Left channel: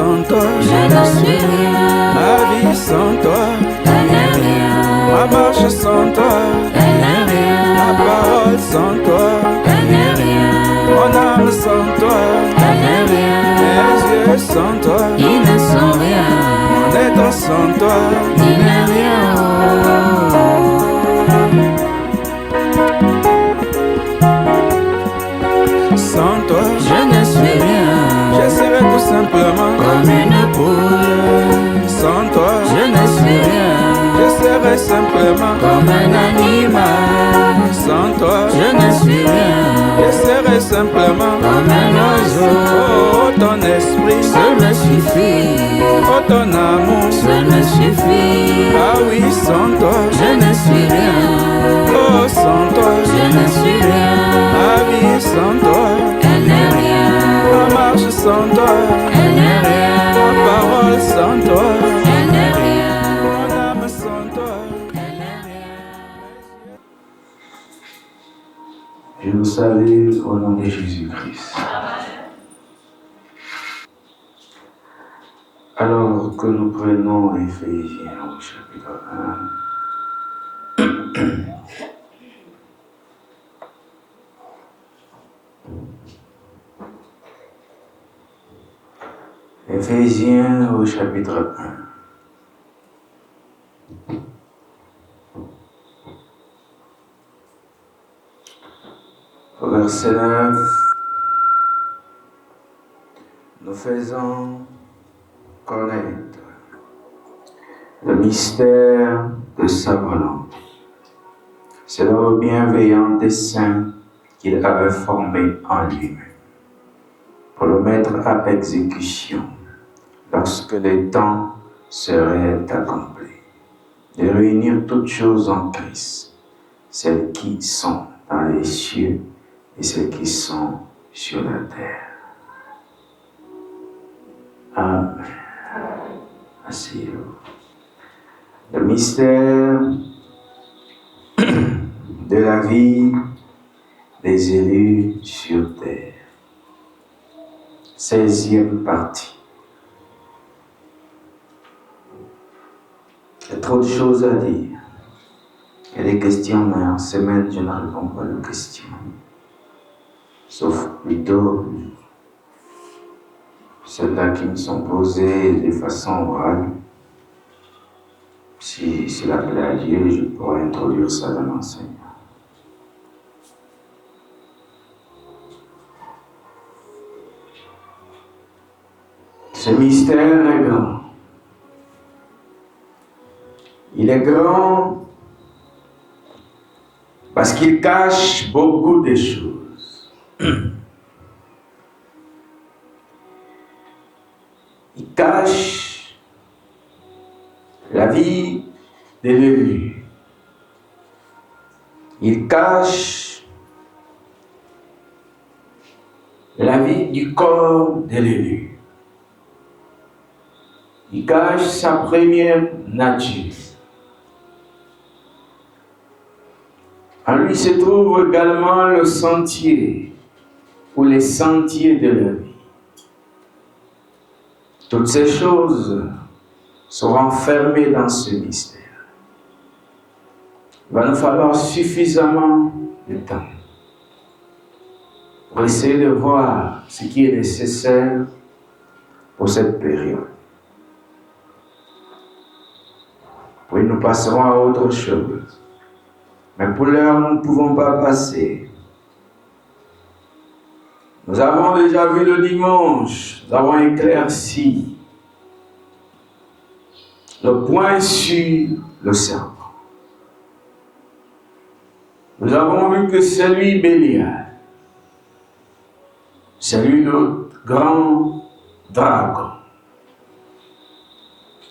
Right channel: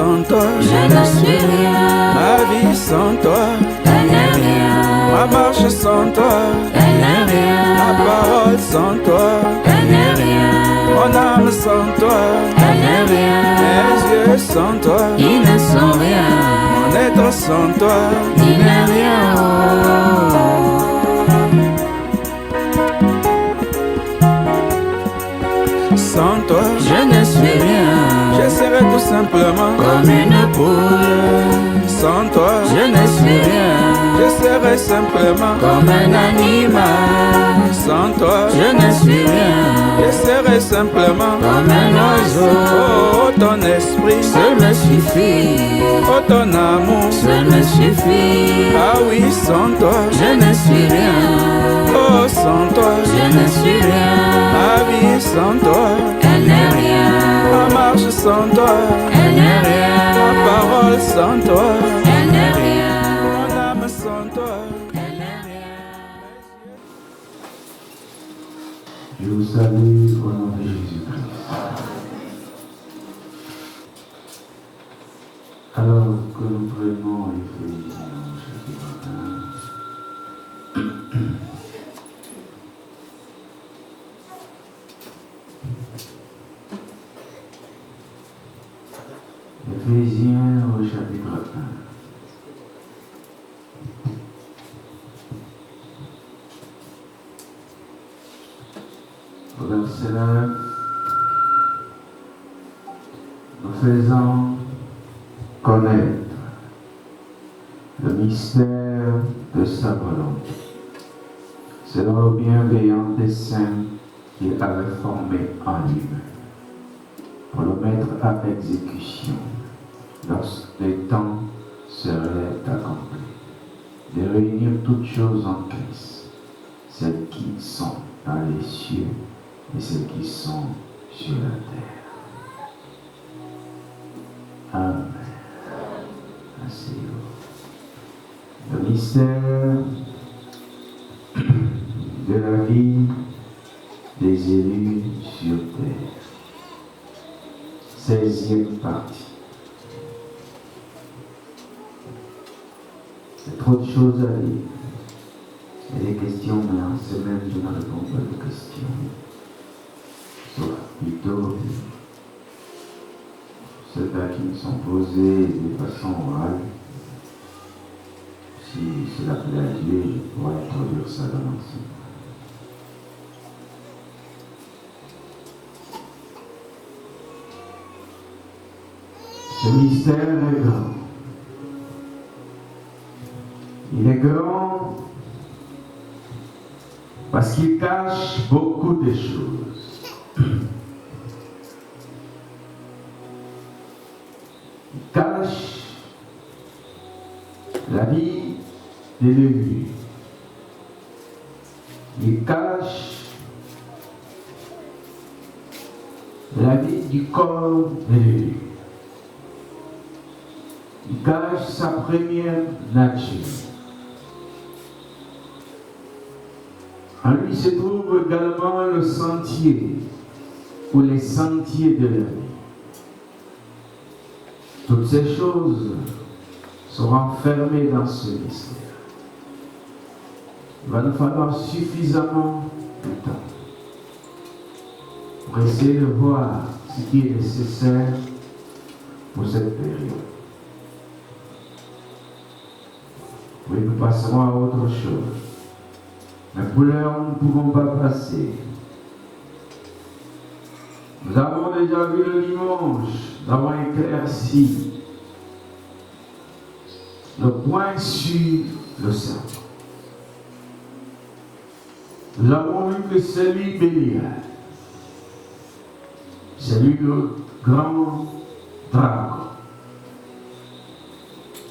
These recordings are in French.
sans toi, je ne suis rien. ma vie sans toi, Elle n'est rien. ma marche sans toi, Elle n'est rien. ma parole sans toi, Elle n'est rien. mon âme sans toi, Elle n'est rien. mes yeux sans toi, Ils ne sont rien. mon être sans toi, Il n'est rien. sans toi, Je ne suis rien. je serai tout simplement Comme une poule. sans toi, Je ne suis rien. je serai simplement Comme un animal. sans toi, Je ne suis rien. je serai simplement Comme un oiseau. oh ton esprit, Seul me suffit. oh ton amour, Seul me suffit. ah oui sans toi, Je ne suis rien. oh sans toi, Je ne suis rien. ma vie sans toi, Elle n'est rien. ma marche sans toi, Elle n'est rien. ma parole sans toi, Elle n'est rien. mon âme sans toi. Elle n'est rien. Je vous salue au nom de Jésus-Christ. Alors que nous prenons Éphésiens au chapitre 1, Éphésiens au chapitre 1. Au verset 9, nous faisons connaître le mystère de sa volonté. C'est le bienveillant dessein qu'il avait formé en lui-même pour le mettre à exécution lorsque le temps serait accompli, de réunir toutes choses en Christ, celles qui sont dans les cieux et celles qui sont sur la terre. Amen. Asseyez-vous. Le mystère de la vie des élus sur terre. 16e partie. Il y a trop de choses à dire. Il y a des questions, mais en semaine, je ne réponds pas de questions. Sauf plutôt celles-là qui me sont posées de façon orale. Si la plaît à Dieu, je pourrais introduire ça dans l'enseignement. Ce mystère est grand. Il est grand parce qu'il cache beaucoup de choses. Il cache la vie de l'élu. Il cache la vie du corps de l'élu. Il cache sa première nature. En lui se trouve également le sentier, ou les sentiers de la vie. Toutes ces choses sont enfermées dans ce mystère. Il va nous falloir suffisamment de temps pour essayer de voir ce qui est nécessaire pour cette période. Oui, nous passerons à autre chose. Mais pour l'heure, nous ne pouvons pas passer. Nous avons déjà vu le dimanche, nous avons éclairci le point sur le serpent. Nous avons vu que c'est lui Bélial. C'est lui le grand dragon.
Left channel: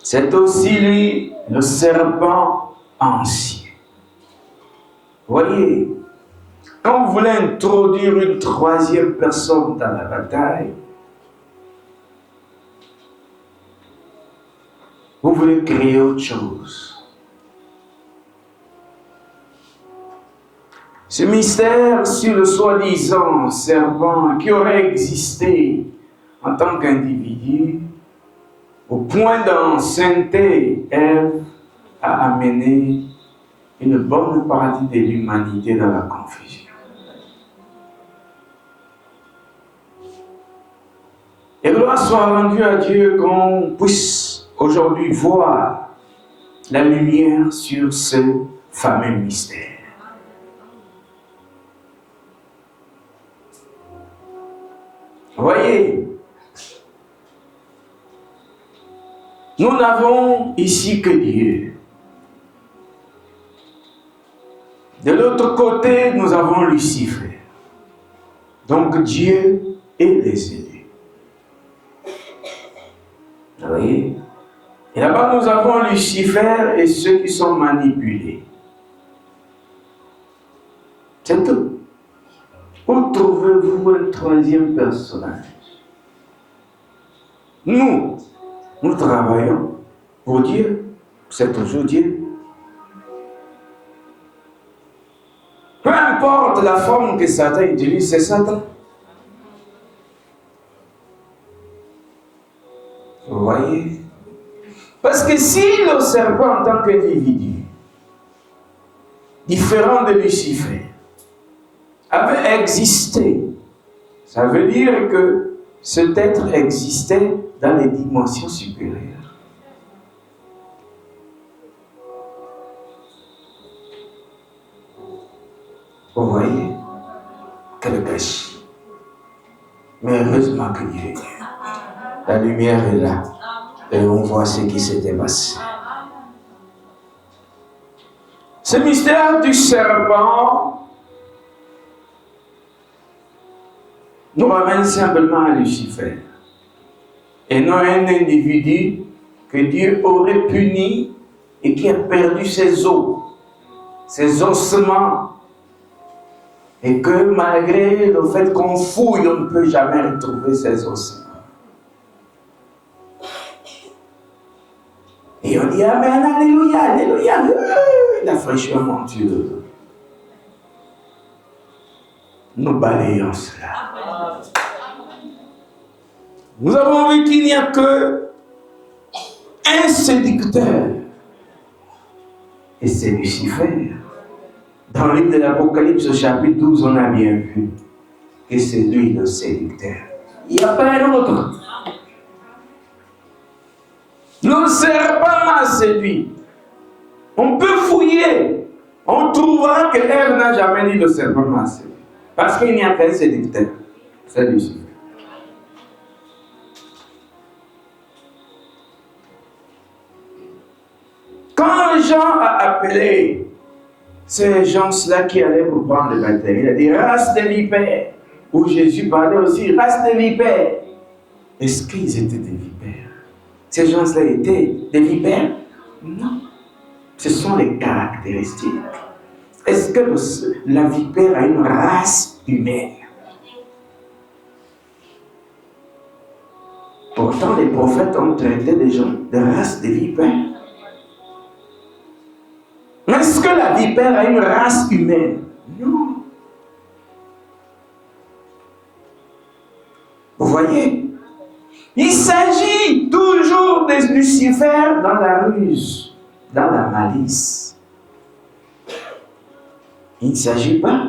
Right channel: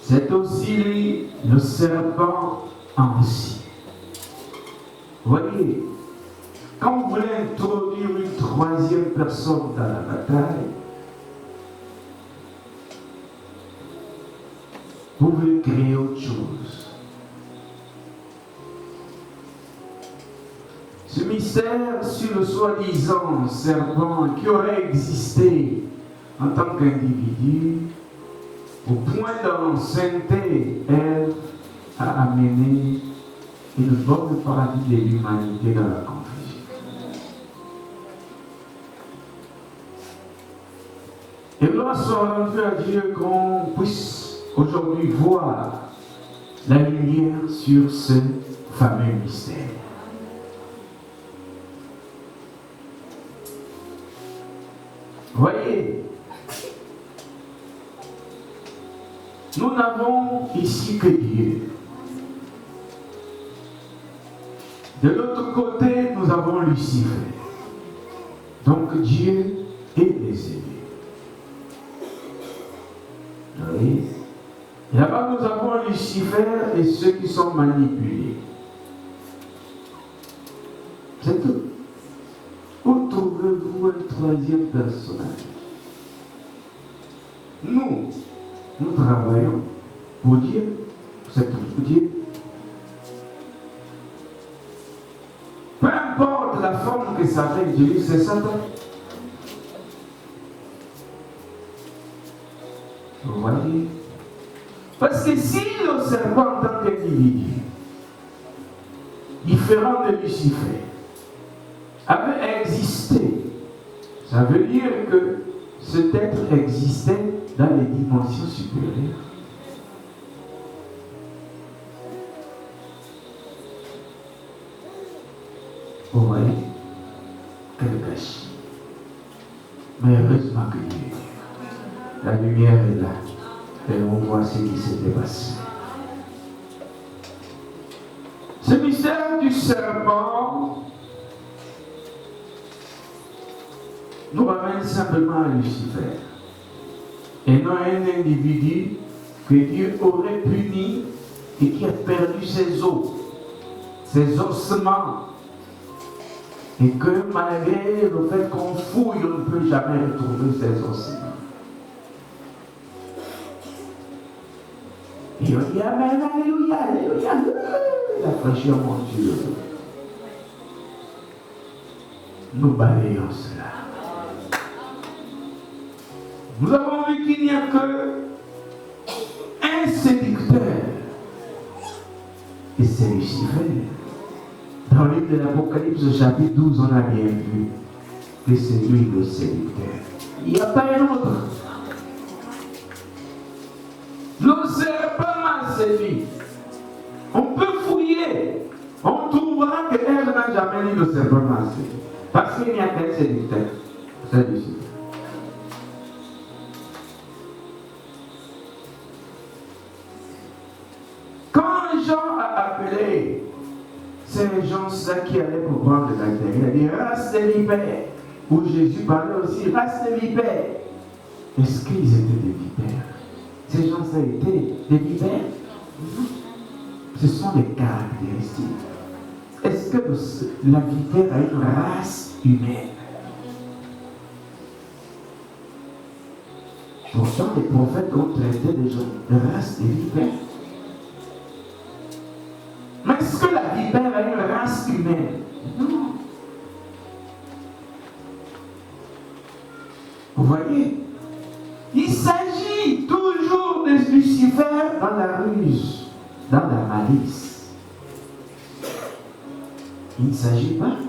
C'est aussi lui le serpent ancien. Voyez, quand vous voulez introduire une troisième personne dans la bataille, vous voulez créer autre chose. Ce mystère sur le soi-disant serpent qui aurait existé en tant qu'individu au point d'ancienneté, Ève a amené une bonne partie de l'humanité dans la confusion. Et gloire soit rendue à Dieu qu'on puisse aujourd'hui voir la lumière sur ce fameux mystère. Voyez, nous n'avons ici que Dieu. De l'autre côté, nous avons Lucifer. Donc Dieu et les élus. Vous voyez? Et là-bas, nous avons Lucifer et ceux qui sont manipulés. C'est tout. Où trouvez-vous un troisième personnage? Nous travaillons pour Dieu. C'est toujours Dieu. Peu importe la forme que Satan utilise, c'est Satan. Vous voyez? Parce que si le serpent en tant qu'individu, différent de Lucifer, avait existé, ça veut dire que cet être existait dans les dimensions supérieures. Vous voyez? Quel gâchis. Mais heureusement que Dieu est Dieu. La lumière est là. Et on voit ce qui s'était passé. Ce mystère du serpent nous ramène simplement à Lucifer. Et non un individu que Dieu aurait puni et qui a perdu ses os, ses ossements. Et que malgré le fait qu'on fouille, on ne peut jamais retrouver ses ossements. Et on dit Amen, Alléluia, Alléluia, la fraîcheur montueuse. Nous balayons cela. Nous avons vu qu'il n'y a que un séducteur. Et c'est Lucifer. Dans le livre de l'Apocalypse, au chapitre 12, on a bien vu que c'est lui le séducteur. Il n'y a pas un autre. Le serpent a séduit. On peut fouiller. On trouvera que Ève n'a jamais dit le serpent m'a séduit. Parce qu'il n'y a qu'un séducteur. C'est Lucifer. Quand Jean a appelé ces gens-là qui allaient pour prendre le baptême, il a dit race de vipères. Où Jésus parlait aussi race de vipères. Est-ce qu'ils étaient des vipères? Ces gens-là étaient des vipères? Non. Ce sont les caractéristiques. Est-ce que la vipère a une race humaine? Pourtant, les prophètes ont traité des gens de race de vipères. Mais est-ce que la vipère a une race humaine? Non. Vous voyez? Il s'agit toujours de Lucifer dans la ruse, dans la malice. Il ne s'agit pas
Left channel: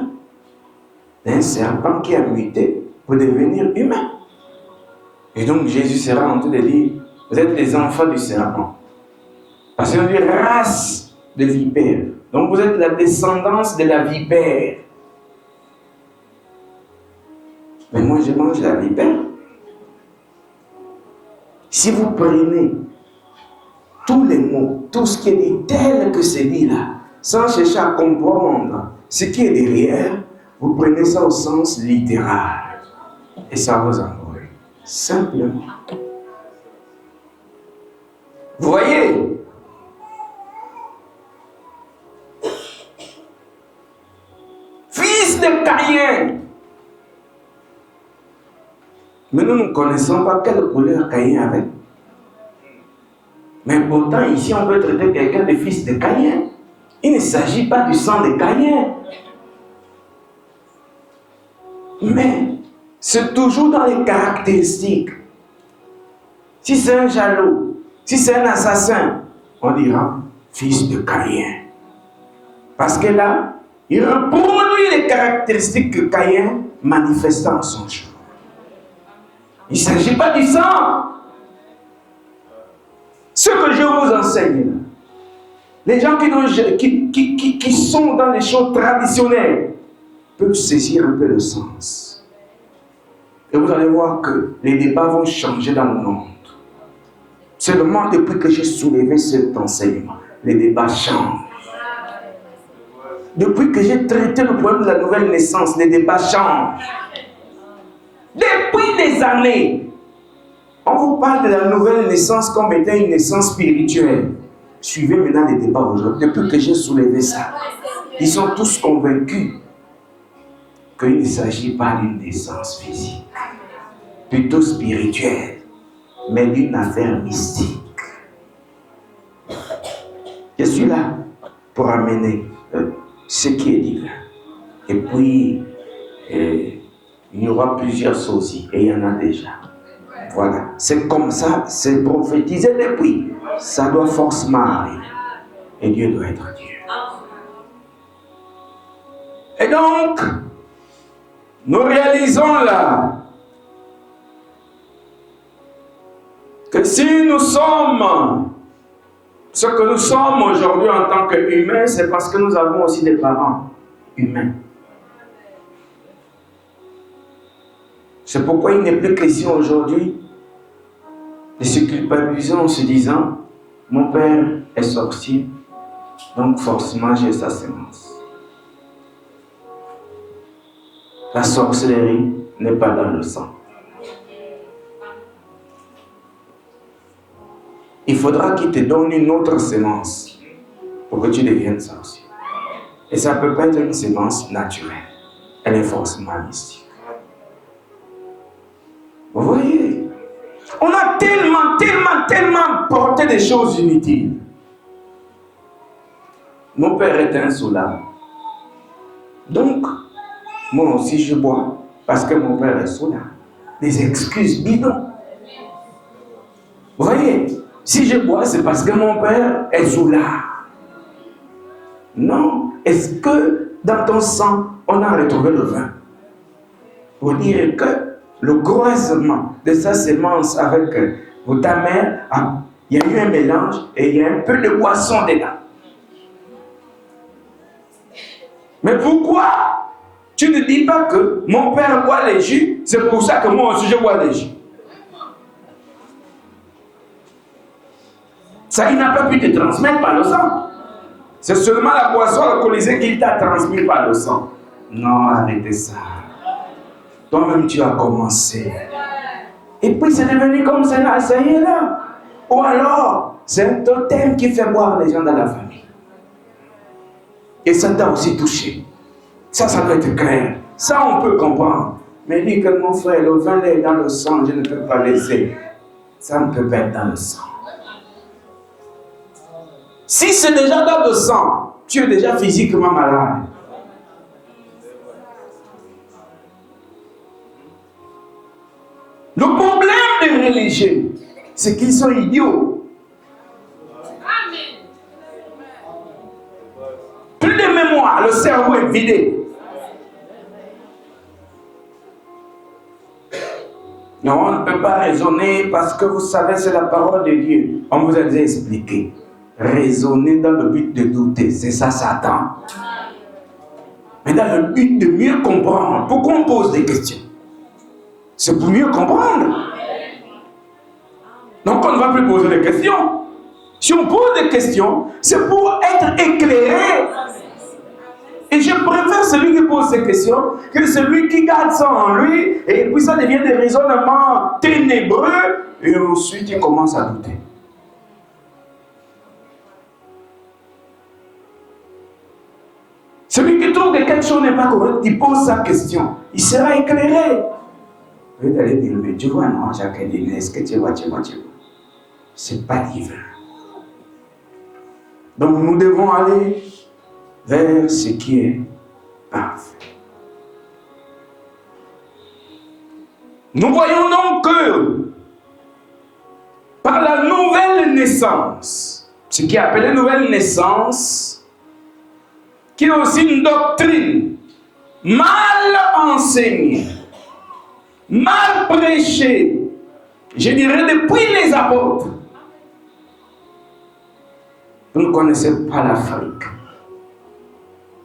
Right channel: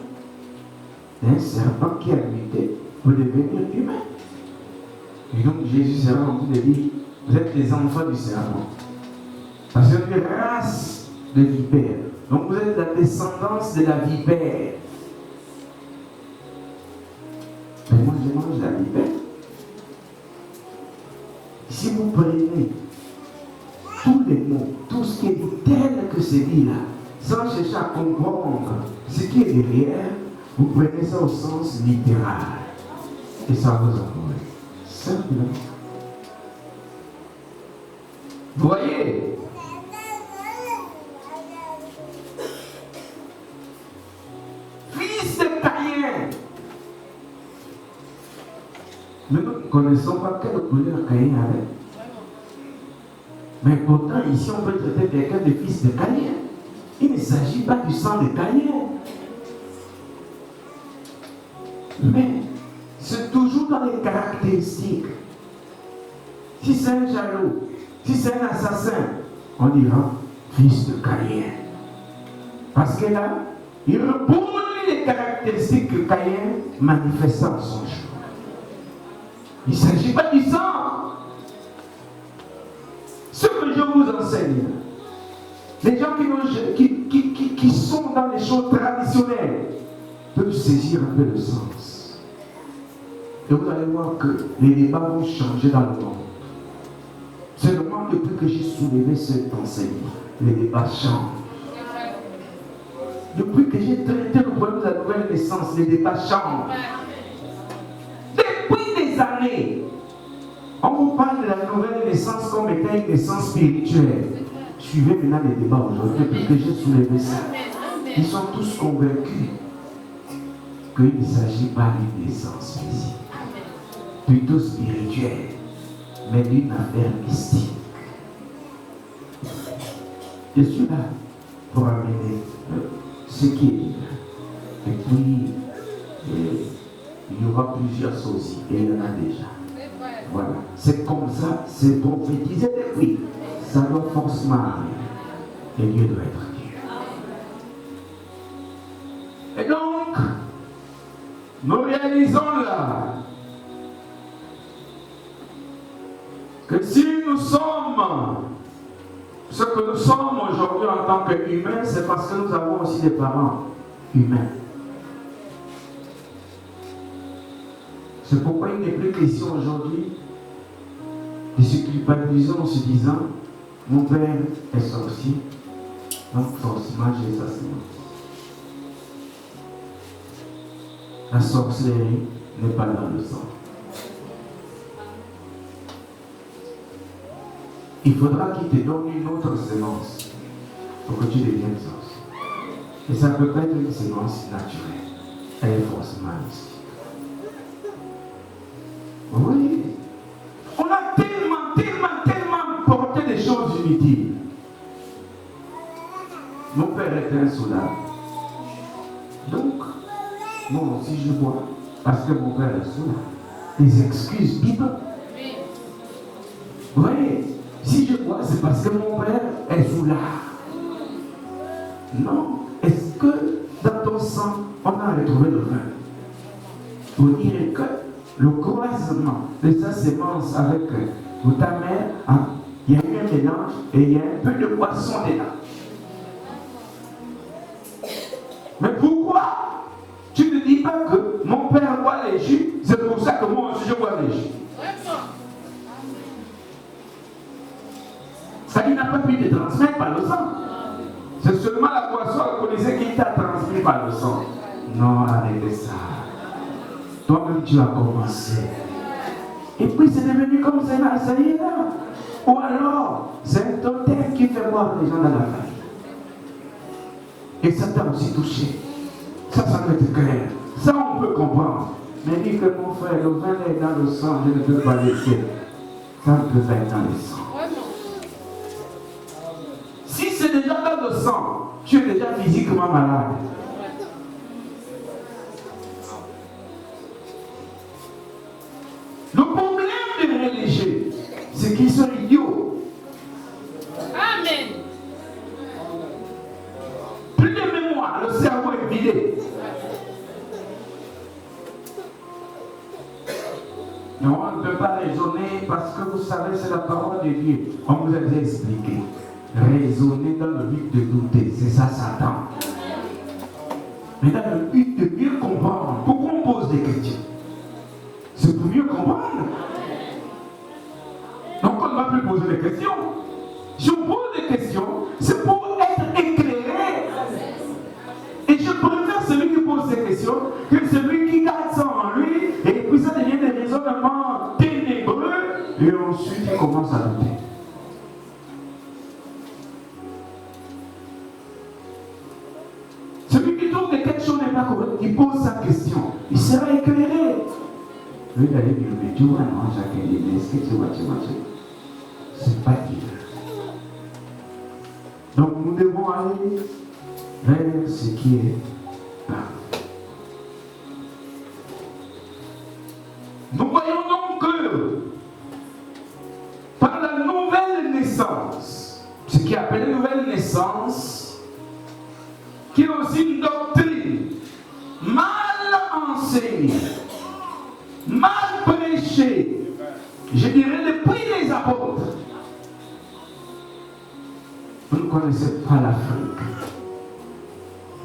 d'un serpent qui a muté pour devenir humain. Et donc Jésus sera en train de dire, vous êtes des enfants du serpent. Parce qu'on dit race de vipère. Donc vous êtes la descendance de la vipère. Mais moi je mange la vipère. Si vous prenez tous les mots, tout ce qui est dit tel que c'est dit là, sans chercher à comprendre ce qui est derrière, vous prenez ça au sens littéral. Et ça vous envoie. Simplement. Vous voyez? Fils de Caïn. Mais nous ne connaissons pas quelle couleur Caïn avait. Mais pourtant, ici, on peut traiter quelqu'un de fils de Caïn. Il ne s'agit pas du sang de Caïn. Mais c'est toujours dans les caractéristiques. Si c'est un jaloux, Si c'est un assassin, on dira fils de Caïn. Parce que là, il reproduit les caractéristiques que Caïn manifestait en son jour. Il ne s'agit pas du sang. Ce que je vous enseigne, les gens qui sont dans les choses traditionnelles peuvent saisir un peu le sens. Et vous allez voir que les débats vont changer dans le monde. Seulement depuis que j'ai soulevé cet enseignement, les débats changent. Depuis que j'ai traité le problème de la nouvelle naissance, les débats changent. Depuis des années, on vous parle de la nouvelle naissance comme étant une naissance spirituelle. Suivez maintenant les débats aujourd'hui. Depuis que j'ai soulevé ça, ils sont tous convaincus qu'il ne s'agit pas d'une naissance physique, plutôt spirituelle, mais d'une affaire mystique. Je suis là pour amener ce qui est dit là. Et puis, il y aura plusieurs sources, et il y en a déjà. Voilà, c'est comme ça, c'est prophétisé depuis. Ça doit forcément arriver. Et Dieu doit être Dieu. Et donc, nous réalisons là que si nous sommes ce que nous sommes aujourd'hui en tant qu'humains, c'est parce que nous avons aussi des parents humains. C'est pourquoi il n'est plus question aujourd'hui de se culpabiliser en se disant mon père est sorcier, donc forcément j'ai sa sémence. La sorcellerie n'est pas dans le sang. Il faudra qu'il te donne une autre sémence pour que tu deviennes sorcier. Et ça ne peut pas être une sémence naturelle. Elle est forcément mystique. Vous voyez, on a tellement porté des choses inutiles. Mon père est un soulard. Donc, moi aussi je bois parce que mon père est soulard. Les excuses bidons. Vous voyez, si je bois, c'est parce que mon père est soulard. Non. Est-ce que dans ton sang, on a retrouvé le vin? Pour dire que le croisement de sa sémence avec ta mère, il y a eu un mélange et il y a un peu de boisson dedans. Mais pourquoi tu ne dis pas que mon père boit les jus, c'est pour ça que moi aussi je bois les jus? Ça, il n'a pas pu te transmettre par le sang. C'est seulement la boisson alcoolisée qui t'a transmis par le sang. Non, arrêtez ça. Toi-même, tu as commencé. Et puis, c'est devenu comme cela, ça y est là. Ou alors, c'est un totem qui fait boire les gens dans la famille. Et ça t'a aussi touché. Ça doit être clair. Ça, on peut comprendre. Mais dis que mon frère, le vin est dans le sang, je ne peux pas laisser. Ça ne peut pas être dans le sang. Si c'est déjà dans le sang, tu es déjà physiquement malade. Le problème des religieux, c'est qu'ils sont idiots. Amen. Plus de mémoire, le cerveau est vidé. Mais on ne peut pas raisonner parce que vous savez, c'est la parole de Dieu. On vous a déjà expliqué. Raisonner dans le but de douter, c'est ça Satan. Mais dans le but de mieux comprendre, pourquoi on pose des questions? C'est pour mieux comprendre. Donc on ne va plus poser des questions. Si on pose des questions, c'est pour être éclairé. Et je préfère celui qui pose ces questions que celui qui garde ça en lui, et puis ça devient des raisonnements ténébreux, et ensuite il commence à douter. Celui qui trouve que quelque chose n'est pas correct, qui pose sa question, il sera éclairé. Oui, allez dire, mais tu vois, non, chacun dit, mais est-ce que tu vois. C'est pas divin. Donc nous devons aller vers ce qui est là. Nous voyons donc que par la nouvelle naissance. Ce qui est appelé nouvelle naissance, qui est aussi une doctrine mal enseignée, mal prêchée, je dirais depuis les apôtres. Vous ne connaissez pas l'Afrique.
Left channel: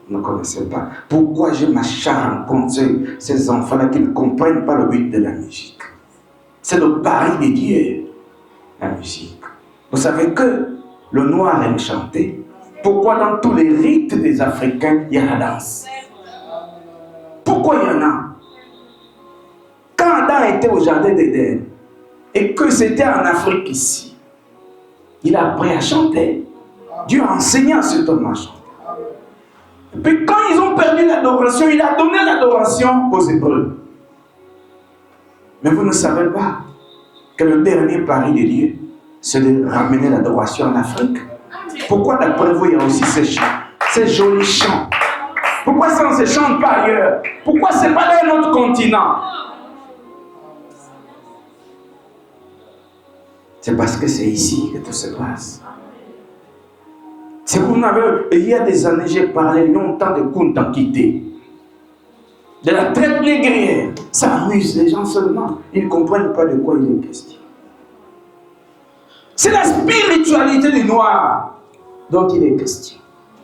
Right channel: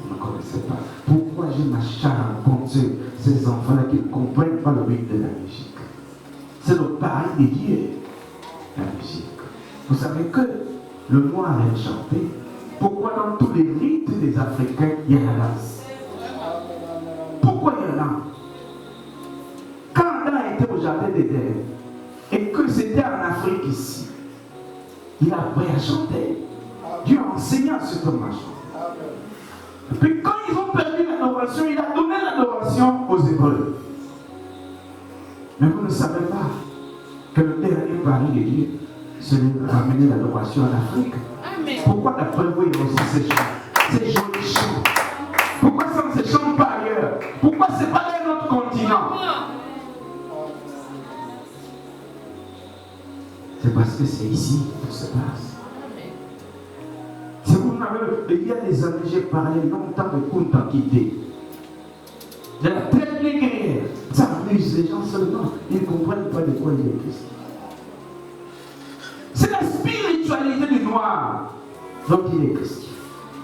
Vous ne connaissez pas. Pourquoi je m'acharne contre ces enfants-là qui ne comprennent pas le but de la musique? C'est le pari de Dieu, la musique. Vous savez que le noir aime chanter. Pourquoi dans tous les rites des Africains, il y a la danse? Pourquoi il y en a? Quand Adam était au jardin d'Éden, et que c'était en Afrique ici, il a appris à chanter. Dieu a enseigné à ce homme à chanter. Puis quand ils ont perdu l'adoration, il a donné l'adoration aux Hébreux. Mais vous ne savez pas que le dernier pari de Dieu, c'est de ramener l'adoration en Afrique. Pourquoi d'après vous, il y a aussi ces chants, ces jolis chants? Pourquoi ça ne se chante pas ailleurs? Pourquoi ce n'est pas dans un autre continent? C'est parce que c'est ici que tout se passe. Si vous n'avez, il y a des années, j'ai parlé longtemps de Kuntakité, de la traite négrière. Ça amuse les gens seulement. Ils ne comprennent pas de quoi il est question. C'est la spiritualité des Noirs dont il est question.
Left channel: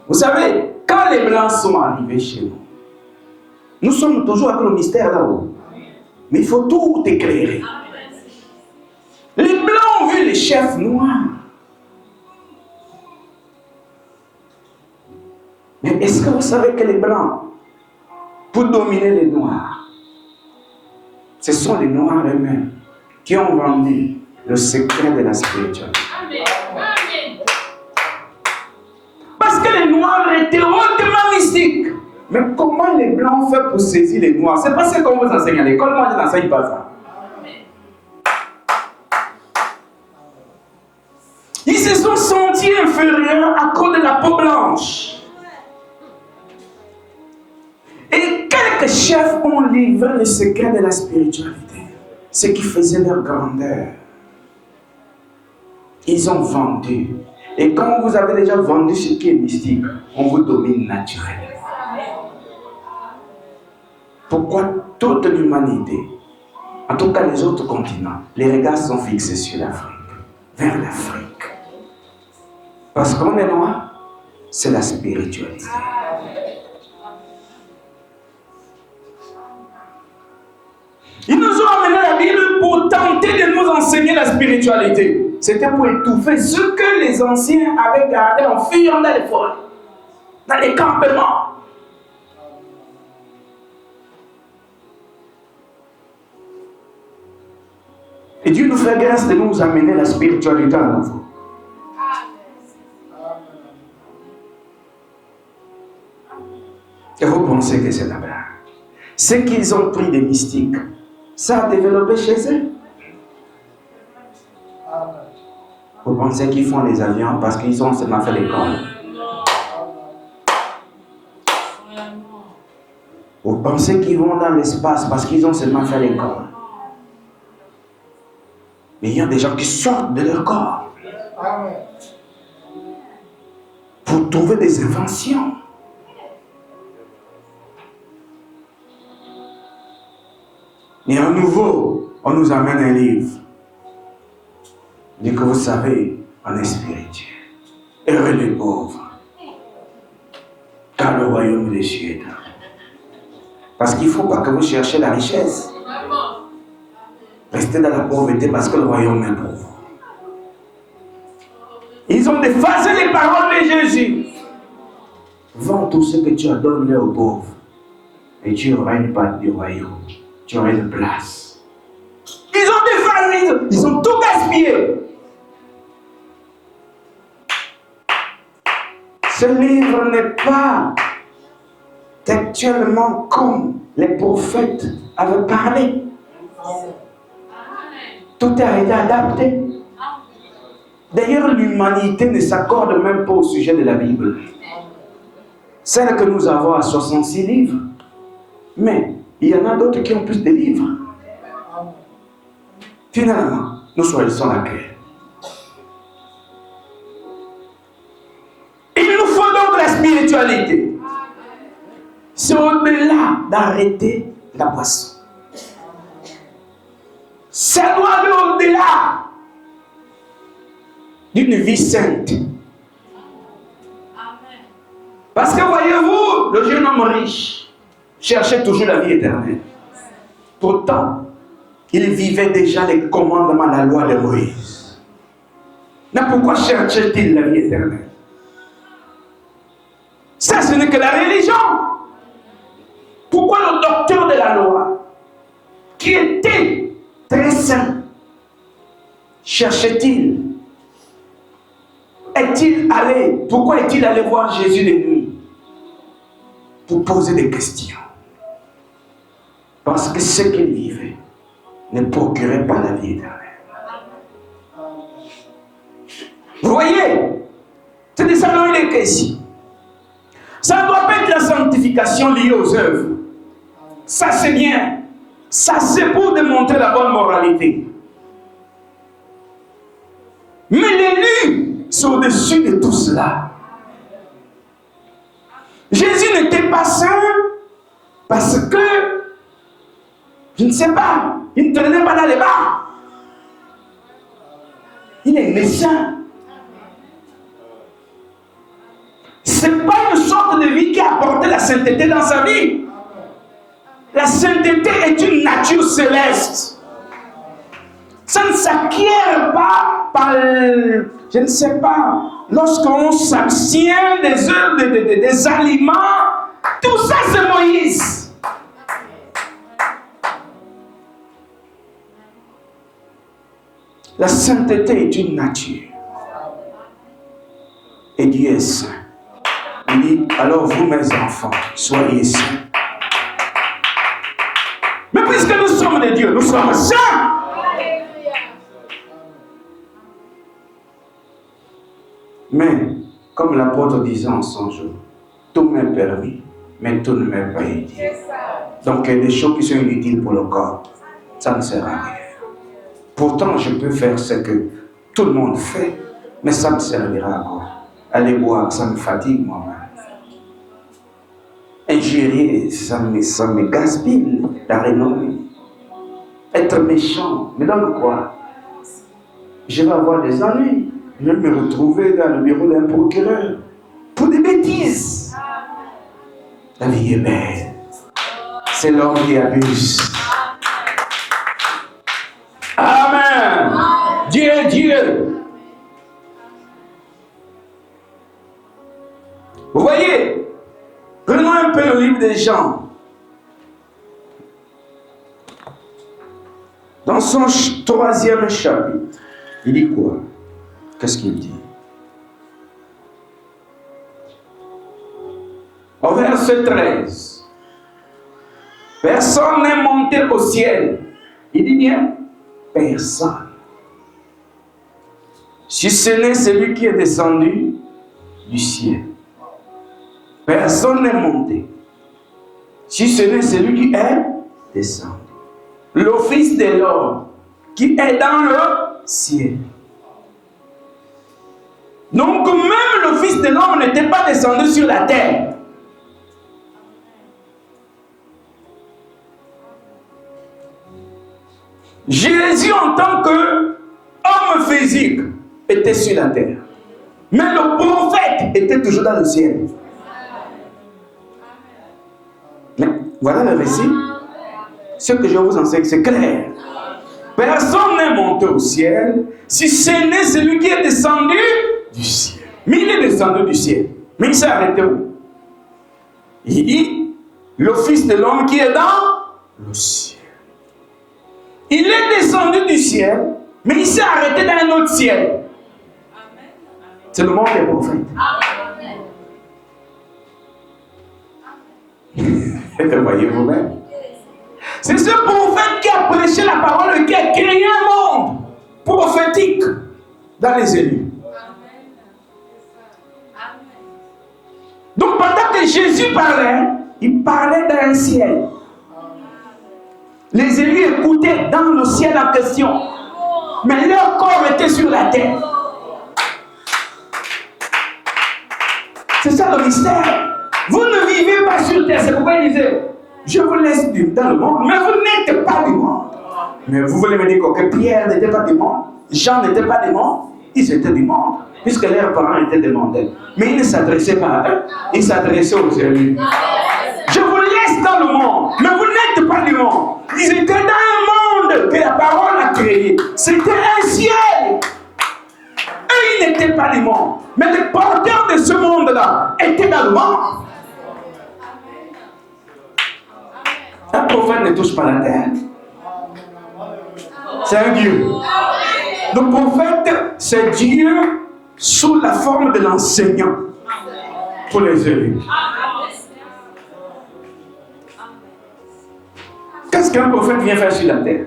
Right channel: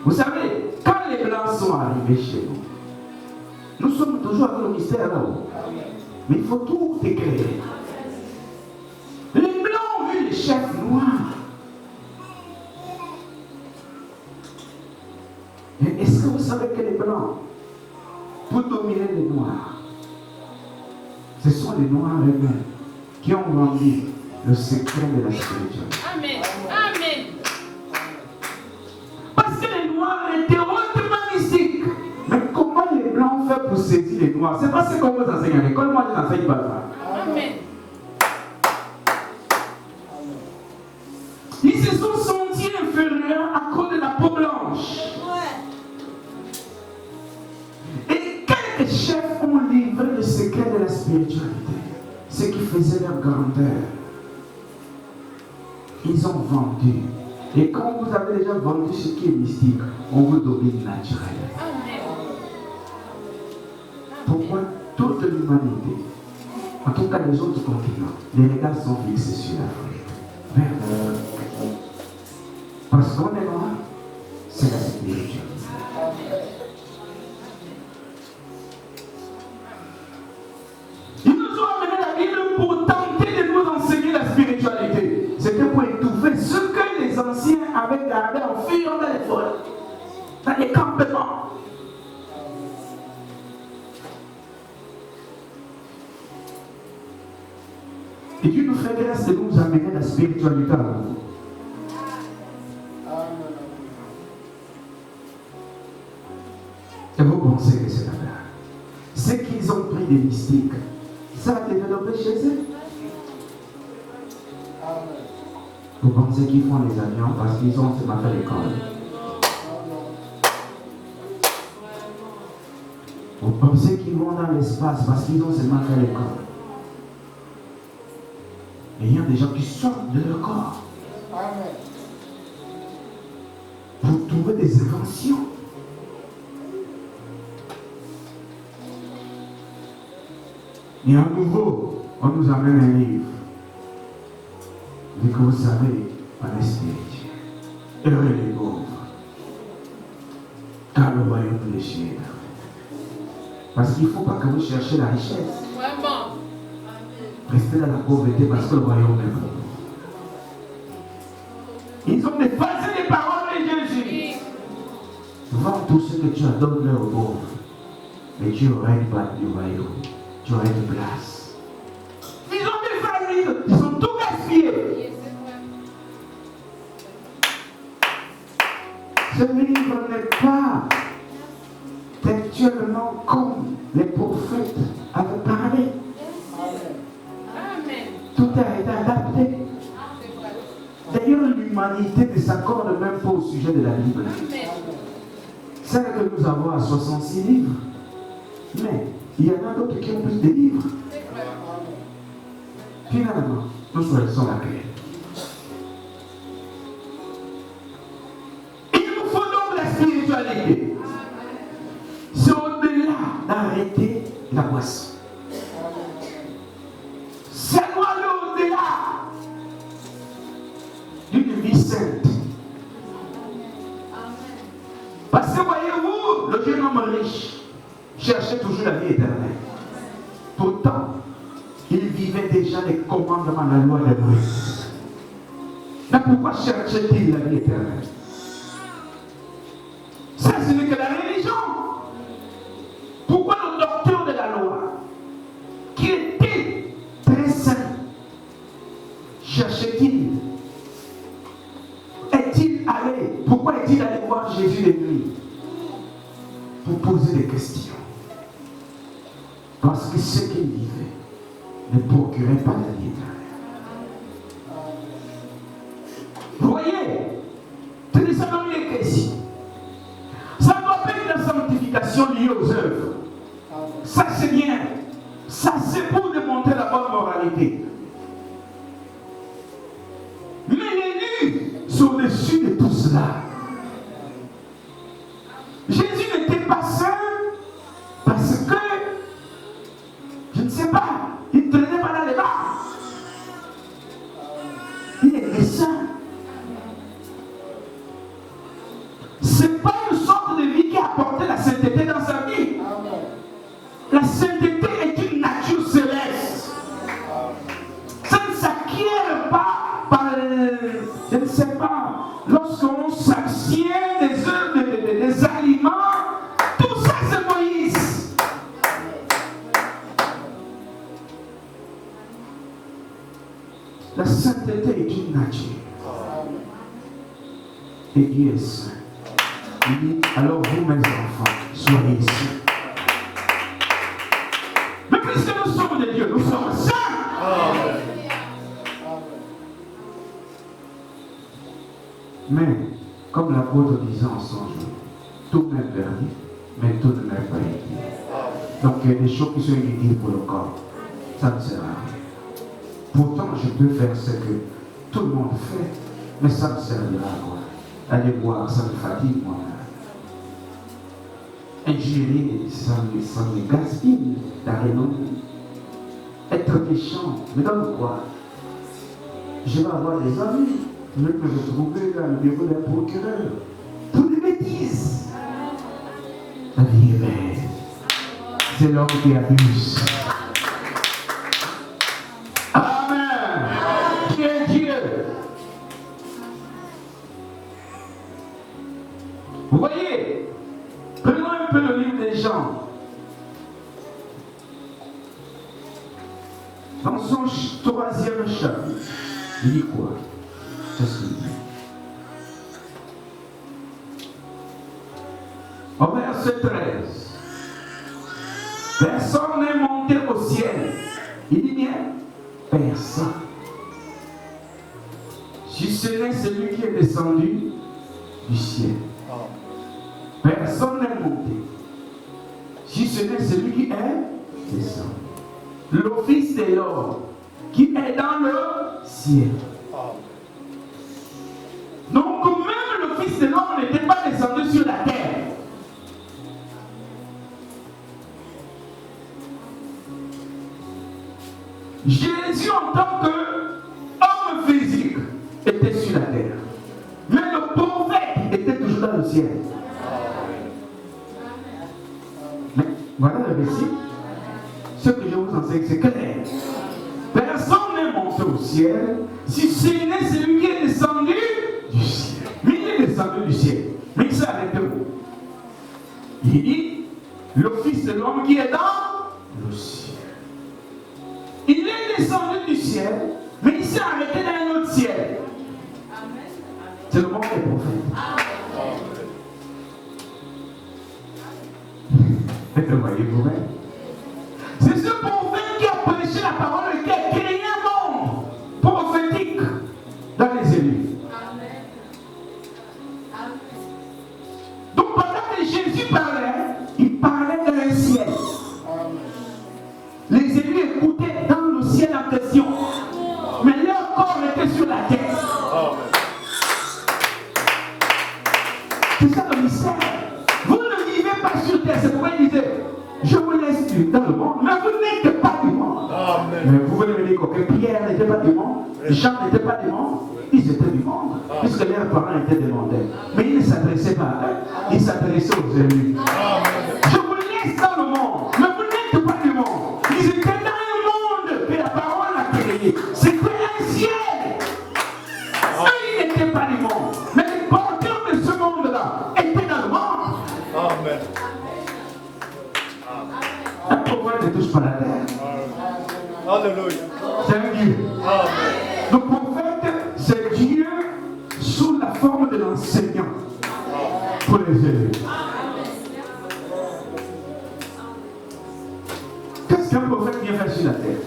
Vous savez, quand les Blancs sont arrivés chez nous, nous sommes toujours avec le mystère là-haut. Mais il faut tout éclairer. Les Blancs ont vu les chefs noirs. Mais est-ce que vous savez que les Blancs, pour dominer les Noirs, ce sont les Noirs eux-mêmes qui ont vendu le secret de la spiritualité. Parce que les Noirs étaient hautement mystiques. Mais comment les Blancs ont fait pour saisir les Noirs? C'est pas ce qu'on vous enseigne à l'école, moi je n'enseigne pas ça. Ils se sont sentis inférieurs à cause de la peau blanche. Et quelques chefs ont livré le secret de la spiritualité, ce qui faisait leur grandeur. Ils ont vendu. Et quand vous avez déjà vendu ce qui est mystique, on vous domine naturellement. Pourquoi toute l'humanité, en tout cas les autres continents, les regards sont fixés sur l'Afrique, vers l'Afrique? Parce qu'on est noir, c'est la spiritualité. Ils nous ont amené la Bible pour tenter de nous enseigner la spiritualité. C'était pour étouffer ce que les anciens avaient gardé en fuyant dans les forêts, dans les campements. Et Dieu nous fait grâce de nous amener la spiritualité à nouveau. Et vous pensez que c'est là-bas? Ce qu'ils ont pris des mystiques, ça a développé chez eux. Vous pensez qu'ils font les avions parce qu'ils ont seulement fait l'école? Vous pensez qu'ils vont dans l'espace parce qu'ils ont seulement fait l'école? Mais il y a des gens qui sortent de leur corps. Vous trouvez des inventions. Et à nouveau, on nous amène un livre. Dit que vous savez, on est spirituel. Heureux les pauvres. Car le royaume des cieux est là. Parce qu'il ne faut pas que vous cherchiez la richesse. Restez dans la pauvreté parce que le royaume est pauvre. Ils ont effacé les paroles de Jésus. Vends tout ce que tu as donné aux pauvres. Mais tu auras une part du royaume. Tu auras une place. Ils ont défailli. Ils ont tout gaspillé. Ce livre n'est pas textuellement comme les prophètes avaient parlé. Tout a été adapté. D'ailleurs, l'humanité ne s'accorde même pas au sujet de la Bible. Celle que nous avons à 66 livres. Mais il y en a d'autres qui ont plus de livres. Finalement, nous choisissons laquelle? C'est au-delà d'arrêter la boisson. Ça doit aller au-delà d'une vie sainte. Parce que voyez-vous, le jeune homme riche cherchait toujours la vie éternelle. Pourtant, il vivait déjà les commandements, la loi de Moïse. Mais pourquoi cherchait-il la vie éternelle? Ça, ce n'est que la religion. Pourquoi le docteur de la loi, qui était très saint, cherchait-il? Est-il allé? Pourquoi est-il allé voir Jésus de nuit? Pour poser des questions. Parce que ce qu'il vivait ne procurait pas la vie éternelle. Vous voyez? C'est de ça dont il est question. Ça ne doit pas être la sanctification liée aux œuvres. Ça c'est bien. Ça c'est pour démontrer la bonne moralité. Mais l'élu sont au-dessus de tout cela. Jésus n'était pas saint parce que, je ne sais pas, il ne prenait pas dans les bars. Il est né saint. Ce n'est pas une sorte de vie qui a apporté la sainteté dans sa vie. La sainteté est une nature céleste. Ça ne s'acquiert pas par, je ne sais pas, lorsqu'on s'abstient des œuvres, des aliments. Tout ça, c'est Moïse. La sainteté est une nature. Et Dieu est saint. Il dit, alors vous, mes enfants, soyez saints. Mais puisque nous sommes des dieux, nous sommes saints. Mais, comme l'apôtre disait en son jour, tout m'est permis, mais tout ne m'est pas utile. Donc, il y a des choses qui sont inutiles pour le corps. Ça ne sert à rien. Pourtant, je peux faire ce que tout le monde fait, mais ça ne servira à quoi? Aller boire, ça me fatigue moi-même. Ingérer, ça me gaspille la renommée. Être méchant, mais dans quoi? Je vais avoir des ennuis. Je vais me retrouver dans le bureau d'un procureur pour des bêtises. La vie est belle. C'est l'homme qui abuse. Amen. Dieu est Dieu. Vous voyez, prenons un peu le livre des Jean. Dans son 3e chapitre, il dit quoi? Qu'est-ce qu'il dit? Au verset 13. Personne n'est monté au ciel. Il dit bien, personne. Si ce n'est celui qui est descendu du ciel. Personne n'est monté. Si ce n'est celui qui est descendu. Le Fils de l'homme qui est dans le ciel. Donc même le Fils de l'homme n'était pas descendu sur la terre. Jésus en tant qu'homme physique était sur la terre. Mais le prophète était toujours dans le ciel. Mais voilà le récit. Ce que je vous enseigne, c'est clair. Personne n'est monté au ciel si ce n'est celui qui est descendu du ciel. Mais il est descendu du ciel. Mais il s'est arrêté où? Il dit, le Fils de l'homme qui est dans le ciel. Il est descendu du ciel, mais il s'est arrêté dans un autre ciel. C'est le monde des prophètes. Voyez-vous même? C'est ce prophète qui a prêché la parole, qui a créé un monde prophétique dans les élus. Donc pendant que Jésus parlait, il parlait d'un ciel. Les élus écoutaient dans le ciel en question. Mais leur corps était sur la terre. C'est ça le mystère. Vous ne vivez pas pas sur terre. C'est pourquoi il disait, je vous laisse dans le monde, mais vous n'êtes pas du monde. Mais vous voulez me dire que Pierre n'était pas du monde, Jean n'était pas du monde, ils étaient du monde, puisque leurs parents étaient des mondains. Mais ils ne s'adressaient pas à eux, ils s'adressaient aux élus. Je vous laisse dans le monde, mais vous n'êtes pas du monde. Ils étaient dans un monde que la parole a créé. C'était un ciel. Eux, ils n'étaient pas du monde. Mais les porteurs de ce monde-là étaient dans le monde. Un prophète ne touche pas la terre. C'est un Dieu. Le prophète, c'est Dieu sous la forme de l'enseignant pour les élus. Qu'est-ce qu'un prophète vient faire sur la terre?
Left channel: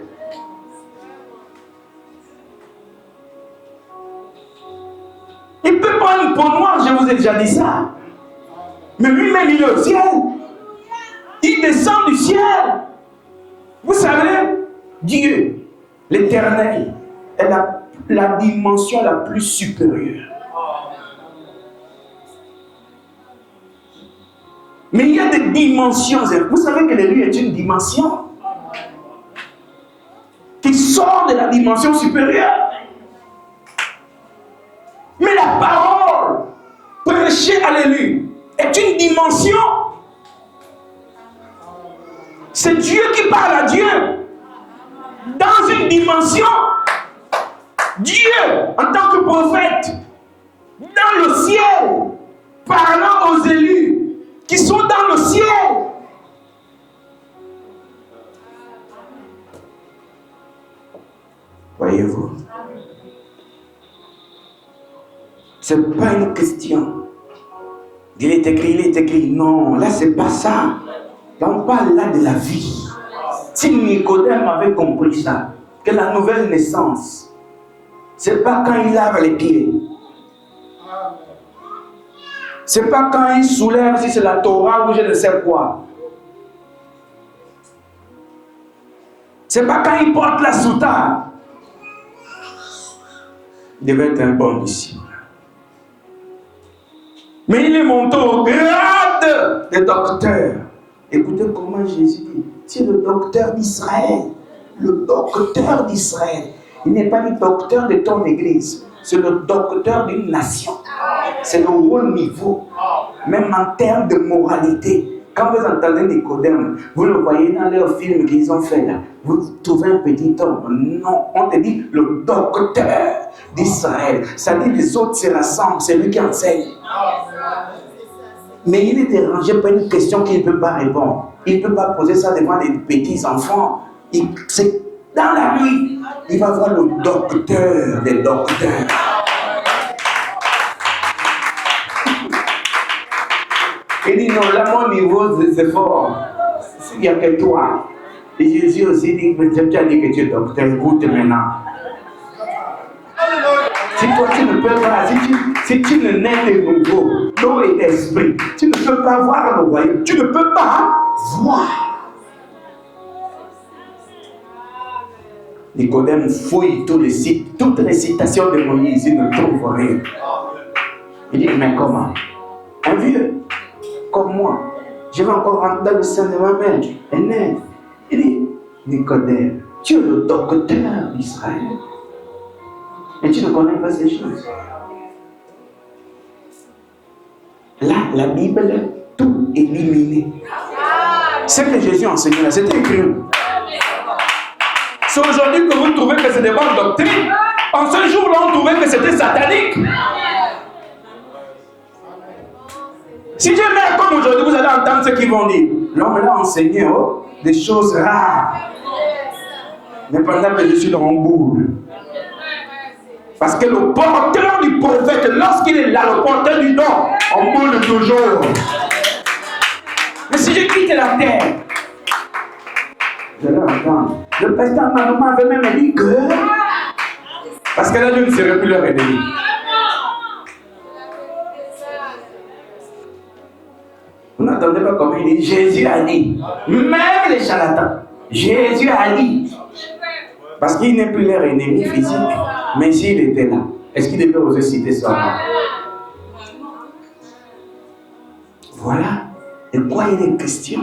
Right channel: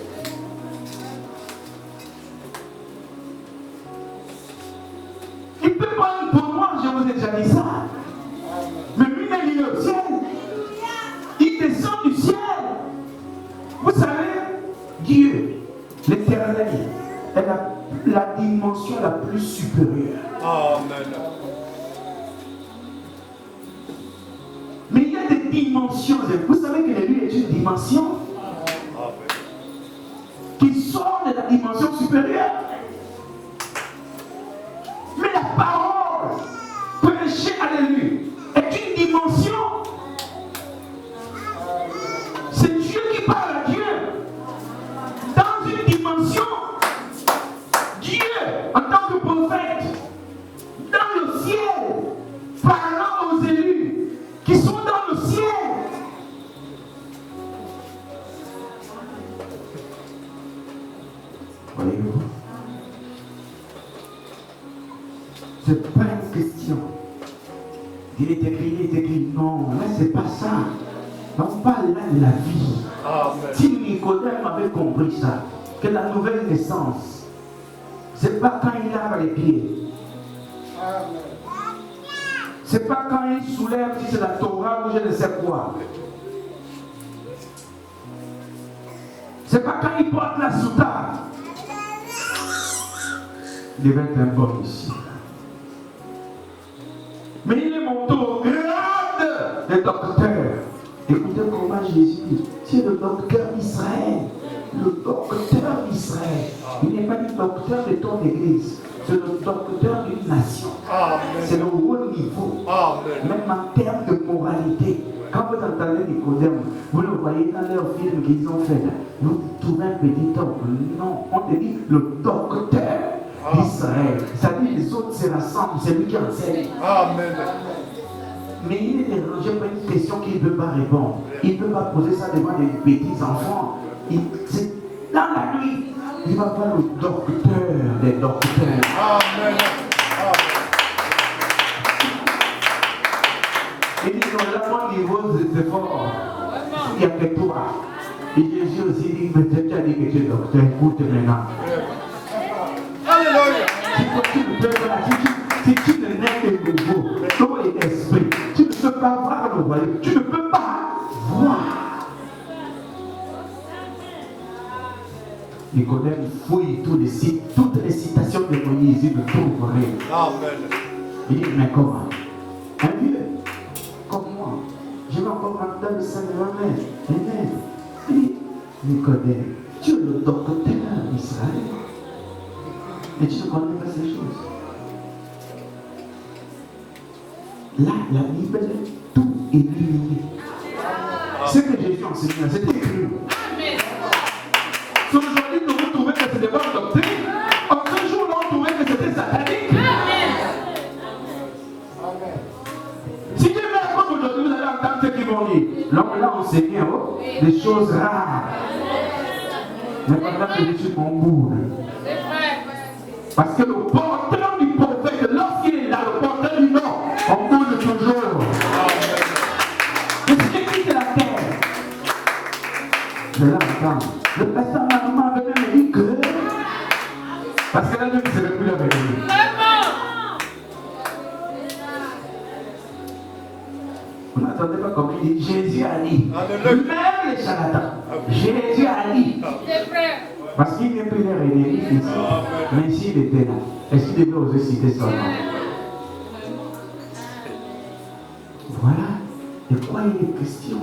Il peut prendre une peau noire, je vous ai déjà dit ça. Mais lui-même, il est au ciel. Il descend du ciel. Vous savez, Dieu, l'Éternel, est la dimension la plus supérieure. Mais il y a des dimensions. Vous savez que l'élu est une dimension qui sort de la dimension supérieure. Mais la parole prêchée à l'élu est une dimension. C'est Dieu qui parle à Dieu. Dans une dimension, Dieu, en tant que prophète, dans le ciel, parlant aux élus qui sont dans le ciel. Voyez-vous, ce n'est pas une question. Il est écrit. Non, là, c'est pas ça. On parle là de la vie. Si Nicodème avait compris ça, que la nouvelle naissance, c'est pas quand il lave les pieds. C'est pas quand il soulève si c'est la Torah ou je ne sais quoi. C'est pas quand il porte la soutane. Il devait être un bon disciple. Mais il est monté au grade des docteurs. Écoutez comment Jésus dit. C'est le docteur d'Israël. Le docteur d'Israël. Il n'est pas le docteur de ton église. C'est le docteur d'une nation. C'est le haut niveau. Même en termes de moralité. Quand vous entendez Nicodème, vous le voyez dans leurs films qu'ils ont fait là. Vous trouvez un petit homme. Non, on te dit le docteur d'Israël. Ça dit les autres se rassemblent. C'est lui qui enseigne. Mais il est dérangé par une question qu'il ne peut pas répondre. Il ne peut pas poser ça devant les petits enfants. C'est dans la nuit. Il va voir le docteur des docteurs. Il dit non, là mon niveau des efforts, il n'y a que toi. Et Jésus aussi dit, peut-être tu as dit que tu es docteur, écoute maintenant. Si toi tu ne peux pas, si tu ne nais de nouveau, l'eau et l'esprit, tu ne peux pas voir le royaume, tu ne peux pas voir. Nicodème fouille toutes les citations de Moïse, il ne trouve rien. Il dit, mais comment? Un vieux, comme moi, je vais encore rentrer le sein de ma mère, l'aîné. Il dit, Nicodème, tu es le docteur d'Israël. Mais tu ne connais pas ces choses. Là, la Bible est tout éliminée. Ce que Jésus a enseigné là, c'est écrit. C'est aujourd'hui que vous trouvez que c'est des bonnes doctrines. En ce jour-là, on trouvait que c'était satanique. Si je mets comme aujourd'hui, vous allez entendre ce qu'ils vont dire. L'homme l'a enseigné des choses rares. Mais pendant que je suis dans mon boule. Parce que le porteur du prophète, lorsqu'il est là, le porteur du don, on boule toujours. Mais si je quitte la terre, je vais m'attendre. Le président Manou avait même dit que. Parce que là, je ne serai plus le ennemi. Vous n'entendez pas comme il dit Jésus a dit. Même les charlatans. Jésus a dit. Parce qu'il n'est plus leur ennemi physique. Mais s'il était là, est-ce qu'il devait oser citer ça? Voilà. De quoi il est question?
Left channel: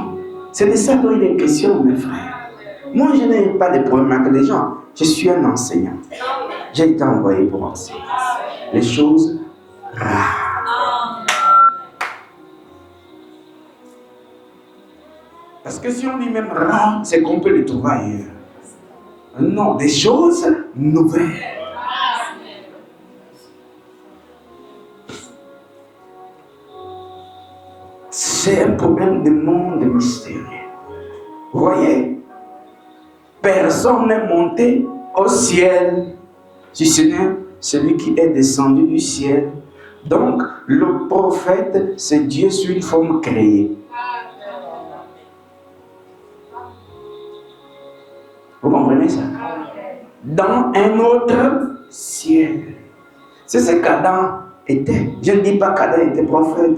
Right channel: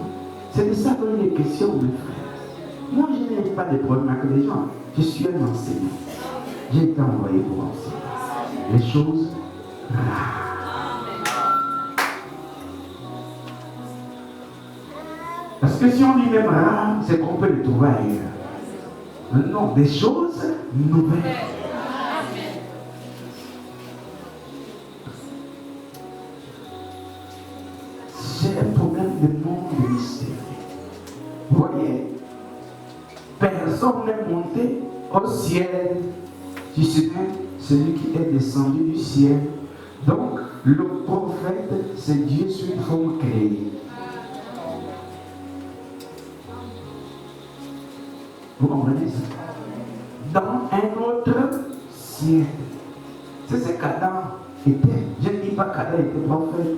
C'est de ça dont il est question, mes frères. Moi, je n'ai pas de problème avec les gens. Je suis un enseignant. J'ai été envoyé pour enseigner les choses rares. Parce que si on dit même rare, c'est qu'on peut les trouver ailleurs. Non, des choses nouvelles. C'est un problème de monde mystérieux. Vous voyez, personne n'est monté au ciel, si ce n'est celui qui est descendu du ciel. Donc, le prophète, c'est Dieu sous une forme créée. Vous comprenez ça? Dans un autre ciel. C'est ce qu'Adam était. Je ne dis pas qu'Adam était prophète.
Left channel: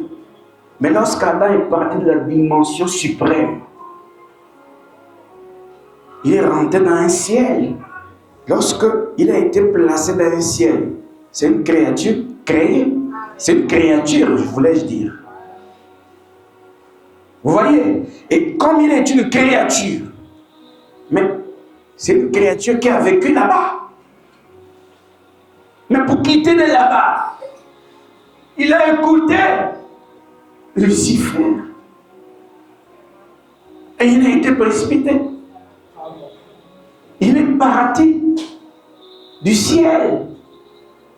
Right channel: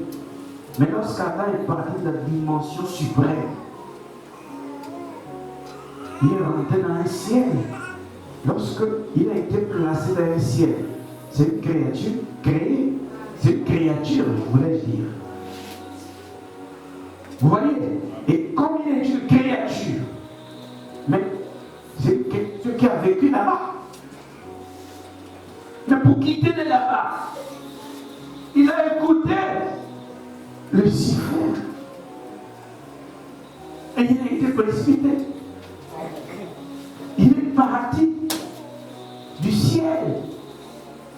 Mais lorsqu'Adam est parti de la dimension suprême, il est rentré dans un ciel. Lorsqu'il a été placé dans un ciel, c'est une créature créée. C'est une créature, voulais-je dire. Vous voyez? Et comme il est une créature, mais c'est une créature qui a vécu là-bas. Mais pour quitter de là-bas, il a écouté Lucifer. Et il a été précipité. Il est parti du ciel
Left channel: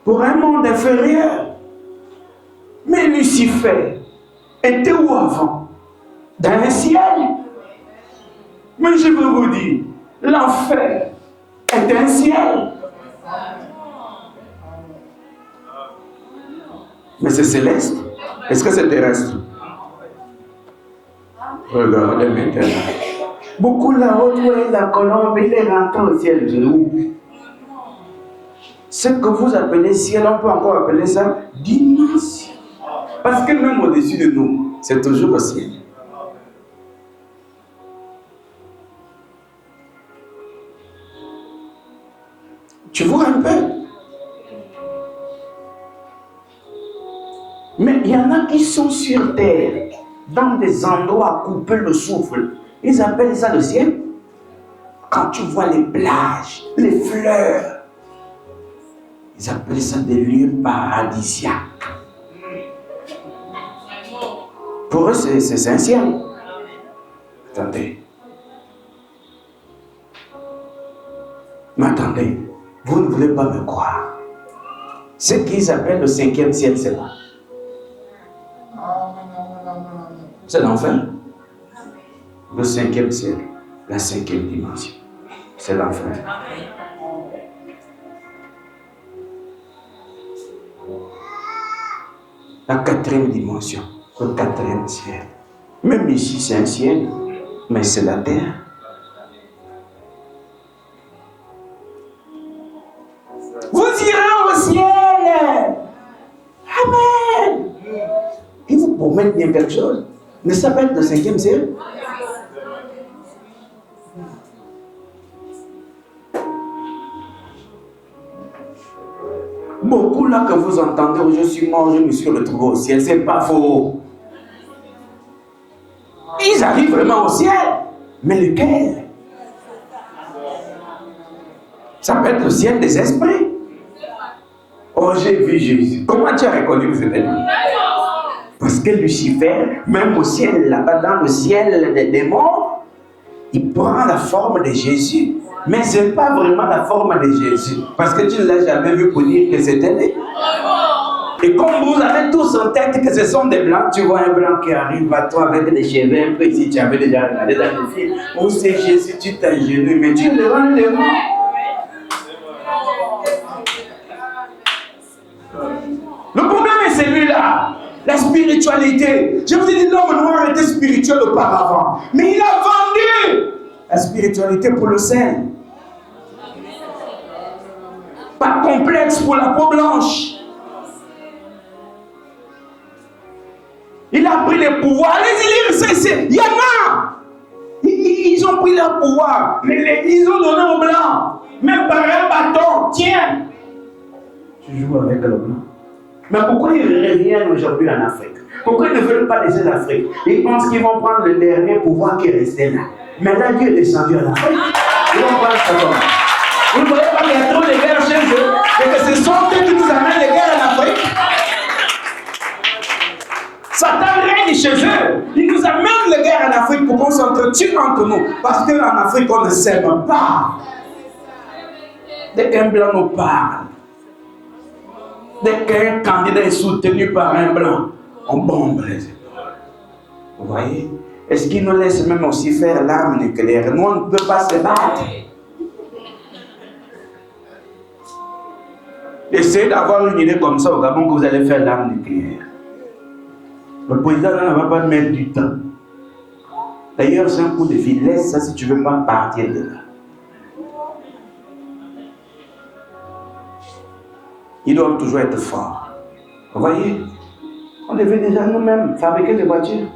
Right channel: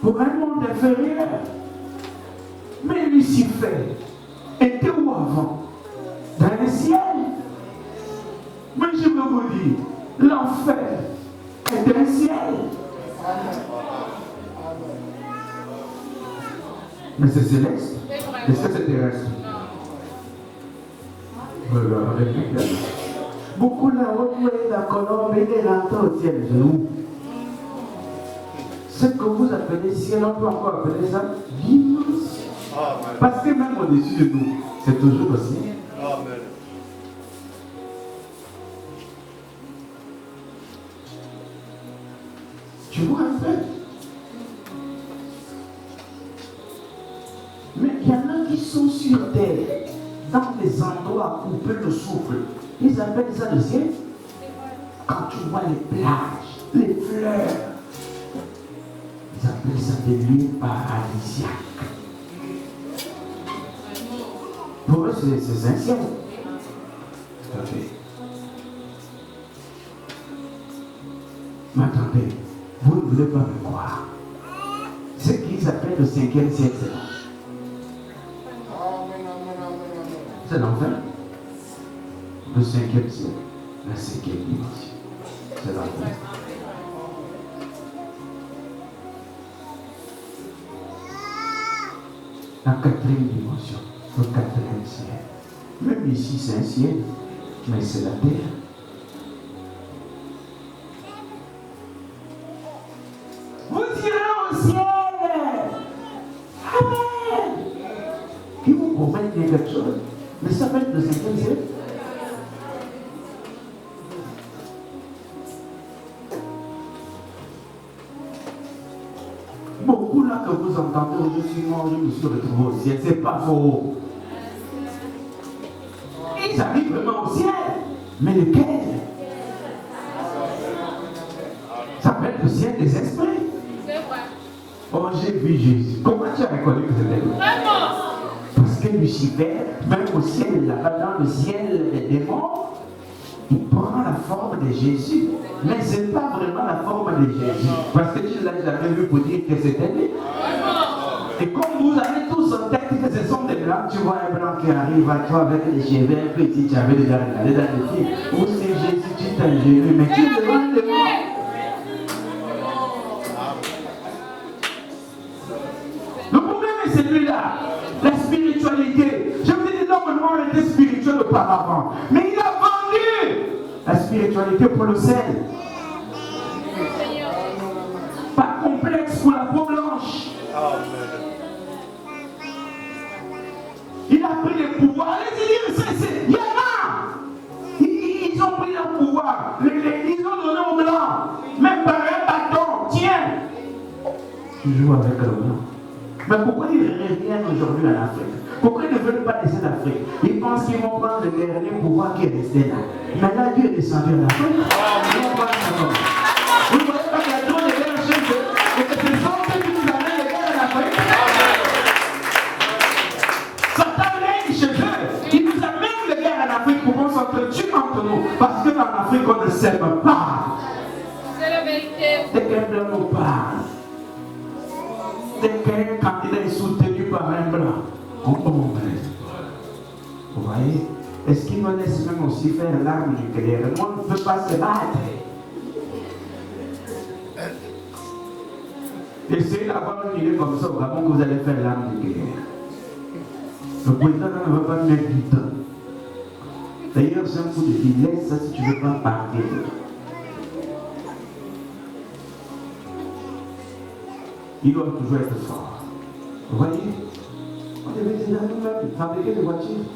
pour un monde inférieur. Mais Lucifer était où avant? Dans le ciel. Mais je veux vous dire, l'enfer est un ciel. Mais c'est céleste. Est-ce que c'est terrestre? Regardez maintenant. Beaucoup là-haut, la colombe, il est rentré au ciel de nous. Ce que vous appelez ciel, on peut encore appeler ça dimension. Parce que même au-dessus de nous, c'est toujours le ciel. Tu vois un peu? Mais il y en a qui sont sur terre, dans des endroits où peut le souffle. Ils appellent ça le ciel. Quand tu vois les plages, les fleurs, ils appellent ça des lieux paradisiaques. Pour eux, c'est un ciel. Attendez. Mais attendez, vous ne voulez pas me croire. Ce qu'ils appellent le 5e ciel, c'est là. C'est l'enfer. Le 5e ciel, la 5e dimension. C'est l'enfer. La 4e dimension, le 4e ciel. Même ici, c'est un ciel, mais c'est la terre. Vous irez au ciel. Amen. Et vous pourrez dire quelque chose. Mais ça peut être le 5e ciel. Beaucoup là que vous entendez, je suis mort, je me suis retrouvé au ciel, c'est pas faux. Ils arrivent vraiment au ciel. Mais lequel? Ça peut être le ciel des esprits. Oh, j'ai vu Jésus. Comment tu as reconnu que c'était lui? Parce que Lucifer, même au ciel, là-bas dans le ciel des morts, il prend la forme de Jésus. Mais ce n'est pas vraiment la forme de Jésus. Parce que tu ne l'as jamais vu pour dire que c'était lui. Et comme vous avez tous en tête que ce sont des blancs, tu vois un blanc qui arrive à toi avec des cheveux un peu ici, tu avais déjà regardé dans le ciel. Où c'est Jésus, tu t'agenouilles, mais tu le demandes de moi. Le problème est celui-là. La spiritualité. Je vous ai dit, l'homme noir était spirituel auparavant. Mais il a vendu la spiritualité pour le sel. Pas complexe pour la peau blanche. Il a pris les pouvoirs. Allez-y, il y en a. Ils ont pris leur pouvoir. Mais ils ont donné aux blancs. Même par un bâton. Tiens. Tu joues avec le blanc. Mais pourquoi ils reviennent aujourd'hui en Afrique? Pourquoi ils ne veulent pas laisser l'Afrique? Ils pensent qu'ils vont prendre le dernier pouvoir qui est resté là. Mais là, Dieu est descendu à l'Afrique. Ils vont pas le savoir. Vous ne voyez pas qu'il y a trop de guerres chez eux et que ce sont eux qui nous amènent les guerres en Afrique. Satan règne chez eux. Il nous amène les guerres en Afrique pour qu'on s'entretue entre nous. Parce qu'en Afrique, on ne s'aime pas. C'est la vérité. Dès qu'un blanc nous parle, dès qu'un candidat est soutenu par un blanc, on bombe les épaules. Vous voyez? Est-ce qu'il nous laisse même aussi faire l'arme nucléaire? Nous, on ne peut pas se battre. Essayez d'avoir une idée comme ça au Gabon que vous allez faire l'arme nucléaire. Le président ne va pas mettre du temps. D'ailleurs, c'est un coup de vie. Laisse ça si tu ne veux pas partir de là. Ils doivent toujours être forts. Vous voyez? On devait déjà nous-mêmes fabriquer des voitures.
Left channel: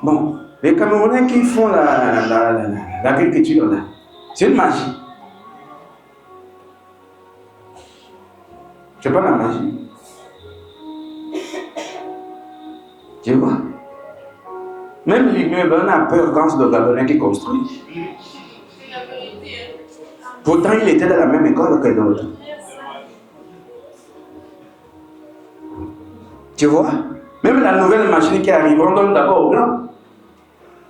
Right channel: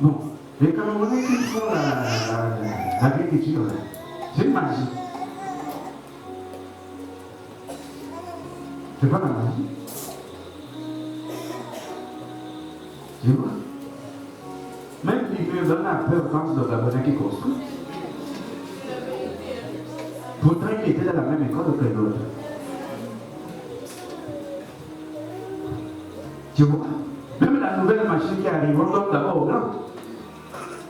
Bon, les Camerounais qui font l'agriculture là, c'est une magie. C'est pas la magie. Tu vois? Même l'immeuble, on a peur quand c'est le Gabonais qui construit. Pourtant, il était dans la même école que d'autres. Tu vois? Même la nouvelle machine qui arrive, on donne d'abord au blanc.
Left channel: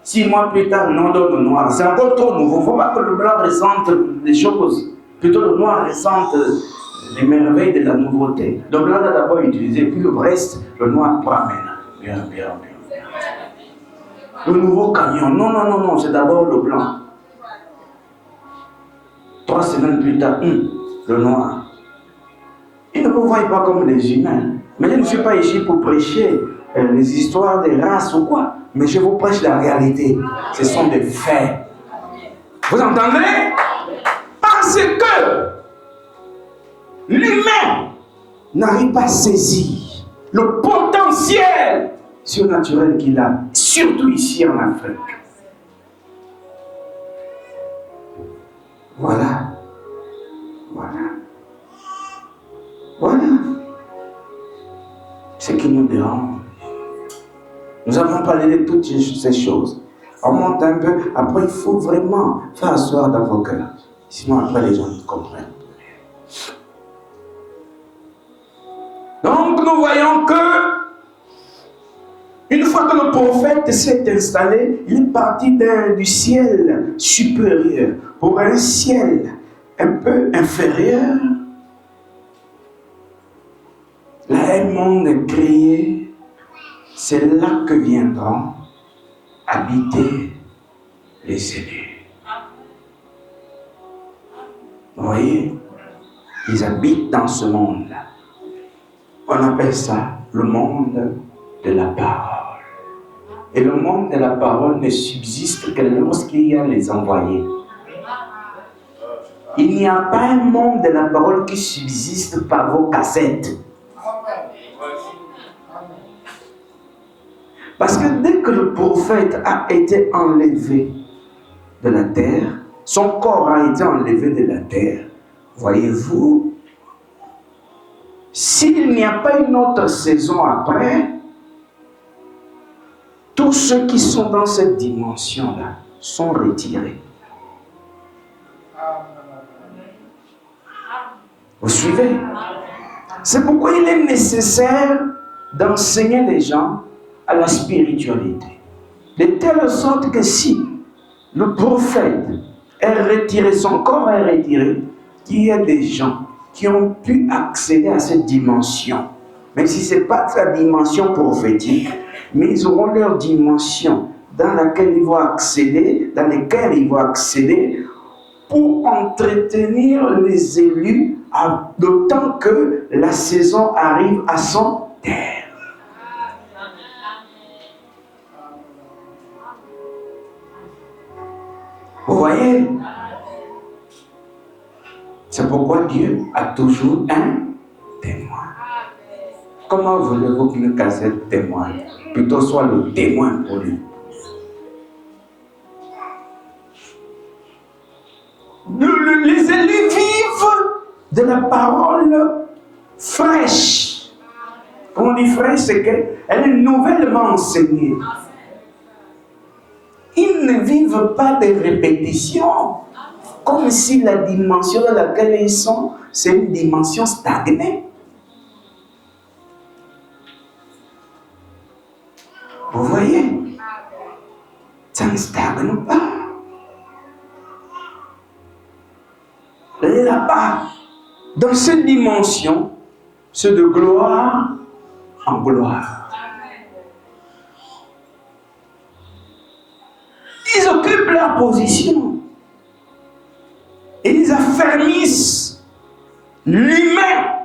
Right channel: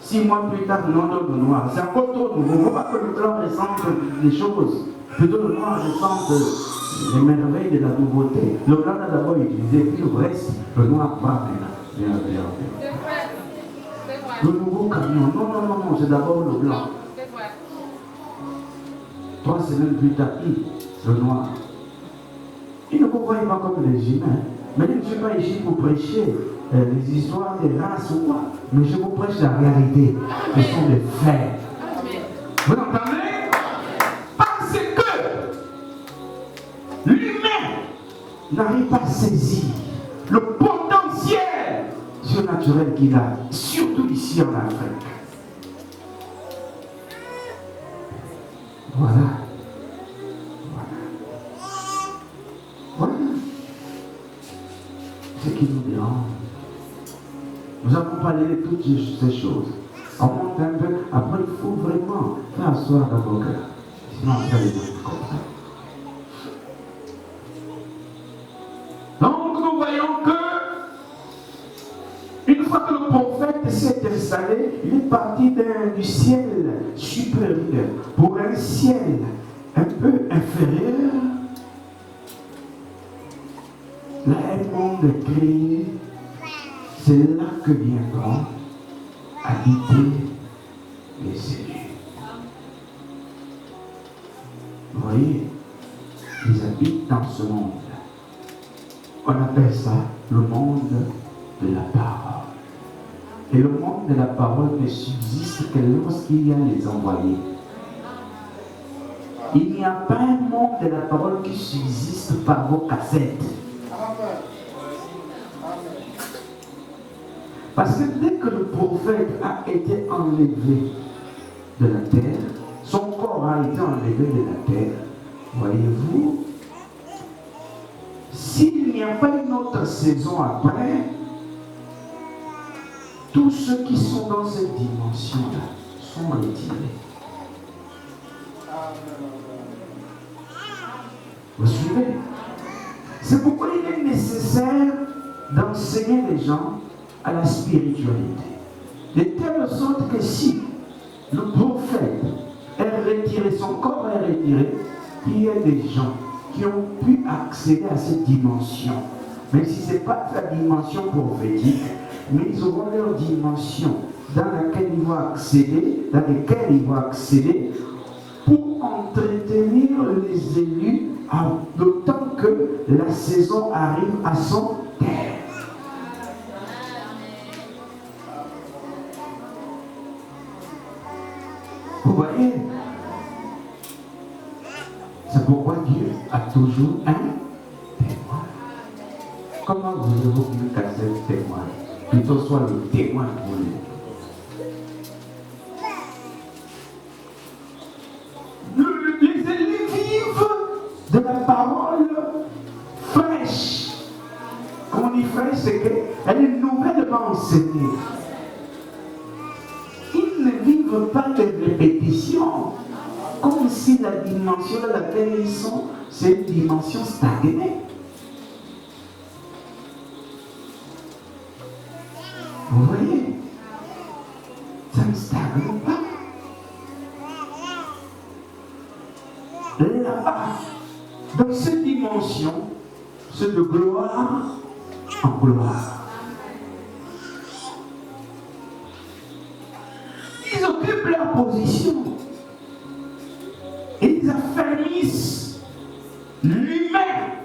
6 mois plus tard, on donne au noir. C'est encore trop nouveau. Il ne faut pas que le blanc ressente les choses. Plutôt le noir ressente les merveilles de la nouveauté. Le blanc a d'abord utilisé, puis le reste, le noir prend maintenant. Le nouveau camion. Non, c'est d'abord le blanc. 3 semaines plus tard, le noir. Ils ne vous voient pas comme des humains. Mais je ne suis pas ici pour prêcher les histoires des races ou quoi. Mais je vous prêche la réalité. Ce sont des faits. Vous entendez? Parce que l'humain n'arrive pas à saisir le potentiel surnaturel qu'il a, surtout ici en Afrique. Voilà. Ce qui nous dérange. Nous avons parlé de toutes ces choses. On monte un peu. Après, il faut vraiment faire asseoir dans vos cœurs. Sinon, après, les gens ne comprennent. Donc, nous voyons que une fois que le prophète s'est installé, il est parti du ciel supérieur pour un ciel un peu inférieur. Là, un monde créé, c'est là que viendront habiter les élus. Vous voyez, ils habitent dans ce monde-là. On appelle ça le monde de la parole. Et le monde de la parole ne subsiste que lorsqu'il y a les envoyés. Il n'y a pas un monde de la parole qui subsiste par vos cassettes. Parce que dès que le prophète a été enlevé de la terre, son corps a été enlevé de la terre, voyez-vous, s'il n'y a pas une autre saison après, tous ceux qui sont dans cette dimension-là sont retirés. Vous suivez? C'est pourquoi il est nécessaire d'enseigner les gens à la spiritualité. De telle sorte que si le prophète est retiré, son corps est retiré, il y a des gens qui ont pu accéder à cette dimension. Mais si ce n'est pas sa dimension prophétique, mais ils auront leur dimension dans laquelle ils vont accéder, pour entretenir les élus, d'autant que la saison arrive à son terme. Vous voyez? C'est pourquoi Dieu a toujours un témoin. Comment voulez-vous qu'une cassette témoigne plutôt soit le témoin pour lui? Les élus vivent de la parole fraîche. Quand on dit fraîche, c'est qu'elle est nouvellement enseignée. Ils ne vivent pas des répétitions, comme si la dimension dans laquelle ils sont, c'est une dimension stagnée. Vous voyez? Ça ne stagne pas. Là-bas, dans cette dimension, c'est de gloire en gloire. Ils occupent leur position. Et ils affermissent l'humain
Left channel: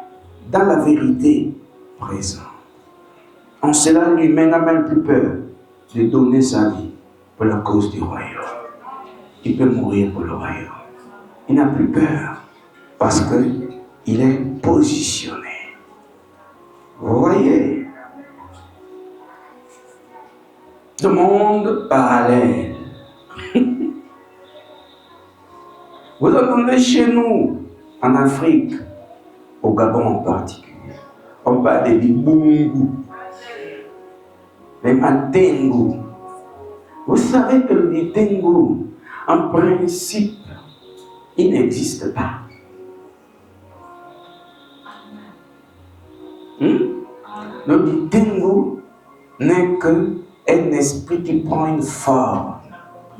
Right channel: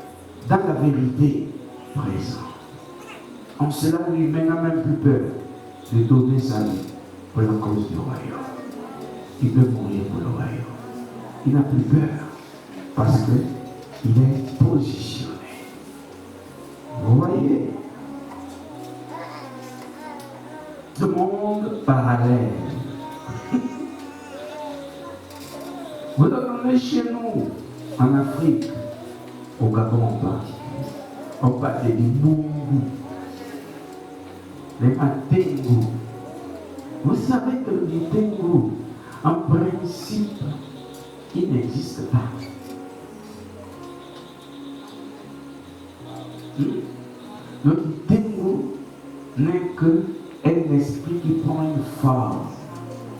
dans la vérité présente. En cela, l'humain n'a même plus peur de donner sa vie pour la cause du royaume. Il peut mourir pour le royaume. Il n'a plus peur parce qu'il est positionné. Vous voyez? Le monde parallèle. Vous entendez chez nous, en Afrique, au Gabon en particulier, on parle des Bibungu, les Matengu. Vous savez que le Matengu, en principe, il n'existe pas. Le Matengu n'est qu'un esprit qui prend une forme.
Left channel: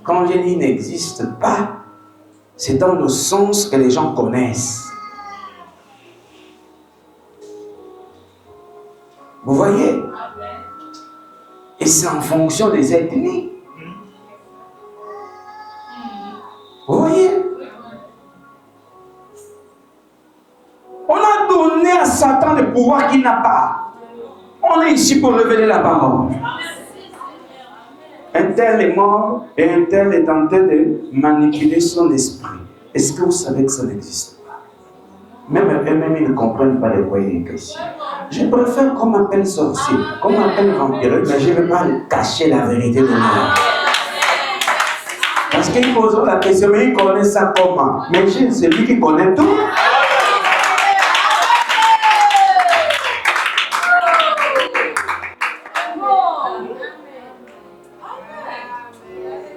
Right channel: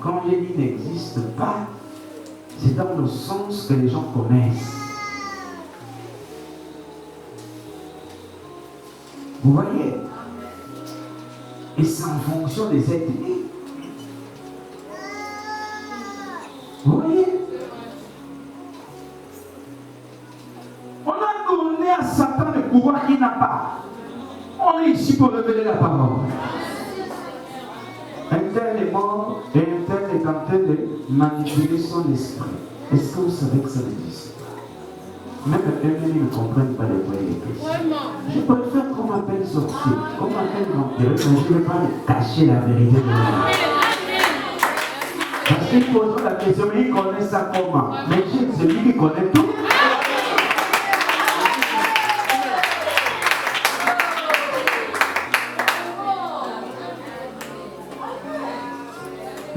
Quand je dis n'existe pas, c'est dans le sens que les gens connaissent. Vous voyez? Et c'est en fonction des ethnies. Vous voyez? On a donné à Satan le pouvoir qu'il n'a pas. On est ici pour révéler la parole. Un tel est mort et un tel est en train de manipuler son esprit. Est-ce que vous savez que ça n'existe pas? Même eux-mêmes, ils ne comprennent pas les voyants. Je préfère qu'on m'appelle sorcier, qu'on m'appelle vampire, mais je ne vais pas cacher la vérité de moi. Parce qu'ils posent la question, mais ils connaissent ça comment? Mais c'est lui qui connaît tout.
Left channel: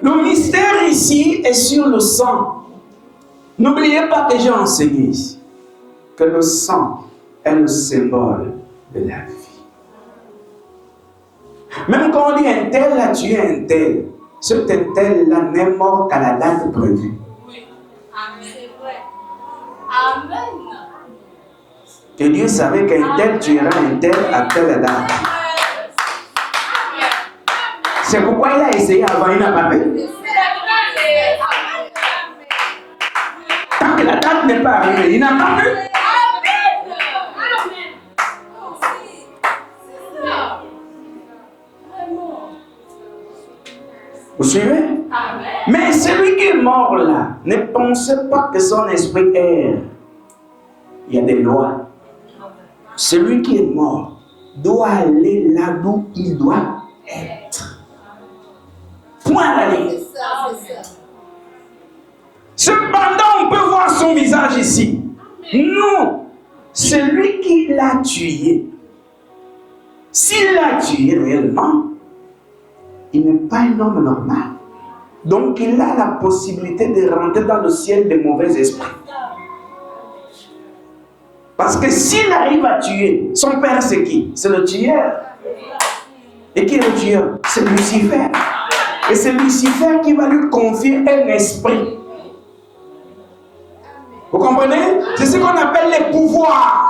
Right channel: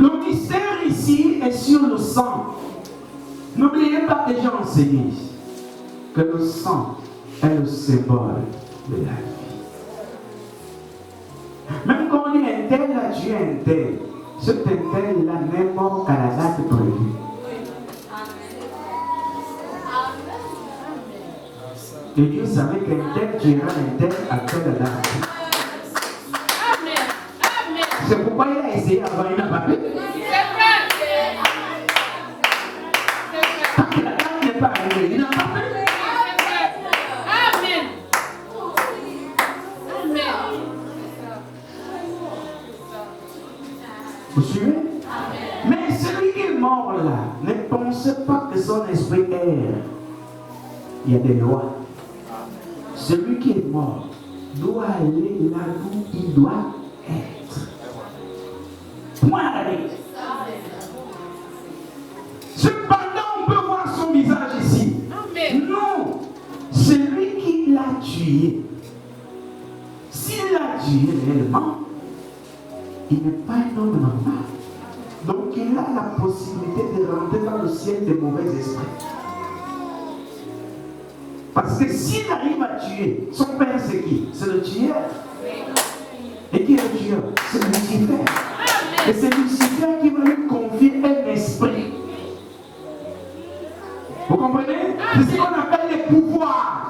Le mystère ici est sur le sang. N'oubliez pas que j'ai enseigné ici que le sang est le symbole de la vie. Même quand on dit un tel a tué un tel, cet un tel-là n'est mort qu'à la date prévue. Et Dieu savait qu'un tel tuera un tel à telle date. C'est pourquoi il a essayé avant, il n'a pas fait. Tant que la date n'est pas arrivée, il n'a pas fait. Vous suivez? Mais celui qui est mort là, ne pensez pas que son esprit erre. Il y a des lois. Celui qui est mort doit aller là où il doit être. Point à la ligne. Cependant, on peut voir son visage ici. Non, celui qui l'a tué, s'il l'a tué réellement, il n'est pas un homme normal. Donc il a la possibilité de rentrer dans le ciel des mauvais esprits. Parce que s'il arrive à tuer, son père c'est qui? C'est le tueur. Et qui est le tueur? C'est Lucifer. Et c'est Lucifer qui va lui confier un esprit. Vous comprenez? C'est ce qu'on appelle les pouvoirs.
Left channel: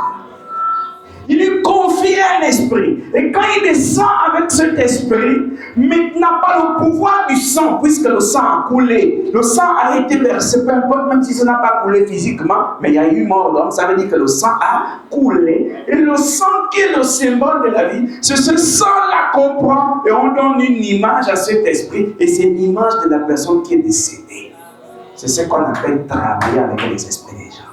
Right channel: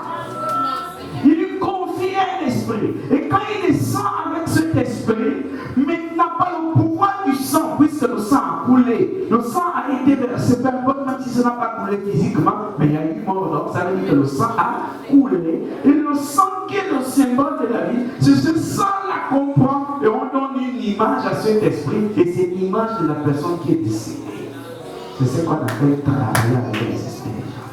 Il lui confie un esprit. Et quand il descend avec cet esprit, mais il n'a pas le pouvoir du sang, puisque le sang a coulé. Le sang a été versé, peu importe, même si ça n'a pas coulé physiquement, mais il y a eu mort d'homme, ça veut dire que le sang a coulé. Et le sang qui est le symbole de la vie, c'est ce sang-là qu'on prend et on donne une image à cet esprit, et c'est l'image de la personne qui est décédée. C'est ce qu'on appelle travailler avec les esprits des gens.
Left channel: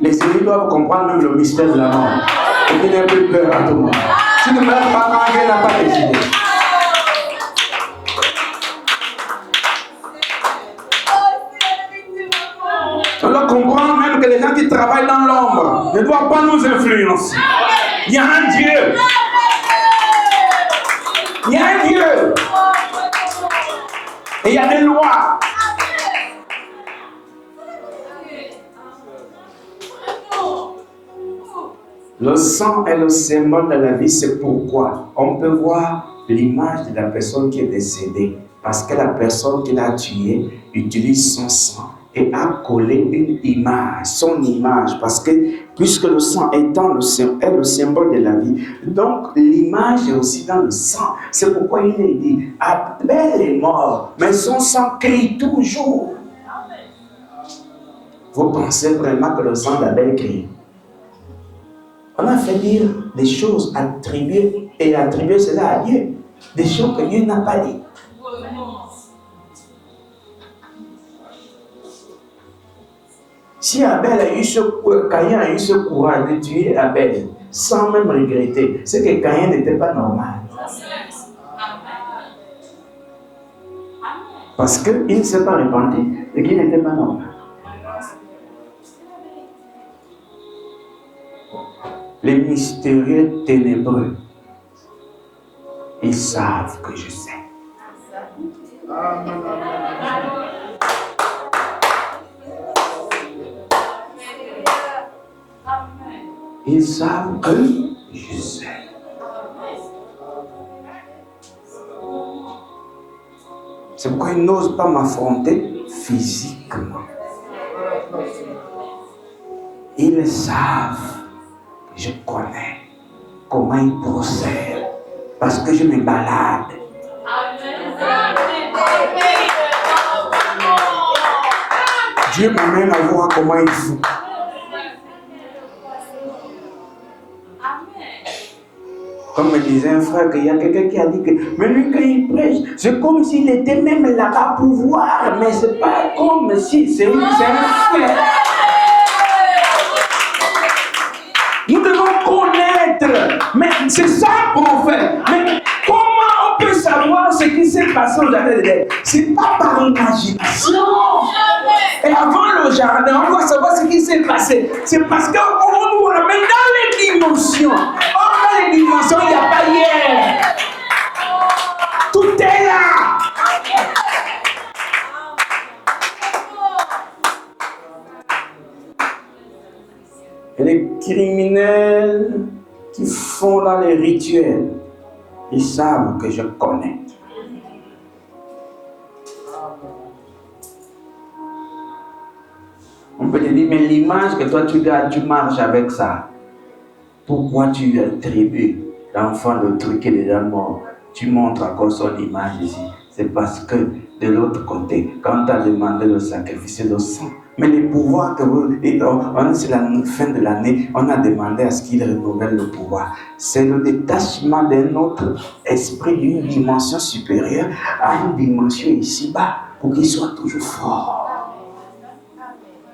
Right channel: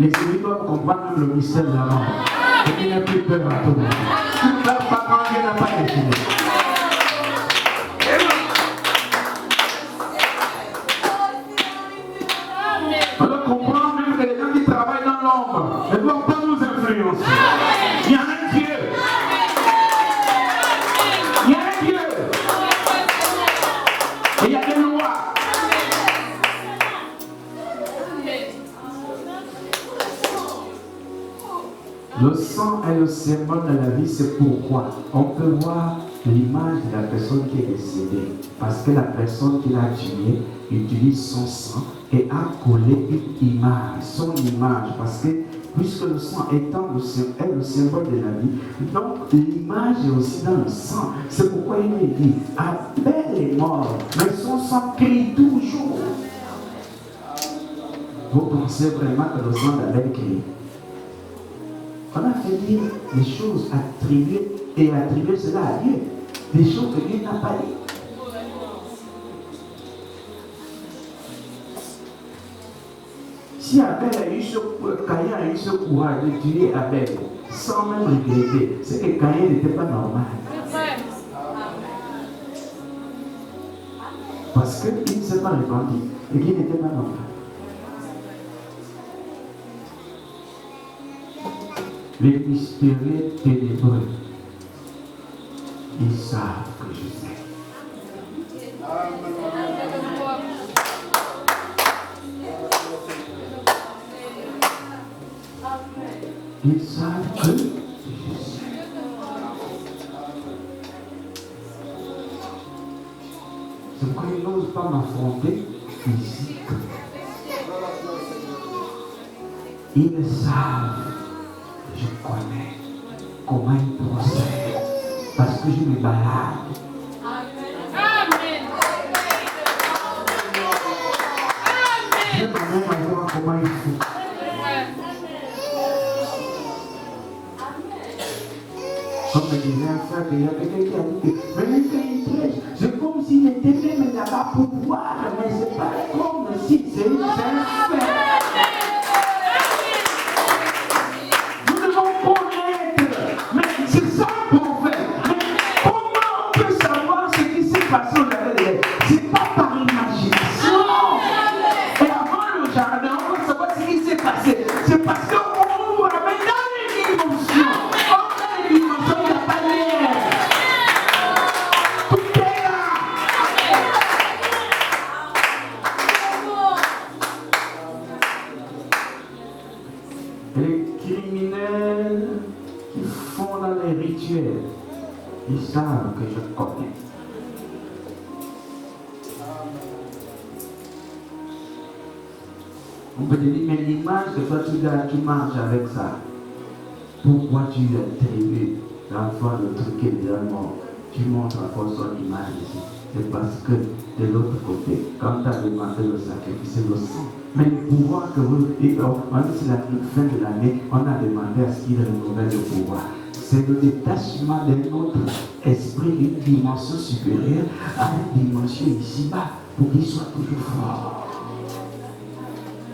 Les esprits doivent comprendre même le mystère de la mort. Et qu'il n'ait plus peur à tout le monde. Tu ne meurs pas quand il n'a pas décidé. travaille dans l'ombre ne doit pas nous influencer. Il y a un Dieu. Il y a un Dieu. Et il y a des lois. Le sang est le symbole de la vie, c'est pourquoi on peut voir l'image de la personne qui est décédée. Parce que la personne qui l'a tué utilise son sang et a collé une image, son image. Parce que puisque le sang est le symbole de la vie, donc l'image est aussi dans le sang. C'est pourquoi il est dit, Abel est mort, mais son sang crie toujours. Vous pensez vraiment que le sang d'Abel crie? On a fait dire des choses attribuées cela à Dieu. Des choses que Dieu n'a pas dit. Si Abel a eu Caïn a eu ce courage de tuer Abel sans même regretter, c'est que Caïn n'était pas normal. Parce qu'il ne s'est pas répandu et qu'il n'était pas normal. Les mystérieux ténébreux, ils savent que je sais. Ils savent que je sais. C'est pourquoi ils n'osent pas m'affronter physiquement. Ils savent. Je connais comment il procède parce que je me balade. Dieu m'amène à voir comment il fait. Comme me disait un frère, il y a quelqu'un qui a dit que mais lui quand il prêche, c'est comme s'il était même là-bas pour voir, mais c'est pas comme si c'est un fait. Mais c'est ça qu'on fait. Mais comment on peut savoir ce qui s'est passé aux années? C'est pas par imagination. Et avant le jardin, on va savoir ce qui s'est passé. C'est parce qu'on nous ramène dans les dimensions. Or, dans les dimensions, il n'y a pas hier. Tout est là. Et les criminels qui font dans les rituels, ils savent que je connais. On peut te dire, mais l'image que toi tu gardes, tu marches avec ça. Pourquoi tu attribues l'enfant de truc qui est déjà mort? Tu montres encore son image ici. C'est parce que de l'autre côté, quand tu as demandé de sacrifier le sang, mais les pouvoirs que vous, c'est la fin de l'année, on a demandé à ce qu'il renouvelle le pouvoir. C'est le détachement de notre esprit d'une dimension supérieure à une dimension ici-bas pour qu'il soit toujours fort.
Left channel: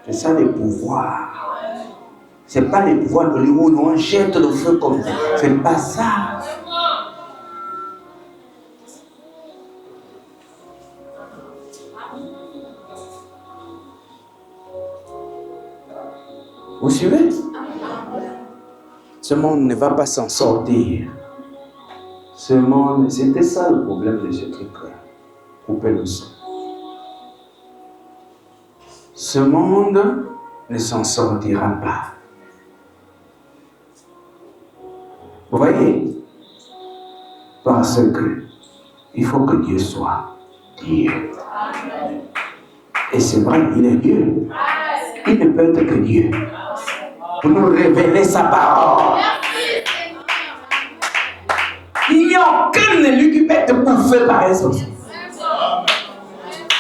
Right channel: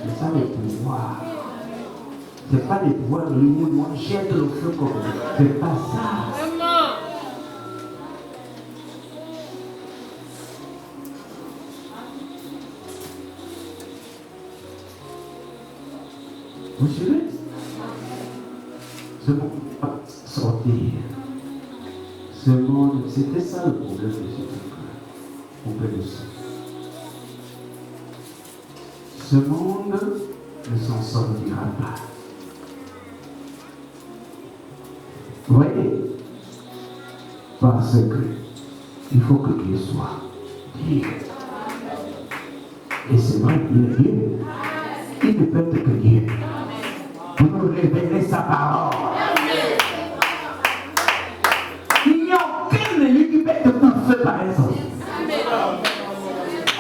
C'est ça les pouvoirs. Ce n'est pas les pouvoirs de l'humour où on jette le feu comme ça. Ce n'est pas ça. Vous suivez? Ce monde ne va pas s'en sortir. Ce monde, c'était ça le problème de Jésus, frère. Pour que nous sommes. Ce monde ne s'en sortira pas. Vous voyez? Parce que il faut que Dieu soit Dieu. Et c'est vrai, il est Dieu. Il ne peut être que Dieu. Pour nous révéler sa parole. Il n'y a aucun élu qui peut être parfait par exemple.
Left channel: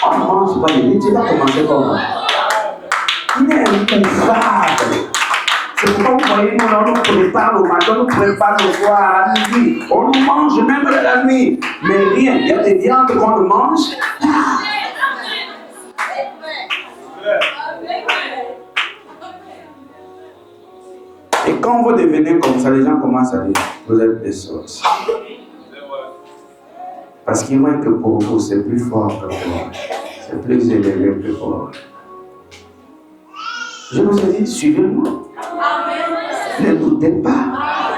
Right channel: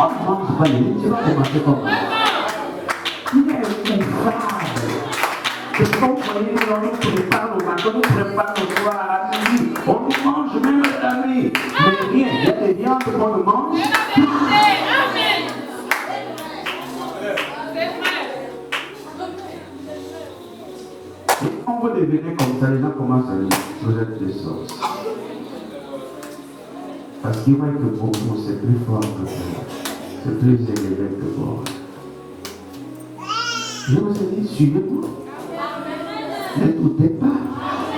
On mange pas les tu vas commencer comme ça. Il est infâme. C'est pourquoi vous voyez, on nous prépare au matin, on nous prépare le soir à la midi. On nous mange même la nuit. Mais rien, il y a des viandes qu'on nous mange. Et quand vous devenez comme ça, les gens commencent à dire, vous êtes des sorciers. Parce qu'ils voient que pour vous, c'est plus fort que vous. C'est plus élevé que vous. Je vous ai dit, suivez-moi. Ne doutez pas.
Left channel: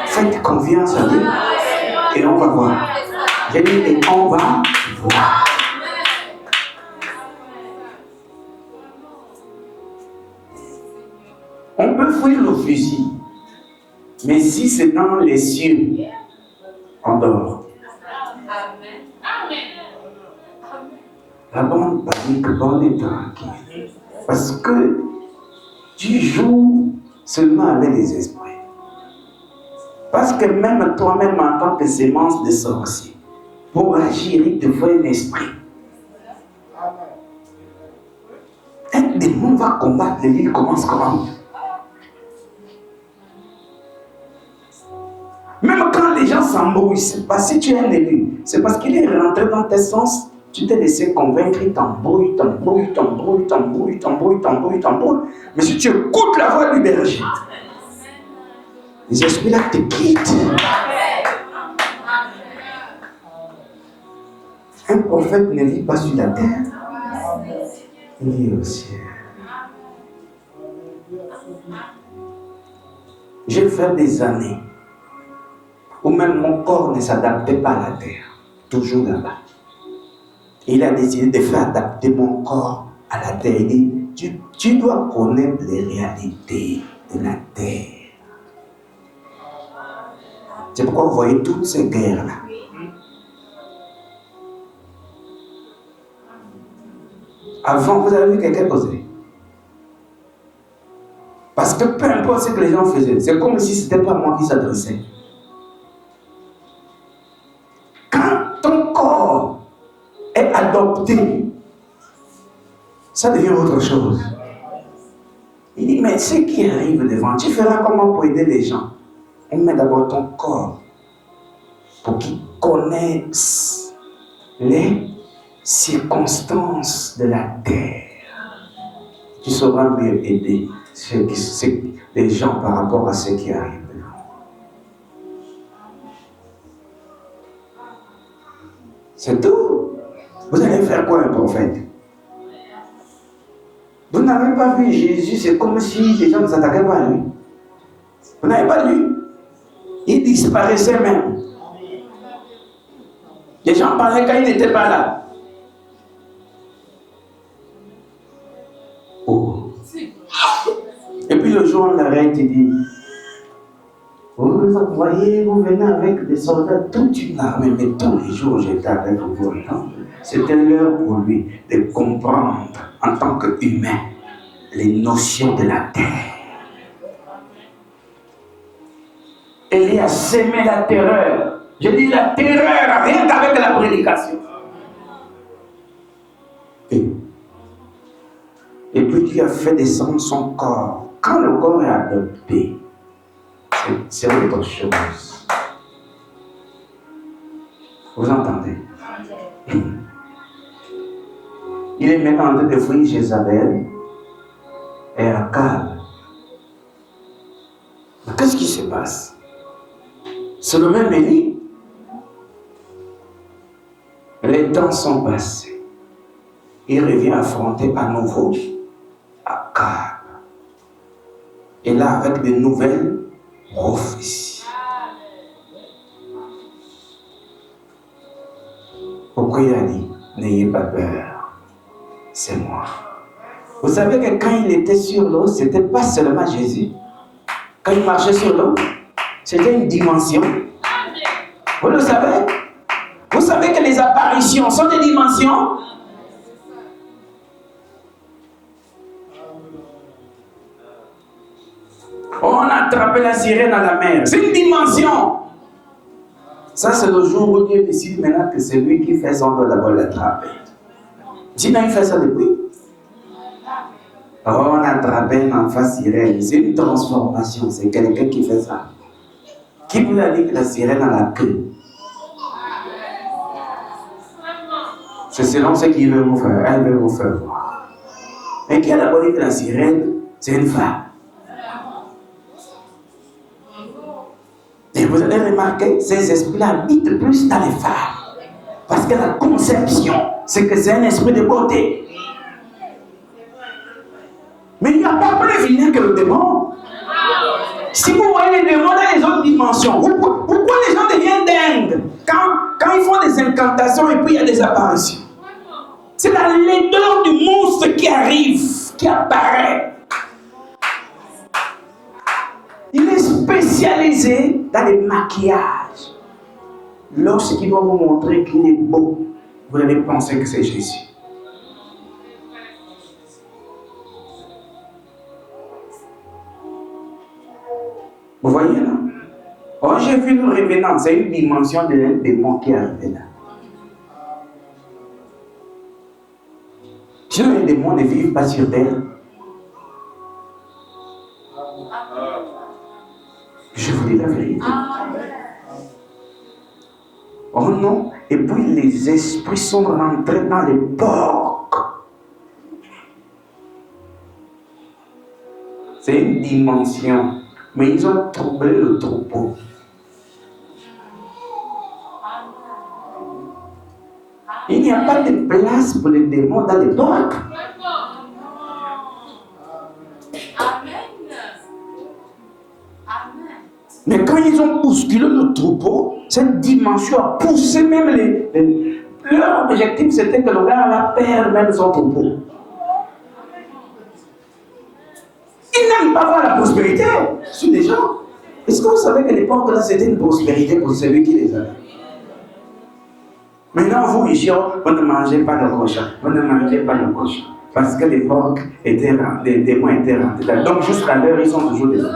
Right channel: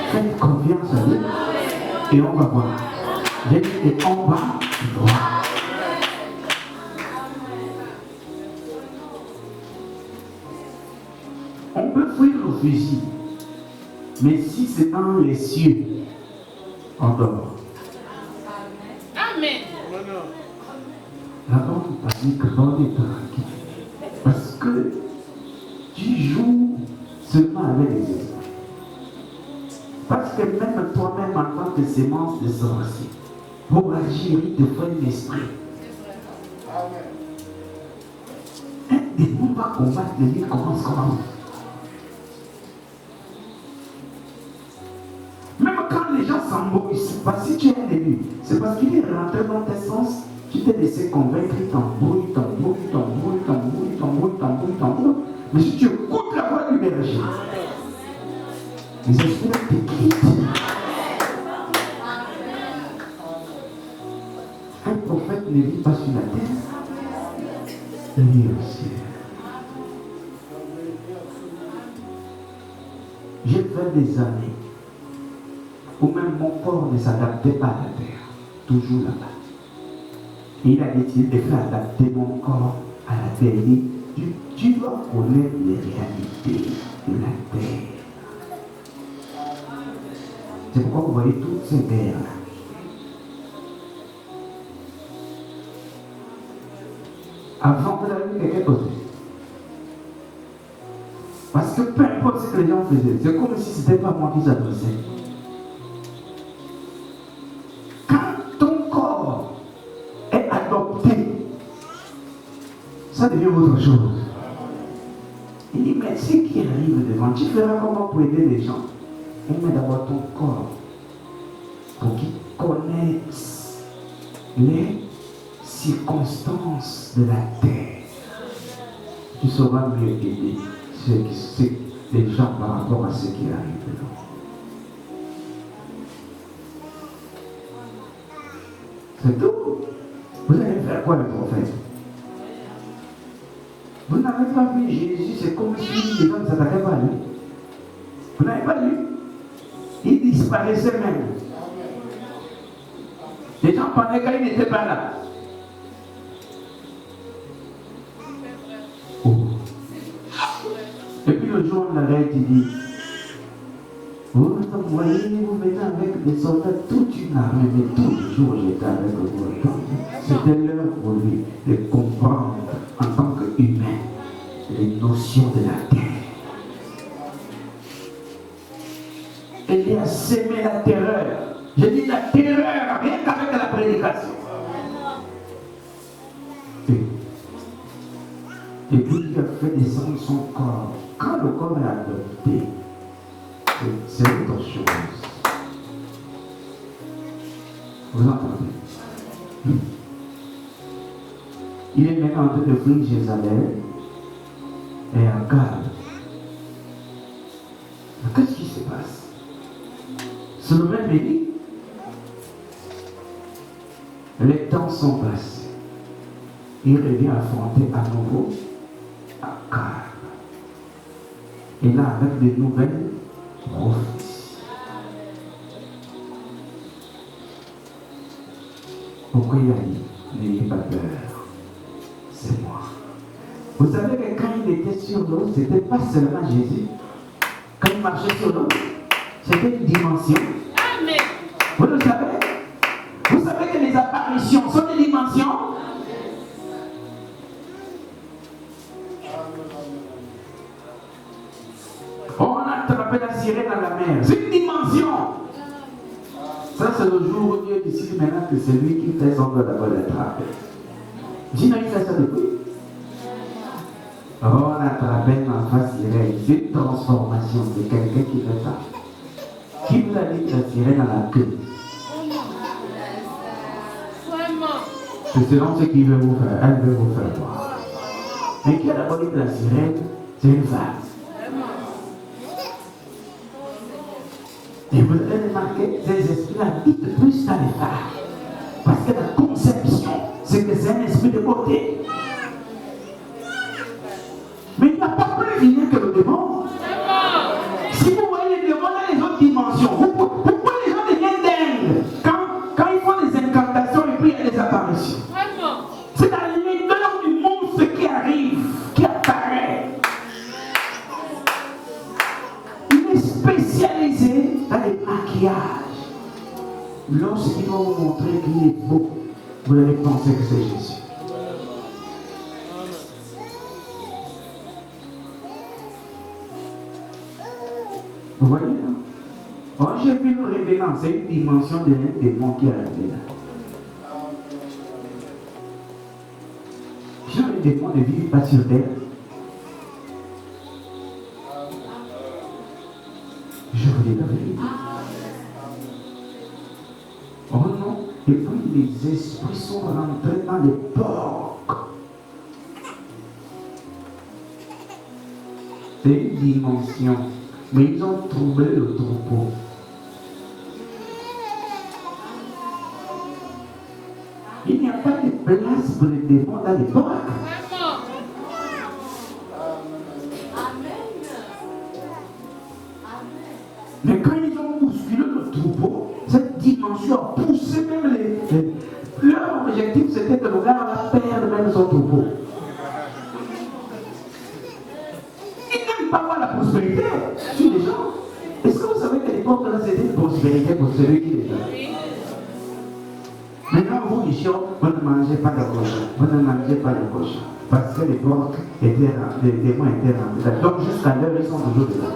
Faites confiance à Dieu. Et on va voir. J'ai dit, et on va voir. On peut fuir le fusil. Mais si c'est dans les cieux, on dort. La bonne partie que bonne est tranquille. Parce que tu joues seulement avec les esprits. Parce que même toi-même, en tant que sémence de sorcier, pour agir, il te faut un esprit. Un démon va combattre, il commence comment? Même quand les gens s'embrouillent, c'est pas si tu es un élu, c'est parce qu'il est rentré dans tes sens. Tu t'es laissé convaincre, il t'embrouille. Mais si tu écoutes la voix du berger, les esprits là te quittent. Un prophète ne vit pas sur la terre, il vit au ciel. J'ai fait des années où même mon corps ne s'adaptait pas à la terre, toujours là-bas. Il a décidé de faire adapter mon corps à la terre. Il dit, tu dois connaître les réalités de la terre. C'est pourquoi vous voyez toutes ces guerres-là. Avant, vous avez vu quelqu'un causer. Parce que peu importe ce que les gens faisaient, c'est comme si ce n'était pas moi qui s'adressais. Quand ton corps est adopté, ça devient autre chose. Il dit, mais ce qui arrive devant, tu feras comment pour aider les gens? Il met d'abord ton corps pour qu'ils connaissent les circonstances de la terre. Tu sauras mieux aider les gens par rapport à ce qui arrive. C'est tout. Vous allez faire quoi un prophète? Vous n'avez pas vu Jésus, c'est comme si les gens ne s'attaquaient pas à lui. Vous n'avez pas lu? Il disparaissait même. Les gens parlaient quand il n'était pas là. Oh. Et puis le jour, on l'arrête et dit, vous vous envoyez, vous venez avec des soldats, toute une armée, mais tous les jours j'étais avec vous. C'était l'heure pour lui de comprendre en tant qu'humain les notions de la terre. Elle a sémé la terreur. Je dis la terreur, rien qu'avec la prédication. Et puis Dieu a fait descendre son corps. Quand le corps est adopté, c'est autre chose. Vous entendez? Il est maintenant en train de fuir Jézabel et Akab. Qu'est-ce qui se passe? C'est le même Élie. Les temps sont passés. Il revient affronter à nouveau Akab. Et là, avec de nouvelles prophéties. Pourquoi il a dit, n'ayez pas peur, c'est moi. Vous savez que quand il était sur l'eau, ce n'était pas seulement Jésus. Quand il marchait sur l'eau, c'était une dimension. Vous le savez? Vous savez que les apparitions sont des dimensions. On a attrapé la sirène à la mer. C'est une dimension. Ça, c'est le jour où Dieu décide maintenant que c'est lui qui fait son doigt d'abord l'attraper. Dis-moi, il fait ça depuis. Oh, on a attrapé un enfant sirène. C'est une transformation. C'est quelqu'un qui fait ça. Qui vous a dit que la sirène a la queue? C'est selon ce qu'il veut vous faire. Elle veut vous faire voir. Mais qui a d'abord dit que la sirène, c'est une femme? Et vous avez remarqué, ces esprits-là habitent plus dans les femmes. Parce que la conception, c'est que c'est un esprit de beauté. Mais il y a pas plus vilain que le démon. Si vous voyez les démons dans les autres dimensions, pourquoi les gens deviennent dingues quand ils font des incantations et puis il y a des apparitions? C'est la laideur du monstre qui arrive, qui apparaît. Il est spécialisé dans les maquillages. Lorsqu'il va vous montrer qu'il est beau, vous allez penser que c'est Jésus. Vous voyez là? Quand j'ai vu le révélant, c'est une dimension de démon qui est arrivée là. Si les démons ne vivent pas sur terre, je vous dis la vérité. Oh non, et puis les esprits sont rentrés dans les porcs. C'est une dimension, mais ils ont troublé le troupeau. Il n'y a pas de place pour les démons dans les porcs. Mais quand ils ont bousculé le troupeau, cette dimension a poussé même leur objectif, c'était que le gars allait perdre même son troupeau. Ils n'aiment pas voir la prospérité sur les gens. Est-ce que vous savez que les porcs là, c'était une prospérité pour celui qui les a? Maintenant, vous, Michel, vous ne mangez pas de cochon. Vous ne mangez pas de cochon. Parce que les porcs étaient rentrés, les démons étaient rentrés. Donc, jusqu'à l'heure, ils sont toujours dedans.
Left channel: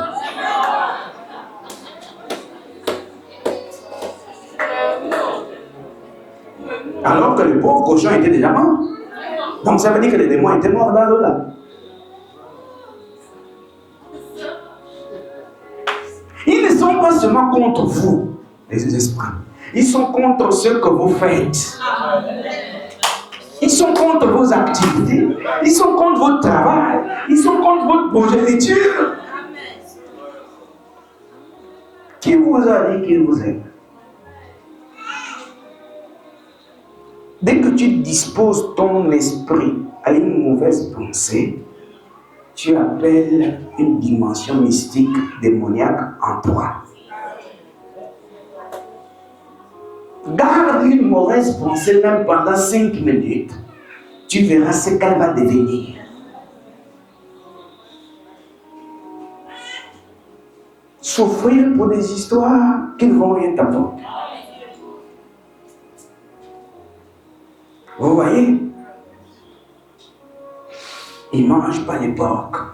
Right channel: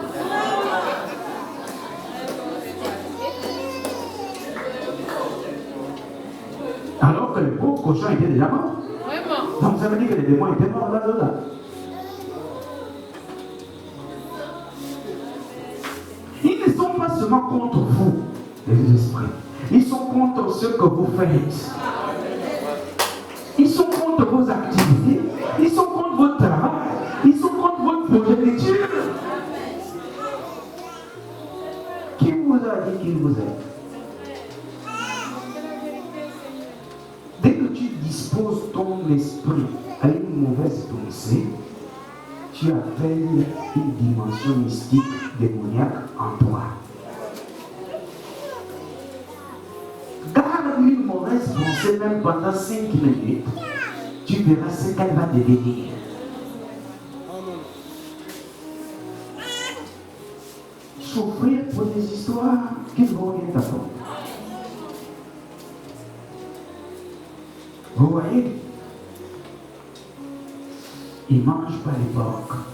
Alors que les pauvres cochons étaient déjà morts. Donc, ça veut dire que les démons étaient morts là. Ils ne sont pas seulement contre vous, les esprits. Ils sont contre ce que vous faites. Ils sont contre vos activités. Ils sont contre votre travail. Ils sont contre votre progéniture. Qui vous a dit qu'il vous aime? Dès que tu disposes ton esprit à une mauvaise pensée, tu appelles une dimension mystique démoniaque en toi. Garde une mauvaise pensée même pendant 5 minutes. Tu verras ce qu'elle va devenir. Souffrir pour des histoires qui ne vont rien t'apporter. Vous voyez? Ils ne mangent pas les porcs.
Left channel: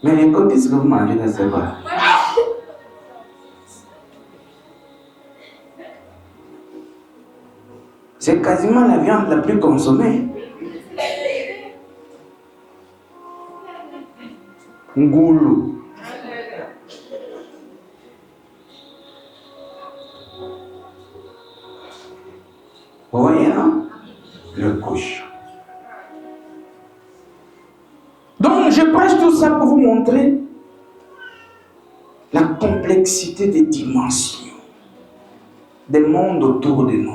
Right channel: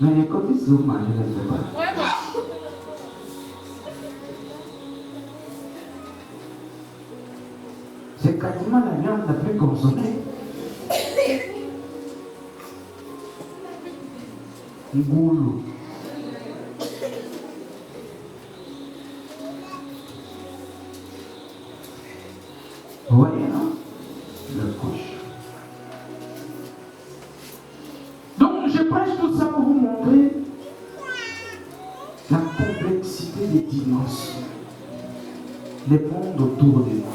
Mais les coquilles que vous mangez, ne sais pas. C'est quasiment la viande la plus consommée. Ngoulou. Vous voyez, non? Le cochon. Donc, je prêche tout ça pour vous montrer la complexité des dimensions, des mondes autour de nous.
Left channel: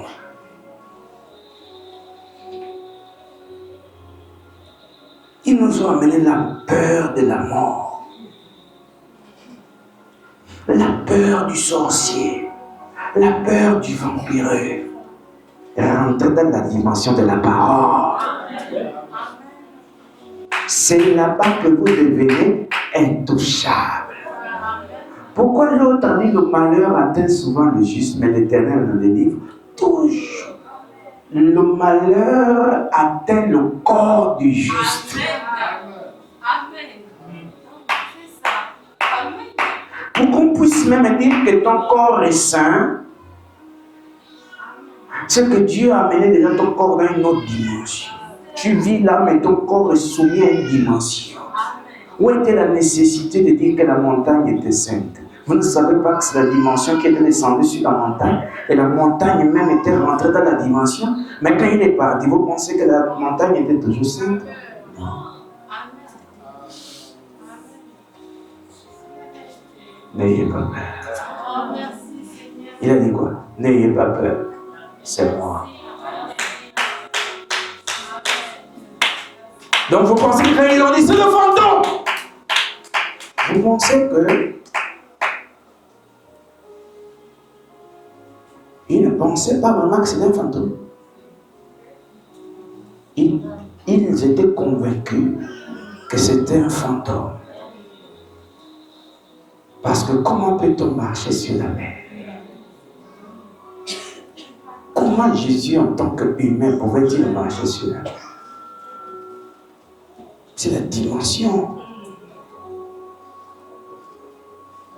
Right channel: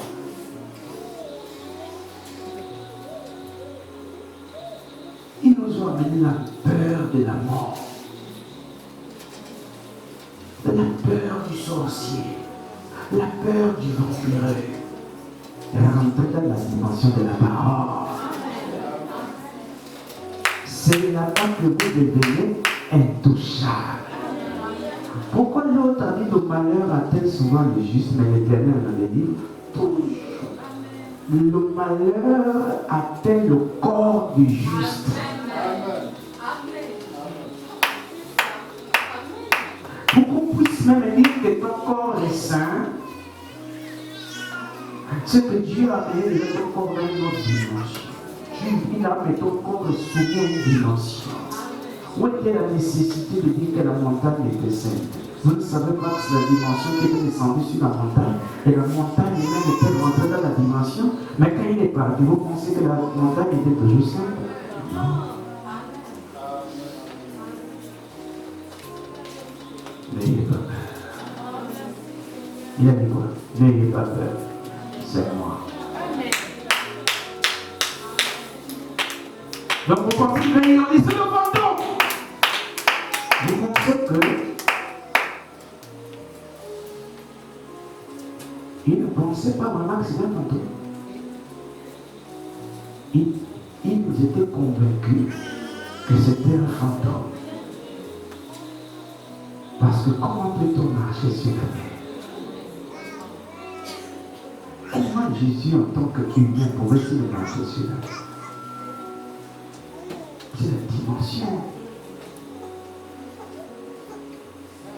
Ils nous ont amené la peur de la mort, la peur du sorcier, la peur du vampireux, rentrer dans la dimension de la parole. C'est là-bas que le bébé est touchable. Pourquoi l'autre a dit que le malheur atteint souvent le juste, mais l'Éternel dans le livre touche. Le malheur atteint le corps du juste. Pour qu'on puisse même dire que ton corps est sain, c'est que Dieu a amené dans ton corps à une autre dimension. Tu vis là, mais ton corps est soumis à une dimension. Où était la nécessité de dire que la montagne était sainte? Vous ne savez pas que c'est la dimension qui était descendue sur la montagne. Et la montagne elle-même était rentrée dans la dimension. Mais quand il est parti, vous pensez que la montagne était toujours sainte? N'ayez pas peur. Il a dit quoi? N'ayez pas peur. C'est moi. Donc vous pensez que là, ils ont dit c'est le fantôme. Vous pensez que ils ne pensaient pas vraiment que c'était un fantôme. Ils étaient convaincus que c'était un fantôme. Parce que comment peut-on marcher sur la mer? Comment Jésus en tant qu'humain pouvait-il marcher sur la mer? C'est la dimension.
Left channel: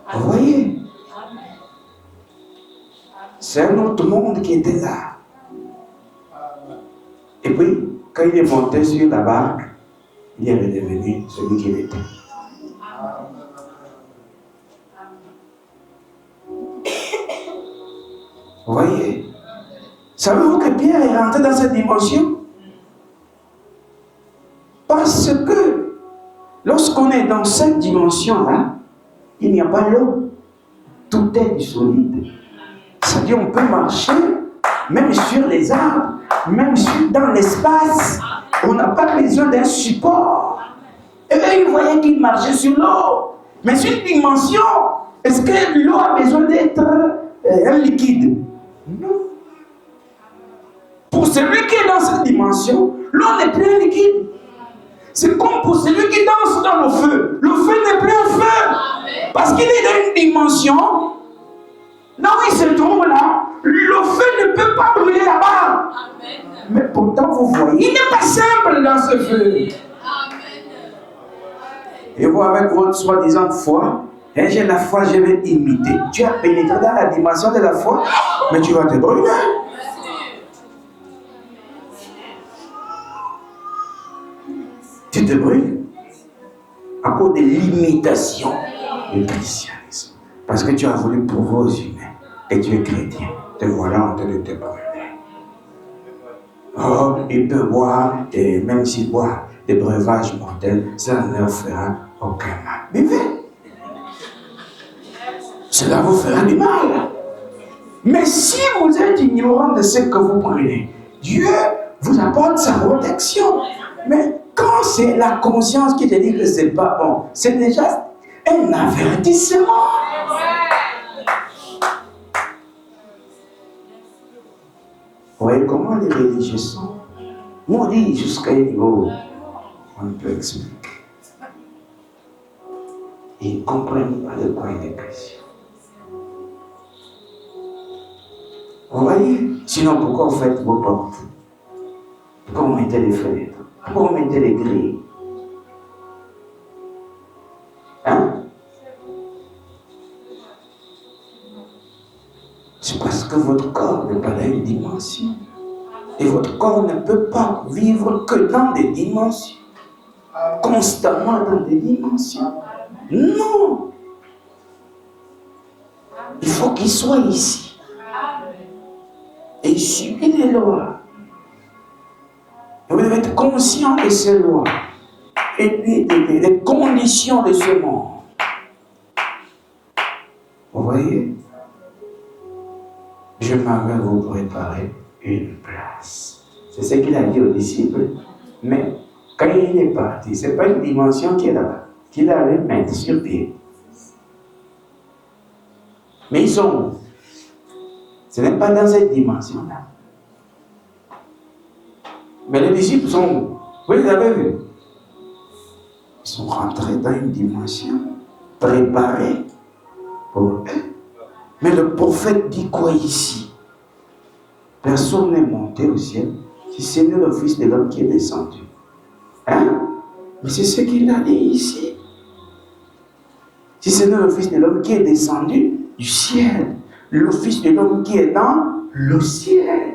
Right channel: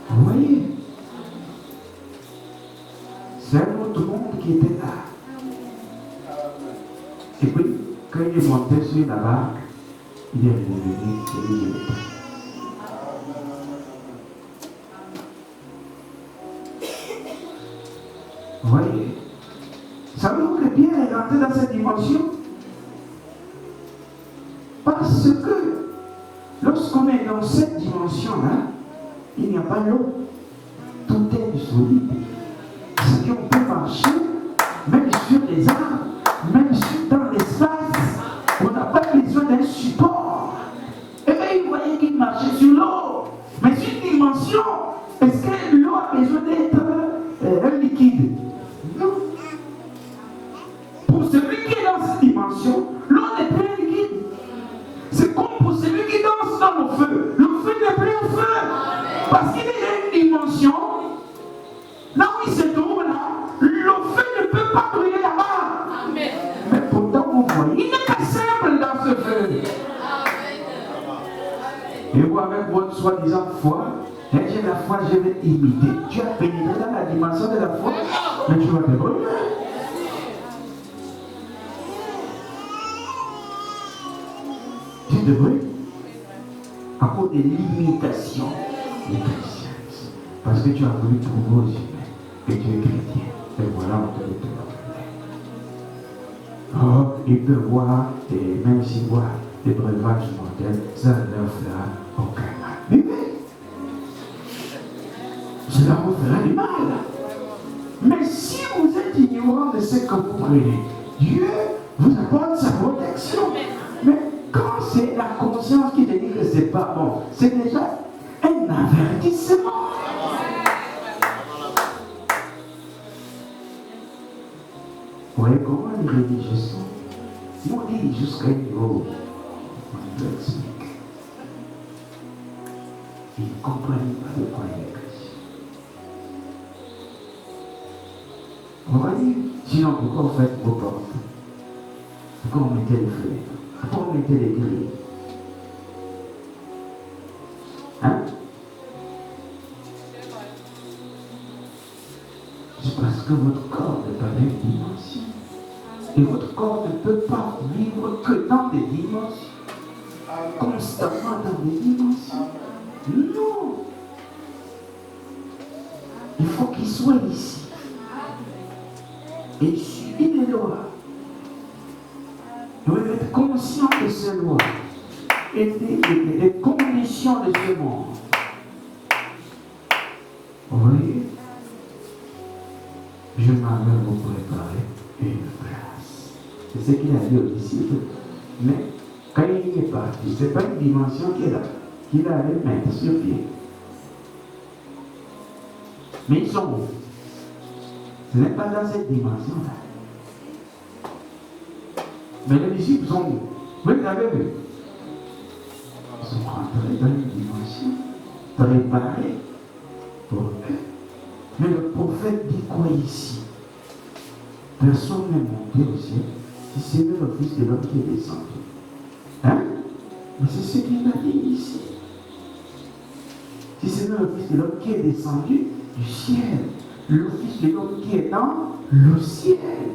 Vous voyez? C'est un autre monde qui était là. Et puis, quand il est monté sur la barque, il est redevenu celui qu'il était. Vous voyez? Savez-vous que Pierre est rentré dans cette dimension? Parce que lorsqu'on est dans cette dimension-là, il n'y a pas l'eau. Tout est du solide. C'est-à-dire qu'on peut marcher, même sur les arbres, même dans l'espace. On n'a pas besoin d'un support. Et eux, ils voyaient qu'ils marchaient sur l'eau. Mais sur une dimension, est-ce que l'eau a besoin d'être un liquide? Non. Pour celui qui est dans cette dimension, l'eau n'est plus un liquide. C'est comme pour celui qui danse dans le feu. Le feu n'est plus un feu. Parce qu'il est dans une dimension, là où il se trouve là, le feu ne peut pas brûler là-bas. Mais pourtant, vous voyez, il n'est pas simple dans ce feu. Et vous, avec votre soi-disant foi, mais j'ai la foi, je vais imiter. Tu as pénétré dans la dimension de la foi, mais tu vas te brûler. Tu te brûles à cause de l'imitation du christianisme. Parce que tu as voulu prouver aux humains que tu es chrétien. Et voilà, on te le débarque. Oh, il peut boire, et même s'il boit des breuvages mortels, ça ne leur fera aucun mal. Vivez. Cela vous fera du mal. Mais si vous êtes ignorant de ce que vous prenez, Dieu vous apporte sa protection. Mais quand c'est la conscience qui te dit que c'est pas bon, c'est déjà un avertissement. Vous voyez comment les religieux sont? Moi, on dit jusqu'à un niveau, on peut expliquer. Ils ne comprennent pas de quoi il est question. Vous voyez? Sinon, pourquoi vous faites vos portes? Pourquoi vous mettez les fenêtres? Pourquoi vous mettez les grilles? Hein? C'est parce que votre corps n'est pas dans une dimension. Et votre corps ne peut pas vivre que dans des dimensions. Constamment dans des dimensions. Non! Il faut qu'il soit ici. Et il subit les lois. Vous devez être conscient de ces lois. Et les conditions de ce monde. Vous voyez? Je m'en vais vous préparer une place. C'est ce qu'il a dit aux disciples. Mais quand il est parti, ce n'est pas une dimension qu'il allait mettre sur pied. Mais ils sont où? Ce n'est pas dans cette dimension-là. Mais les disciples sont où? Vous les avez vus? Ils sont rentrés dans une dimension préparée pour eux. Mais le prophète dit quoi ici? Personne n'est monté au ciel, si ce n'est le Fils de l'homme qui est descendu. Hein? Mais c'est ce qu'il a dit ici. Si ce n'est le Fils de l'homme qui est descendu du ciel, le Fils de l'homme qui est dans le ciel.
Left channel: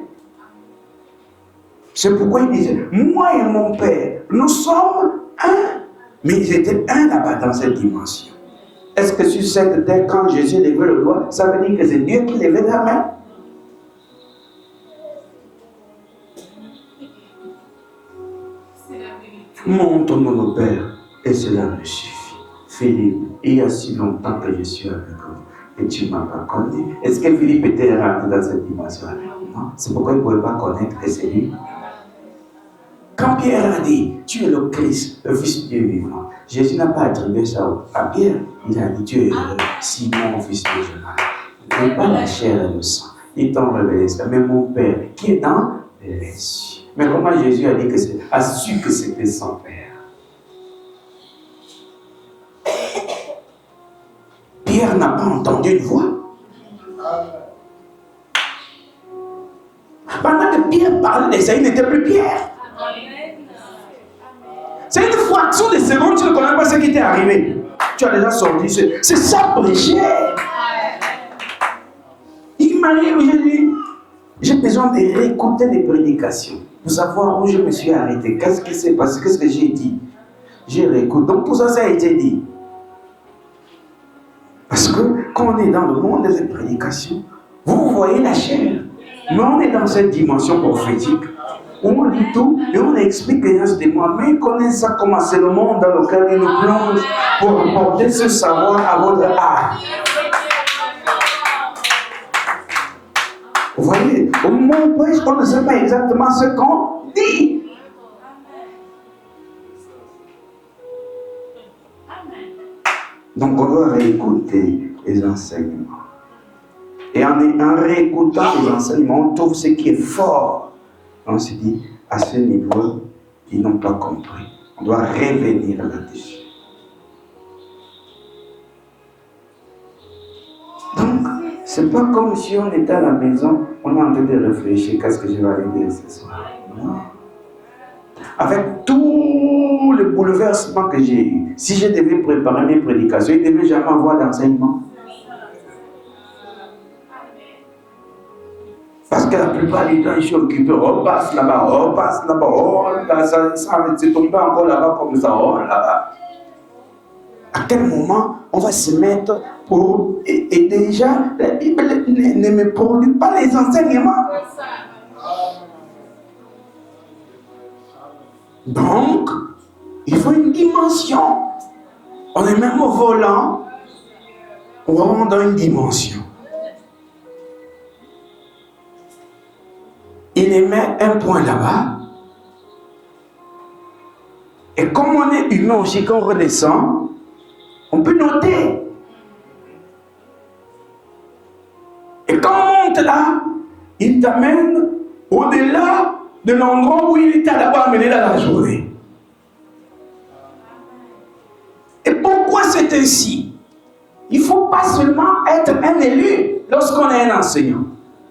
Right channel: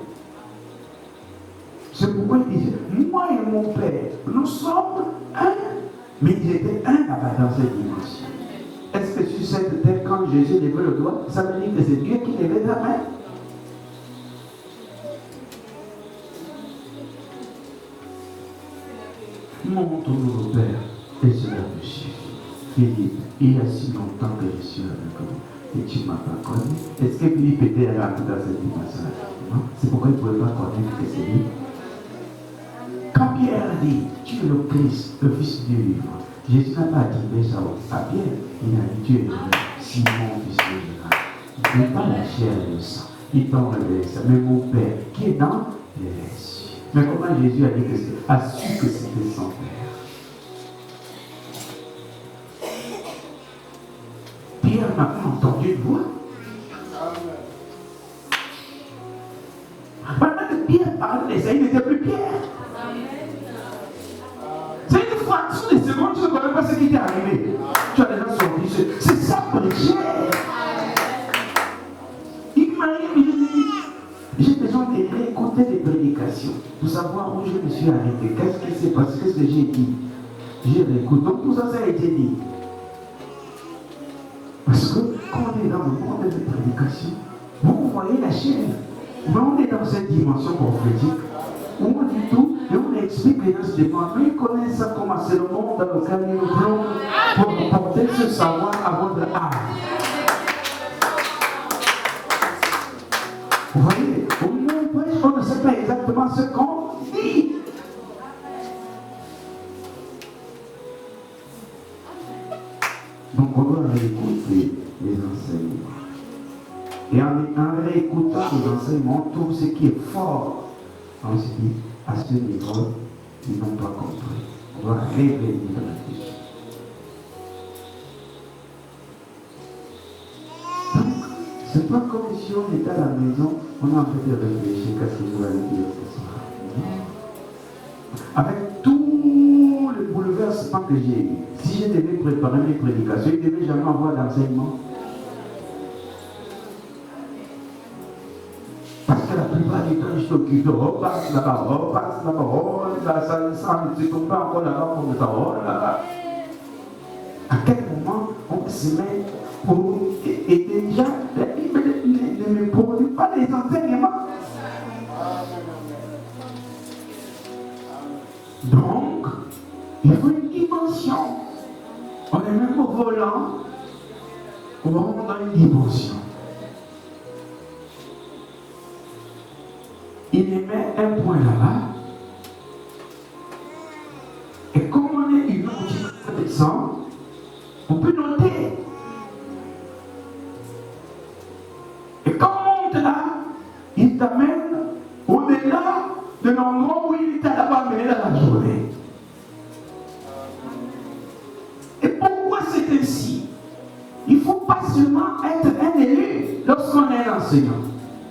C'est pourquoi il disait, moi et mon Père, nous sommes un. Mais ils étaient un là-bas dans cette dimension. Est-ce que sur cette terre, quand Jésus levait le doigt, ça veut dire que c'est Dieu qui levait la main? Montre-moi mon Père, et cela me suffit. Philippe, il y a si longtemps que je suis avec toi, et tu m'as pas connu. Est-ce que Philippe était rentré dans cette dimension? Non, c'est pourquoi il ne pouvait pas connaître que c'est lui. Quand Pierre a dit, tu es le Christ, le Fils de Dieu vivant, Jésus n'a pas attribué ça à Pierre. Il a dit, Dieu est le Simon, Fils de Jonas. Il n'est pas la chair et le sang. Il t'a révélé ça. Mais mon Père, qui est dans les cieux. Mais comment Jésus a dit que c'est, a su que c'était son Père? Pierre n'a pas entendu une voix. Pendant que Pierre parlait, ça, il n'était plus Pierre. C'est une fraction de seconde, tu ne connais pas ce qui t'est arrivé. Tu as déjà sorti. C'est ça prêcher. Il m'arrive, je dis, j'ai besoin de réécouter les prédications, pour savoir où je me suis arrêté, qu'est-ce qui s'est passé, qu'est-ce que j'ai dit. J'ai réécouté. Donc tout ça, ça a été dit. Parce que quand on est dans le monde des prédications, vous voyez la chair. Mais on est dans cette dimension prophétique où on dit tout, mais on explique les gens se demandent, mais ils connaissent ça comment c'est le monde dans lequel ils nous plongent pour apporter ce savoir à votre art. Vous voyez, au moment où on ne sait pas exactement ce qu'on dit. Donc on doit réécouter les enseignements. Et en réécoutant les enseignements, on trouve ce qui est fort. On se dit, à ce niveau, ils n'ont pas compris. On doit revenir là-dessus. Donc, c'est pas comme si on était à la maison, on a envie de réfléchir, qu'est-ce que je vais arriver ce soir. Avec tout le bouleversement que j'ai eu, si je devais préparer mes prédications, il ne devait jamais avoir d'enseignement. Parce que la plupart des temps, je suis occupé, on passe là-bas, on passe là-bas, oh là, ça ne connaît pas encore là-bas comme ça, oh là-bas. À quel moment on va se mettre pour... Et déjà, la Bible ne me produit pas les enseignements. Donc, il faut une dimension. On est même au volant, on rentre dans une dimension. Il émet un point là-bas. Et comme on est humain aussi, quand on redescend, on peut noter. Et quand on monte là, il t'amène au-delà de l'endroit où il était là-bas amené dans la journée. Et pourquoi c'est ainsi? Il ne faut pas seulement être un élu lorsqu'on est un enseignant.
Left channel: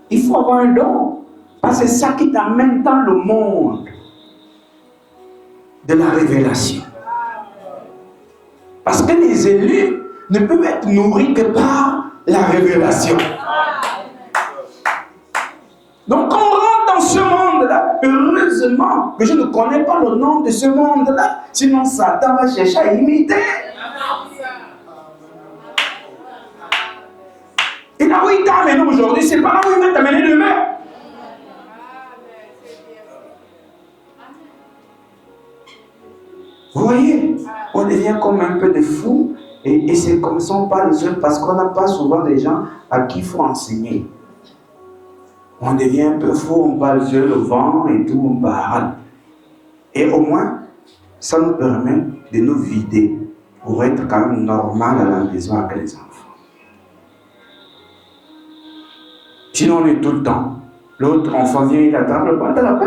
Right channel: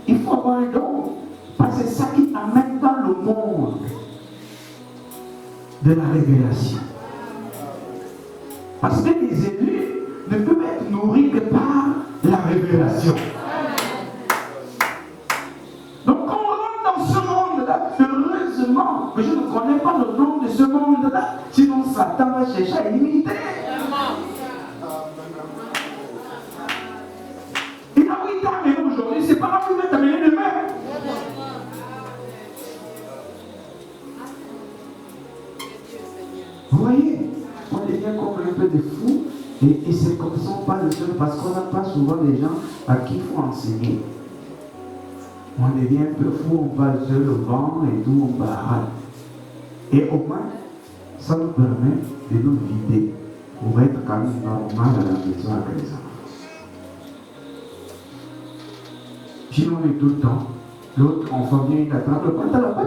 Il faut avoir un don. Parce que c'est ça qui t'amène dans le monde de la révélation. Parce que les élus ne peuvent être nourris que par la révélation. Donc on rentre dans ce monde-là. Heureusement que je ne connais pas le nom de ce monde-là. Sinon Satan va chercher à imiter. Et là où il t'a amené aujourd'hui, c'est pas là où il va t'amener demain. Vous voyez, on devient comme un peu de fou, et c'est comme ça on parle seul parce qu'on n'a pas souvent des gens à qui il faut enseigner. On devient un peu fou, on parle sur le vent et tout, on parle. Et au moins, ça nous permet de nous vider pour être quand même normal à la maison avec les enfants. Sinon, on est tout le temps. L'autre enfant vient, il attend le pantalon,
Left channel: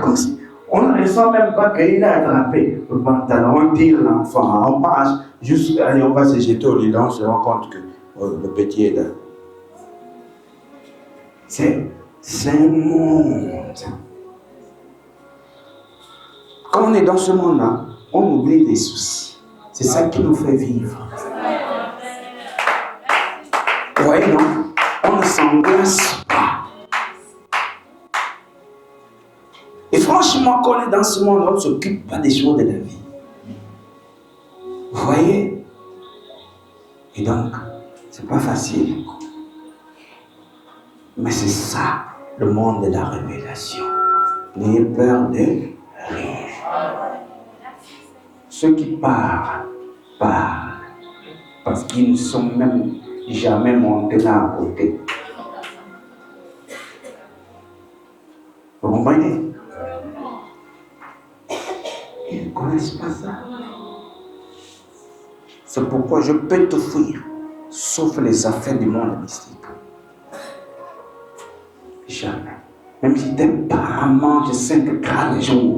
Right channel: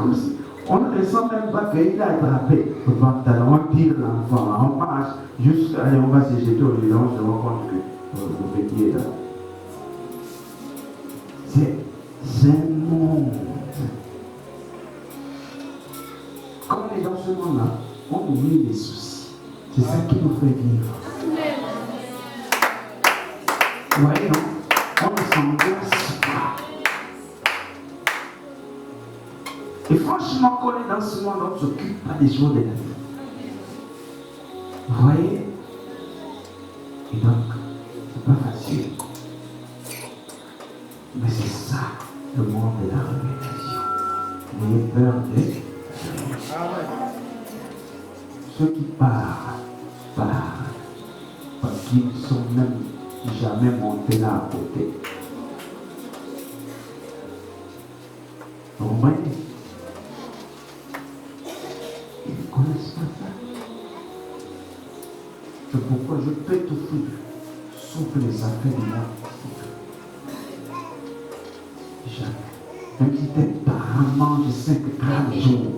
comme ça. On ne sent même pas qu'il a attrapé le pantalon, on tire l'enfant, on marche, juste allez, on va se jeter au lit, on se rend compte que le petit est là. C'est un monde. Quand on est dans ce monde-là, on oublie les soucis. C'est ça qui nous fait vivre. Vous voyez, non? On ne s'angoisse pas. Et franchement, quand on est dans ce monde, on ne s'occupe pas des choses de la vie. Vous voyez? Et donc, c'est pas facile. Mais c'est ça, le monde de la révélation. N'ayez peur de rien. Ceux qui parlent, parce qu'ils ne sont même jamais montés là à côté. Vous comprenez? n'est-ce pas ça? C'est pourquoi je peux te fuir, sauf les affaires du monde mystique. Jamais. Même si tes parents mangent 5 grammes de jour.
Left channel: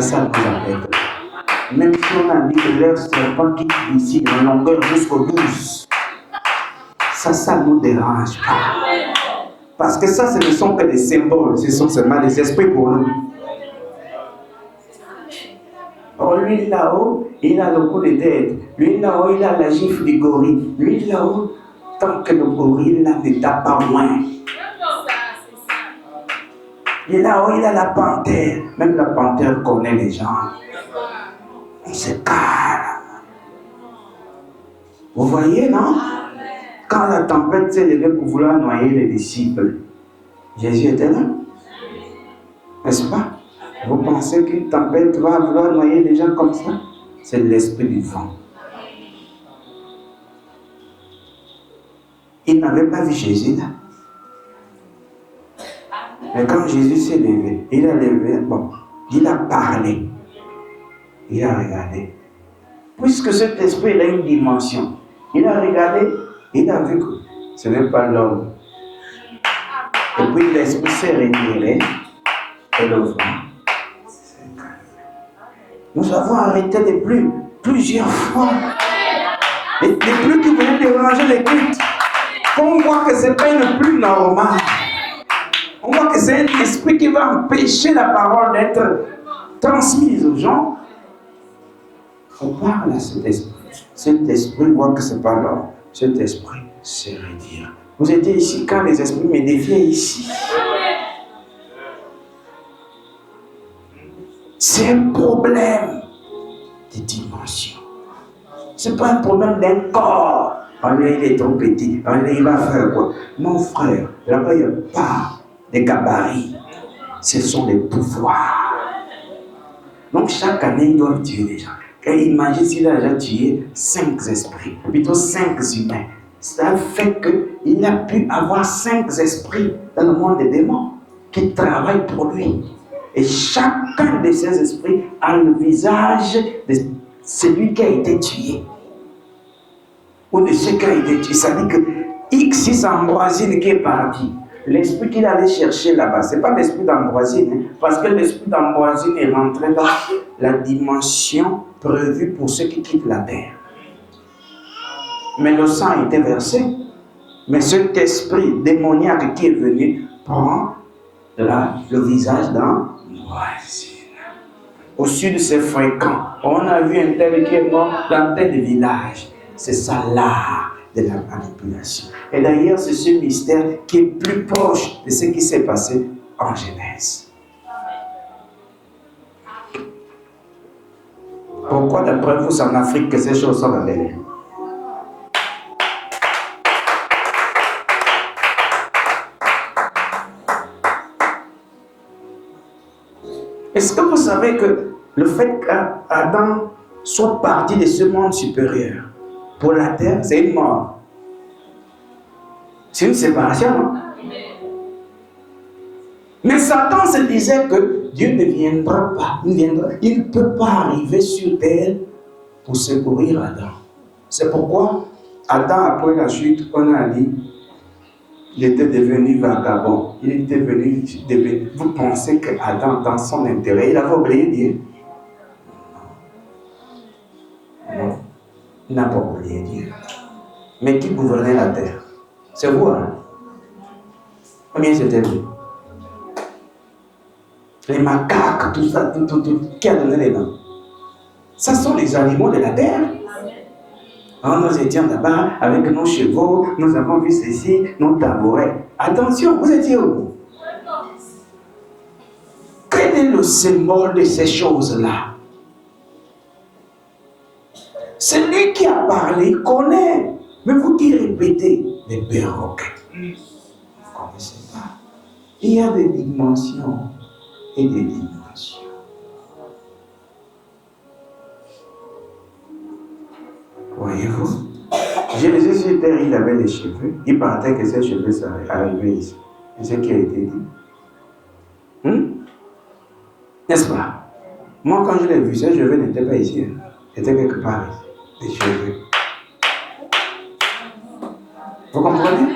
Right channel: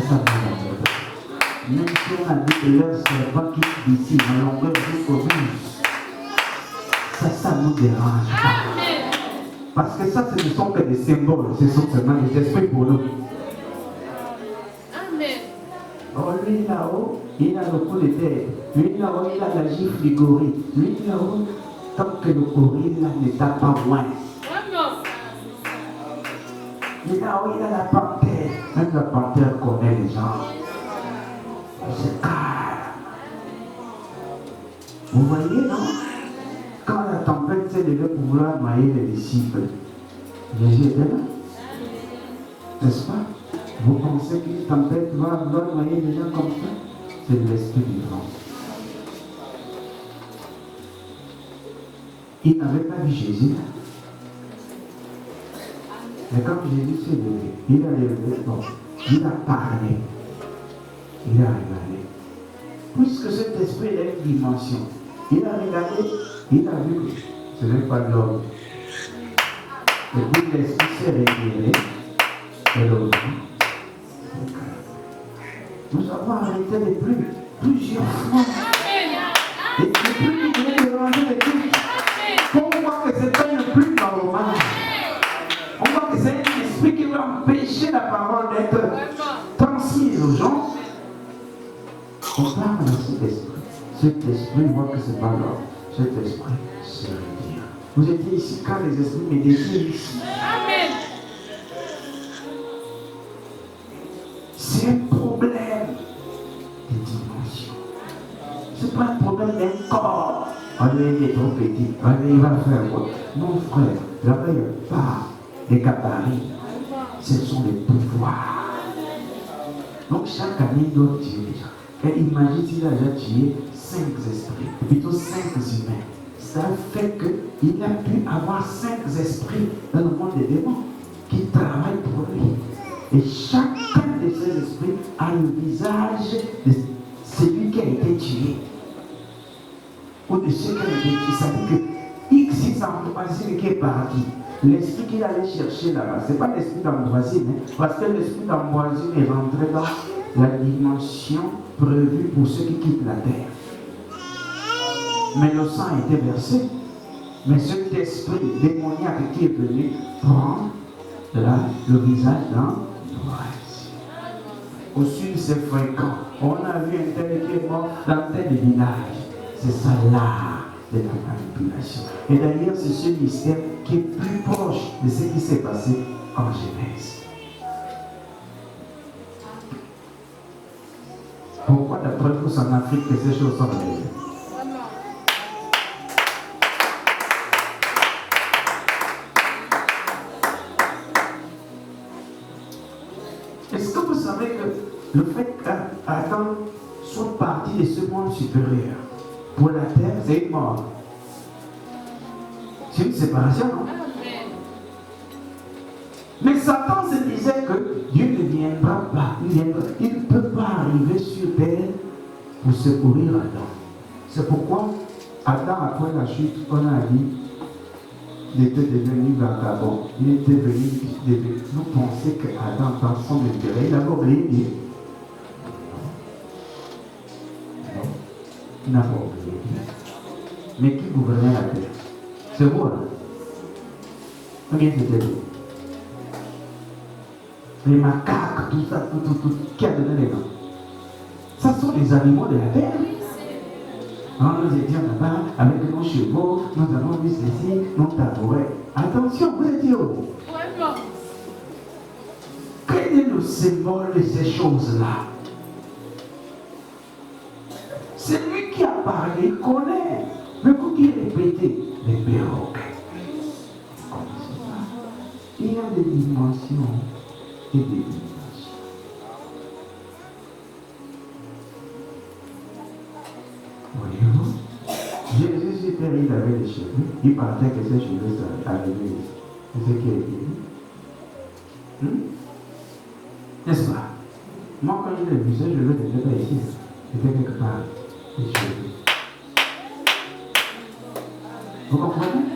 Ça nous arrive. Même si on a dit que leur serpent qui ici, dans longueur jusqu'au 12, ça ne nous dérange pas. Parce que ça, ce ne sont que des symboles, ce sont seulement des esprits pour nous. Oh, lui là-haut, il a le coup de tête. Lui là-haut, il a la gifle du gorille. Lui là-haut, tant que le gorille ne tape pas moins. Et là-haut, il a la panthère. Même la panthère connaît les gens. On se calme. Vous voyez, non? Quand la tempête s'est levée pour vouloir noyer les disciples, Jésus était là. N'est-ce pas? Vous pensez qu'une tempête va vouloir noyer les gens comme ça? C'est l'esprit du vent. Il n'avait pas vu Jésus là. Mais quand Jésus s'est levé, il a levé, bon, il a parlé, il a regardé. Puisque cet esprit a une dimension, il a regardé, il a vu que ce n'est pas l'homme. Et puis l'esprit s'est révélé et le vent. Nous avons arrêté les pluies plusieurs fois. Les pluies qui venaient déranger les pluies. On voit que ce n'est pas une pluie normale. On voit que c'est un esprit qui va empêcher la parole d'être transmise aux gens. On parle à cet esprit. Cet esprit voit que ce n'est pas l'homme. Cet esprit se retire. Vous étiez ici quand les esprits me défiaient ici. C'est un problème de dimension. Ce n'est pas un problème d'un corps. Allez, il est trop petit. Allez, il va faire quoi? Mon frère, là-bas, il n'y a pas les gabarits. Ce sont les pouvoirs. Donc, chaque année, il doit tuer des gens. Et imagine s'il a déjà tué 5 esprits, plutôt 5 humains. Ça fait qu'il a pu avoir 5 esprits dans le monde des démons qui travaillent pour lui. Et chacun de ces esprits a le visage de celui qui a été tué. Ou de ceux qui ont été tués. Ça veut dire que X Ambroisine qui est parti. L'esprit qu'il allait chercher là-bas, ce n'est pas l'esprit d'Ambroisine, parce que l'esprit d'Ambroisine est rentré dans la dimension prévue pour ceux qui quittent la terre. Mais le sang a été versé. Mais cet esprit démoniaque qui est venu prend le visage d'Ambroisine. Au sud, c'est fréquent. On a vu un tel qui est mort dans tel village. C'est ça l'art de la manipulation. Et d'ailleurs, c'est ce mystère qui est plus proche de ce qui s'est passé en Genèse. Pourquoi, d'après vous, c'est en Afrique que ces choses sont arrivées? Est-ce que vous savez que le fait qu'Adam soit parti de ce monde supérieur pour la terre, c'est une mort? C'est une séparation, non? Mais Satan se disait que Dieu ne viendra pas, il ne peut pas arriver sur terre pour secourir Adam. C'est pourquoi Adam, après la chute, on a dit, il était devenu vagabond. Il était devenu. Vous pensez qu'Adam, dans son intérêt, il avait oublié Dieu? Non, il n'a pas oublié Dieu. Mais qui gouvernait la terre? C'est vous, hein? Combien c'était vous? Les macaques, tout ça, tout. Qui a donné les mains? Ce sont les animaux de la terre. Quand nous étions là-bas avec nos chevaux, nous avons vu ceci, nos tabourets. Attention, vous étiez où? Quel est le symbole de ces choses-là? Celui qui a parlé connaît. Mais vous qui répétez les perroquets. Il y a des dimensions et des dimensions. Voyez-vous? Jésus sur terre, il avait les cheveux. Il partait que ses cheveux arrivaient ici. C'est ce qui a été dit. N'est-ce pas? Moi, quand je l'ai vu, ces cheveux n'étaient pas ici. Ils étaient quelque part. Les cheveux. Vous comprenez?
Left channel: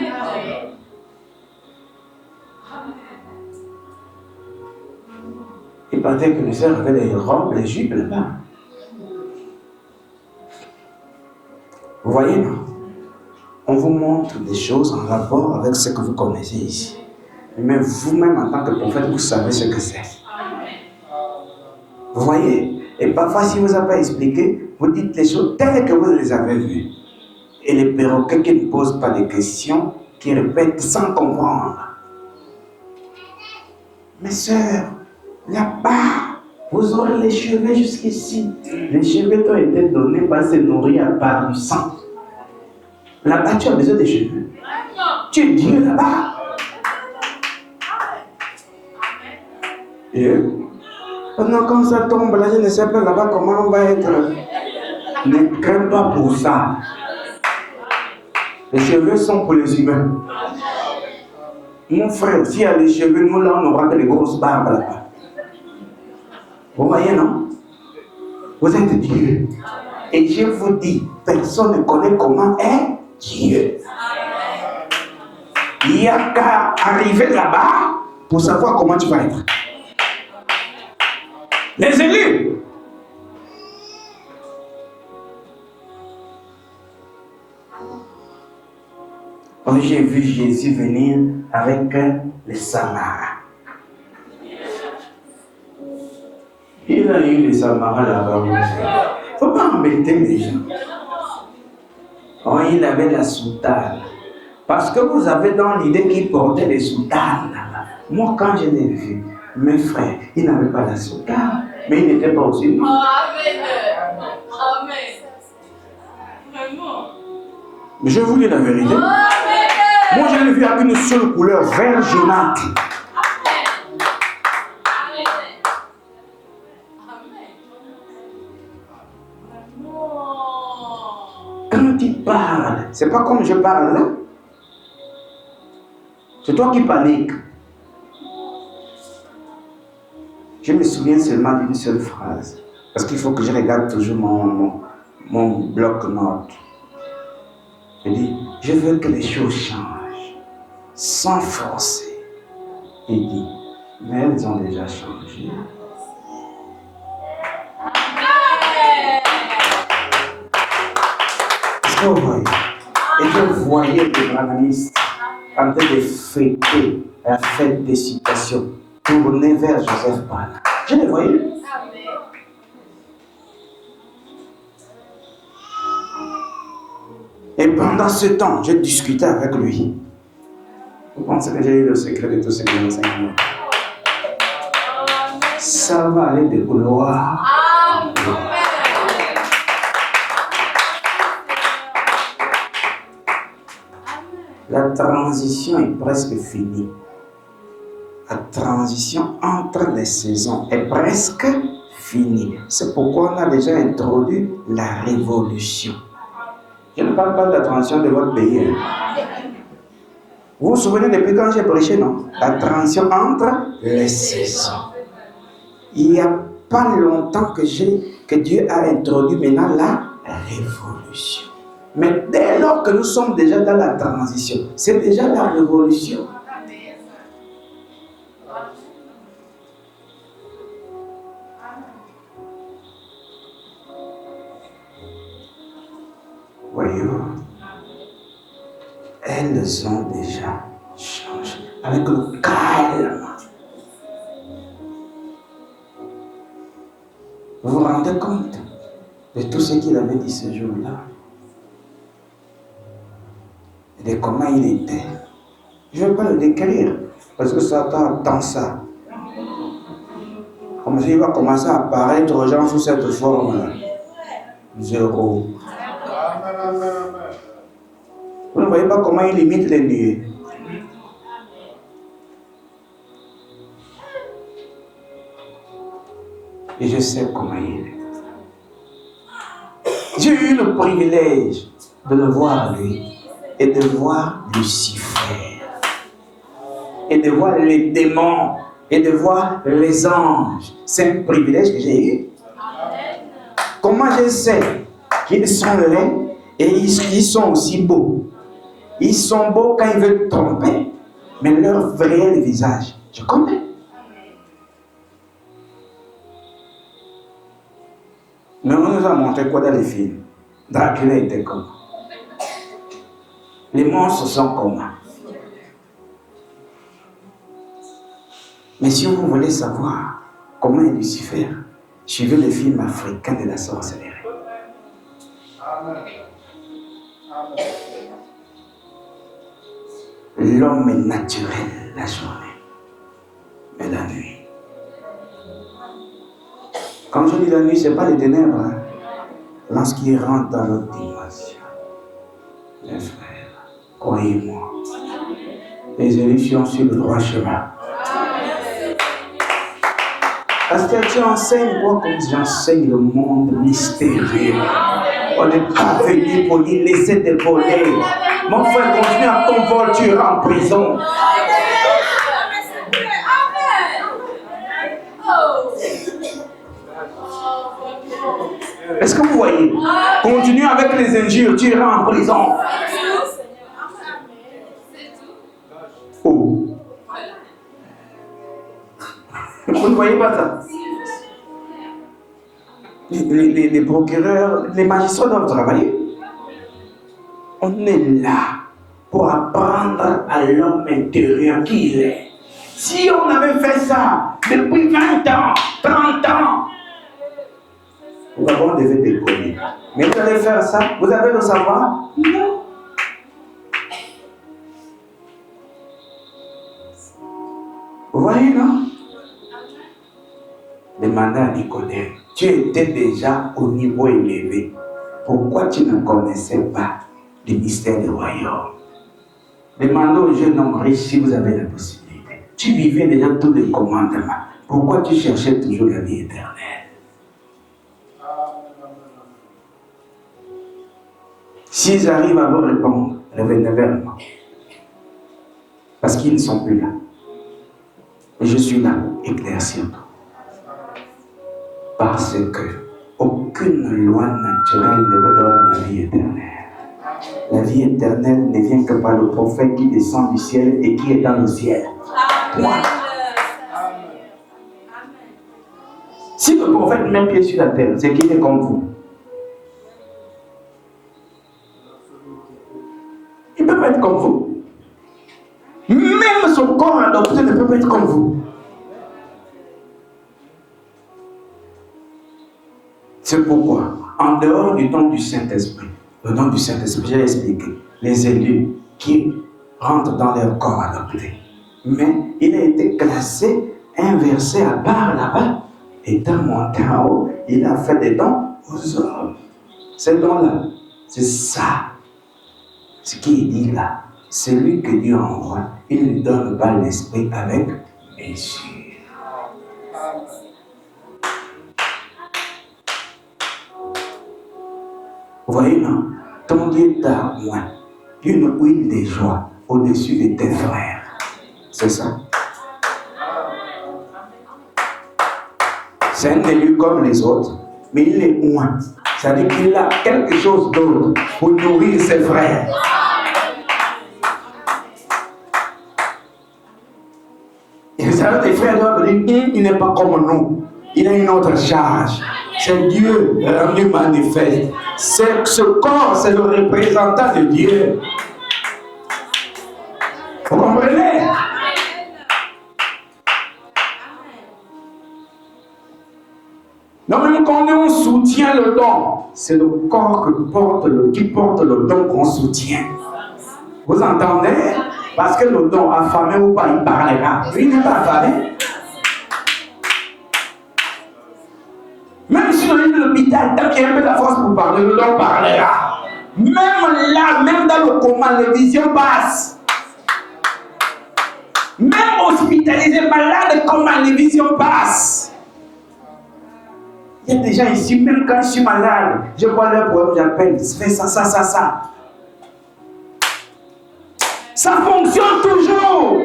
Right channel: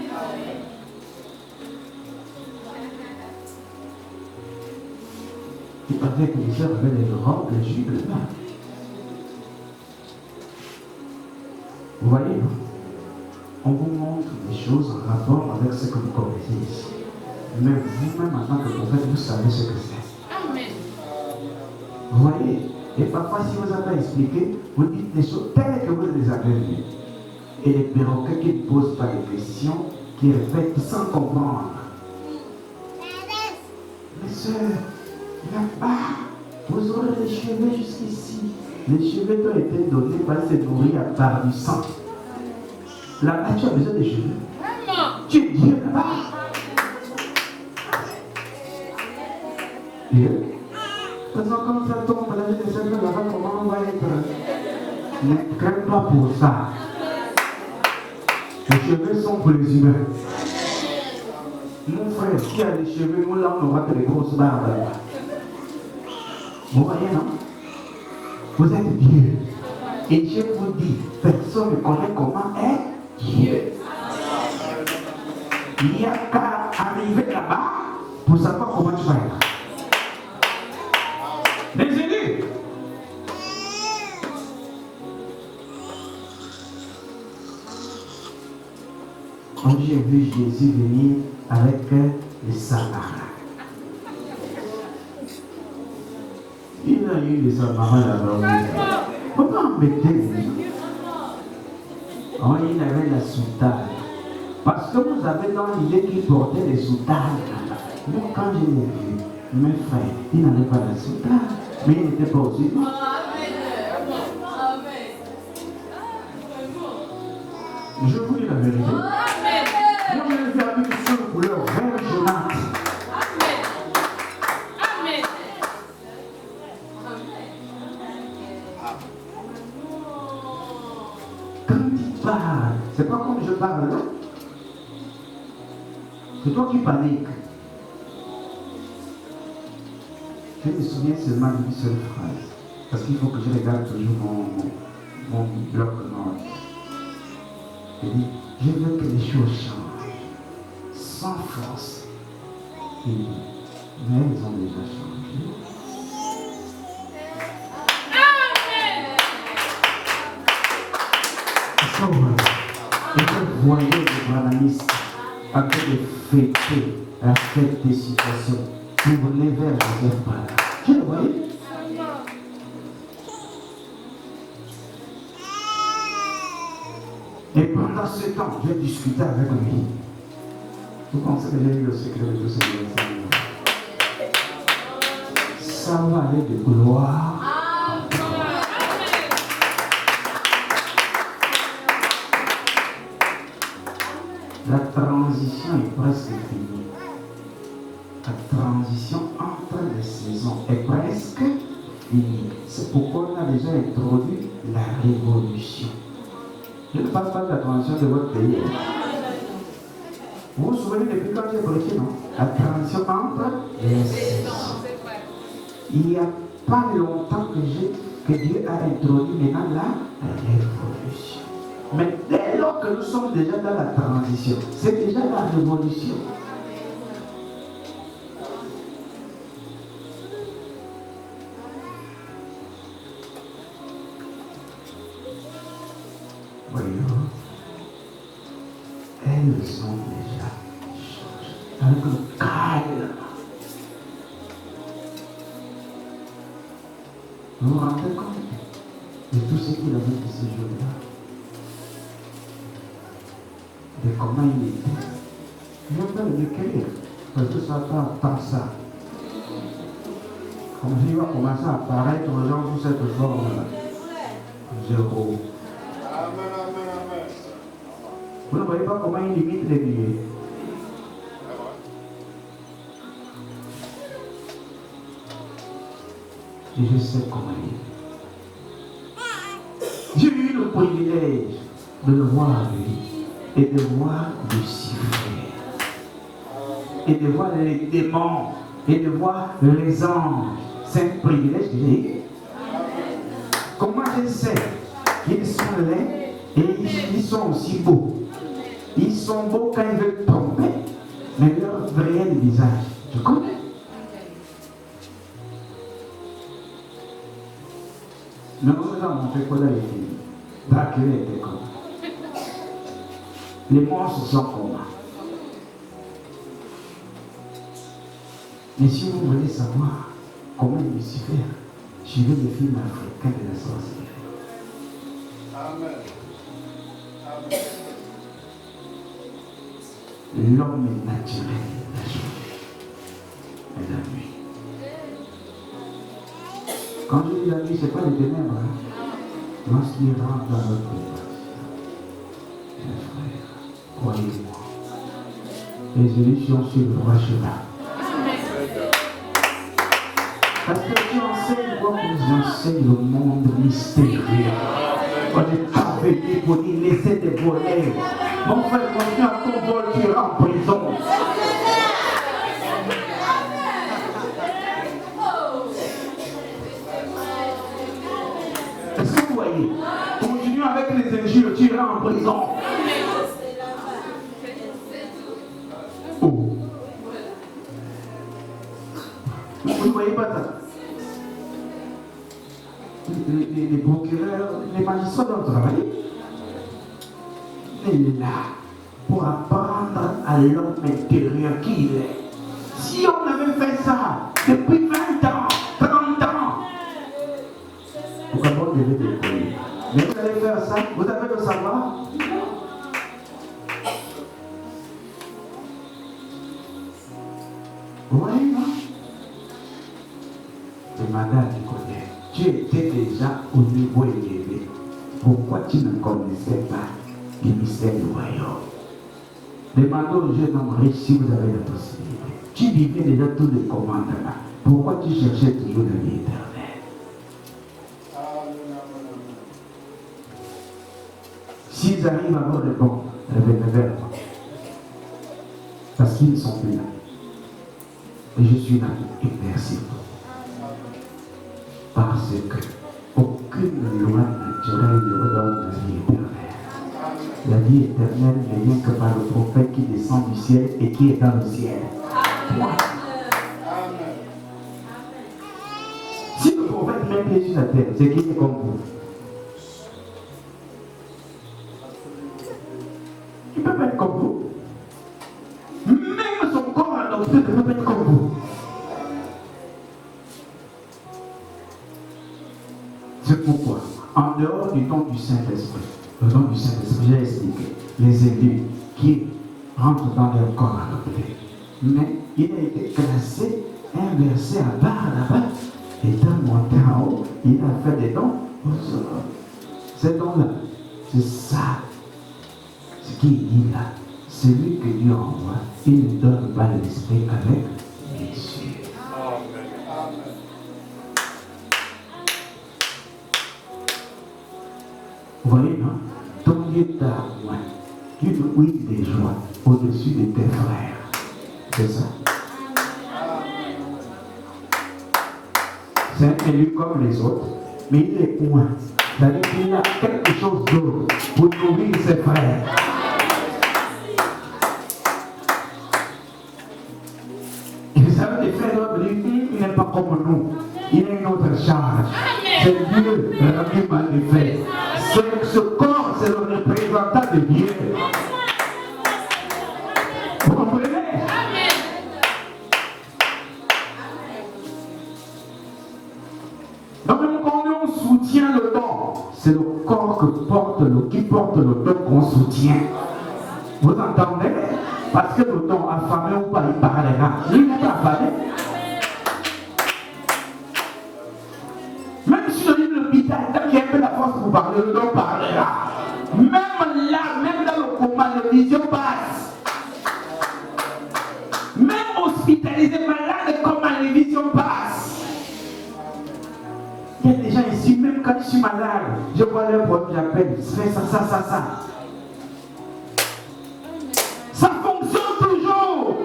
Il paraît que les sœurs avaient les robes, les jupes là-bas. Vous voyez, non? On vous montre des choses en rapport avec ce que vous connaissez ici. Mais vous-même, en tant que prophète, vous savez ce que c'est. Vous voyez? Et parfois, si vous n'avez pas expliqué, vous dites les choses telles que vous les avez vues. Et les perroquets qui ne posent pas de questions, qui répètent sans comprendre. Mes sœurs, là-bas, vous aurez les cheveux jusqu'ici. Les cheveux qui ont été donnés pour se nourrir par du sang. Là-bas, tu as besoin de cheveux. Tu es Dieu là-bas. Dieu. Maintenant, quand ça tombe, là, je ne sais pas là-bas comment on va être. Ne crains pas pour ça. Les cheveux sont pour les humains. Mon frère, qui a les cheveux, nous là, on n'aura que des grosses barbes là-bas. Vous voyez, non? Vous êtes Dieu. Et je vous dis, personne ne connaît comment est Dieu. Il n'y a qu'à arriver là-bas pour savoir comment tu vas être. Les élus. J'ai vu Jésus venir avec les Samaritains. Il a eu les Samaritains là-bas. Comment embêter les gens? Oh, il avait la soutane. Parce que vous avez dans l'idée qu'il portait des soutanes là-bas. Moi, quand je l'ai vu, mes frères, il n'avait pas la soutane, mais il n'était pas aussi loin. Je vous dis la vérité. Moi, je l'ai vu avec une seule couleur, vert jaunâtre. Quand il parle, c'est pas comme je parle là. C'est toi qui paniques. Je me souviens seulement d'une seule phrase. Parce qu'il faut que je regarde toujours mon bloc-notes. Il dit, je veux que les choses changent, sans forcer. Il dit, mais elles ont déjà changé. Est-ce que vous voyez? Et que vous voyez des journalistes en train de fêter la fête des situations pour venir vers Joseph Paul. Je les voyais. Et pendant ce temps, j'ai discuté avec lui. Vous pensez que j'ai eu le secret de tous ces enseignements? Ça va aller de gloire. La transition est presque finie. La transition entre les saisons est presque finie. C'est pourquoi on a déjà introduit la révolution. Je ne parle pas de la transition de votre pays. Vous vous souvenez depuis quand j'ai prêché, non? La transition entre les saisons. Il n'y a pas longtemps que Dieu a introduit maintenant la révolution. Mais dès lors que nous sommes déjà dans la transition, c'est déjà la révolution. Voyons, elles ont déjà changé avec le calme. Vous vous rendez compte de tout ce qu'il avait dit ce jour-là? Et comment il était? Je ne vais pas le décrire, parce que Satan attend ça. Comme il va commencer à apparaître aux gens sous cette forme. Zéro. Vous ne voyez pas comment il imite les nuées. Et je sais comment il est. J'ai eu le privilège de le voir lui. Et de voir Lucifer. Et de voir les démons et de voir les anges. C'est un privilège que j'ai eu. Comment je sais qu'ils sont laids et ils sont aussi beaux? Ils sont beaux quand ils veulent tromper, mais leur vrai visage, je connais. Mais on nous a montré quoi dans les films. Dracula était comme. Les monstres sont comme. Mais si vous voulez savoir comment est Lucifer, suivez les films africains de la sorcellerie. L'homme est naturel la journée, mais la nuit. Quand je dis la nuit, ce n'est pas les ténèbres. Hein. Lorsqu'il rentre dans notre dimension, mes frères, croyez-moi, les élections sur le droit chemin. Parce que tu enseignes, moi, comme j'enseigne le monde mystérieux. On n'est pas venu pour y laisser des volets. Mon frère, continue à ton vol, tu iras en prison. Est-ce que vous voyez? Continue avec les injures, tu iras en prison. Oh. Vous ne voyez pas ça? Les procureurs, les magistrats doivent travailler. On est là pour apprendre à l'homme intérieur qui il est. Si on avait fait ça depuis 20 ans, 30 ans, nous avons devait décoller. Mais vous allez faire ça, vous avez le savoir? Non. Vous voyez, non? Demandez à Nicodème, tu étais déjà au niveau élevé. Pourquoi tu ne connaissais pas les mystères du royaume? Demandez au jeune homme riche si vous avez la possibilité. Tu vivais déjà tous les commandements. Pourquoi tu cherchais toujours la vie éternelle? S'ils arrivent à me répondre, révèle-le. Parce qu'ils ne sont plus là. Et je suis là, éclaircir. Parce que aucune loi naturelle ne me donne la vie éternelle. La vie éternelle ne vient que par le prophète qui descend du ciel et qui est dans le ciel. Voilà. Si le prophète met pied sur la terre, c'est qu'il est comme vous. Il ne peut pas être comme vous. Même son corps adopté ne peut pas être comme vous. C'est pourquoi, en dehors du don du Saint-Esprit, le don du Saint-Esprit, j'ai expliqué, les élus qui rentrent dans leur corps adopté. Mais il a été classé, inversé à part là-bas. Étant monté en haut, il a fait des dons aux hommes. Ces dons-là, c'est ça. Ce qui est dit là, c'est lui que Dieu envoie. Il ne donne pas l'esprit qu'avec mesure. Vous voyez, non? Ton Dieu t'a une huile de joie au-dessus de tes frères. C'est ça. C'est un élu comme les autres, mais il est moins. C'est-à-dire qu'il a quelque chose d'autre pour nourrir ses frères. Et ça, tes frères doivent dire, il n'est pas comme nous. Il a une autre charge. C'est Dieu rendu manifeste. Ce corps, c'est le représentant de Dieu. Vous comprenez? Donc, quand on soutient le don, c'est le corps qui porte le don qu'on soutient. Vous entendez? Parce que le don affamé ou pas, il parlera. Lui n'est pas affamé. Même si on est dans l'hôpital, tant qu'il y a un peu de force pour parler, le don parlera. Même là, même dans le coma, les visions passent. Même hospitalisé, malade, comment les visions passent. Il y a des gens ici, même quand je suis malade, je vois leur problème, j'appelle, fais ça. Ça fonctionne toujours.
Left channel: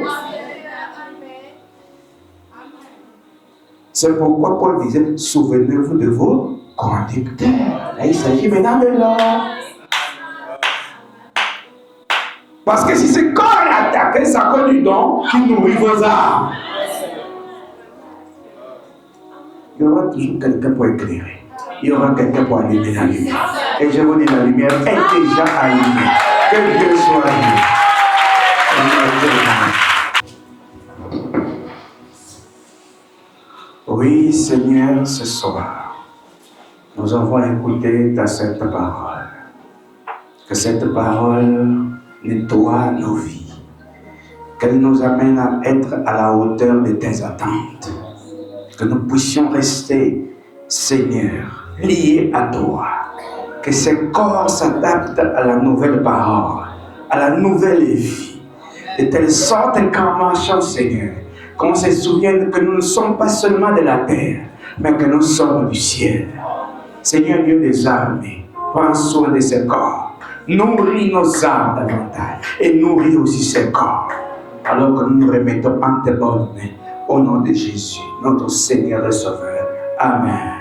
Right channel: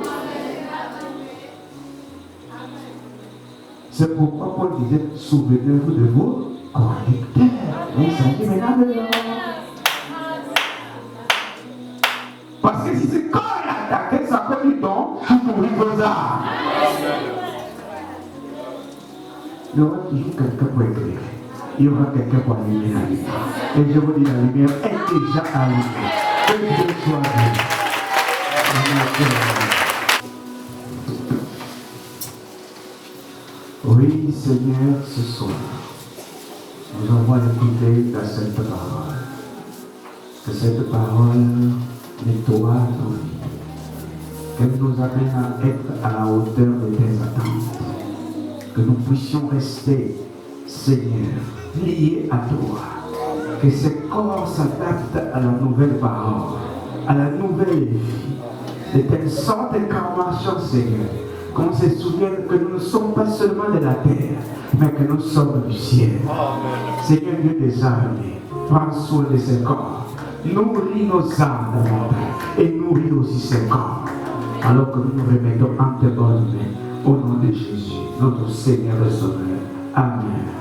C'est pourquoi Paul disait, souvenez-vous de vos conducteurs. Mais il s'agit maintenant de l'homme. Parce que si c'est quand il attaquait sa cause du don, il nourrit vos âmes. Il y aura toujours quelqu'un pour éclairer. Il y aura quelqu'un pour allumer la lumière. Et je vous dis, la lumière est déjà allumée. Que Dieu soit loué. Oui, Seigneur, ce soir, nous avons écouté ta sainte parole. Que cette parole nettoie nos vies. Qu'elle nous amène à être à la hauteur de tes attentes. Que nous puissions rester, Seigneur, liés à toi. Que ces corps s'adaptent à la nouvelle parole, à la nouvelle vie. De telle sorte qu'en marchant, Seigneur, qu'on se souvienne que nous ne sommes pas seulement de la terre, mais que nous sommes du ciel. Seigneur Dieu des armées, prends soin de ces corps. Nourris nos âmes davantage et nourris aussi ces corps. Alors que nous nous remettons entre tes bonnes mains, au nom de Jésus, notre Seigneur et Sauveur. Amen.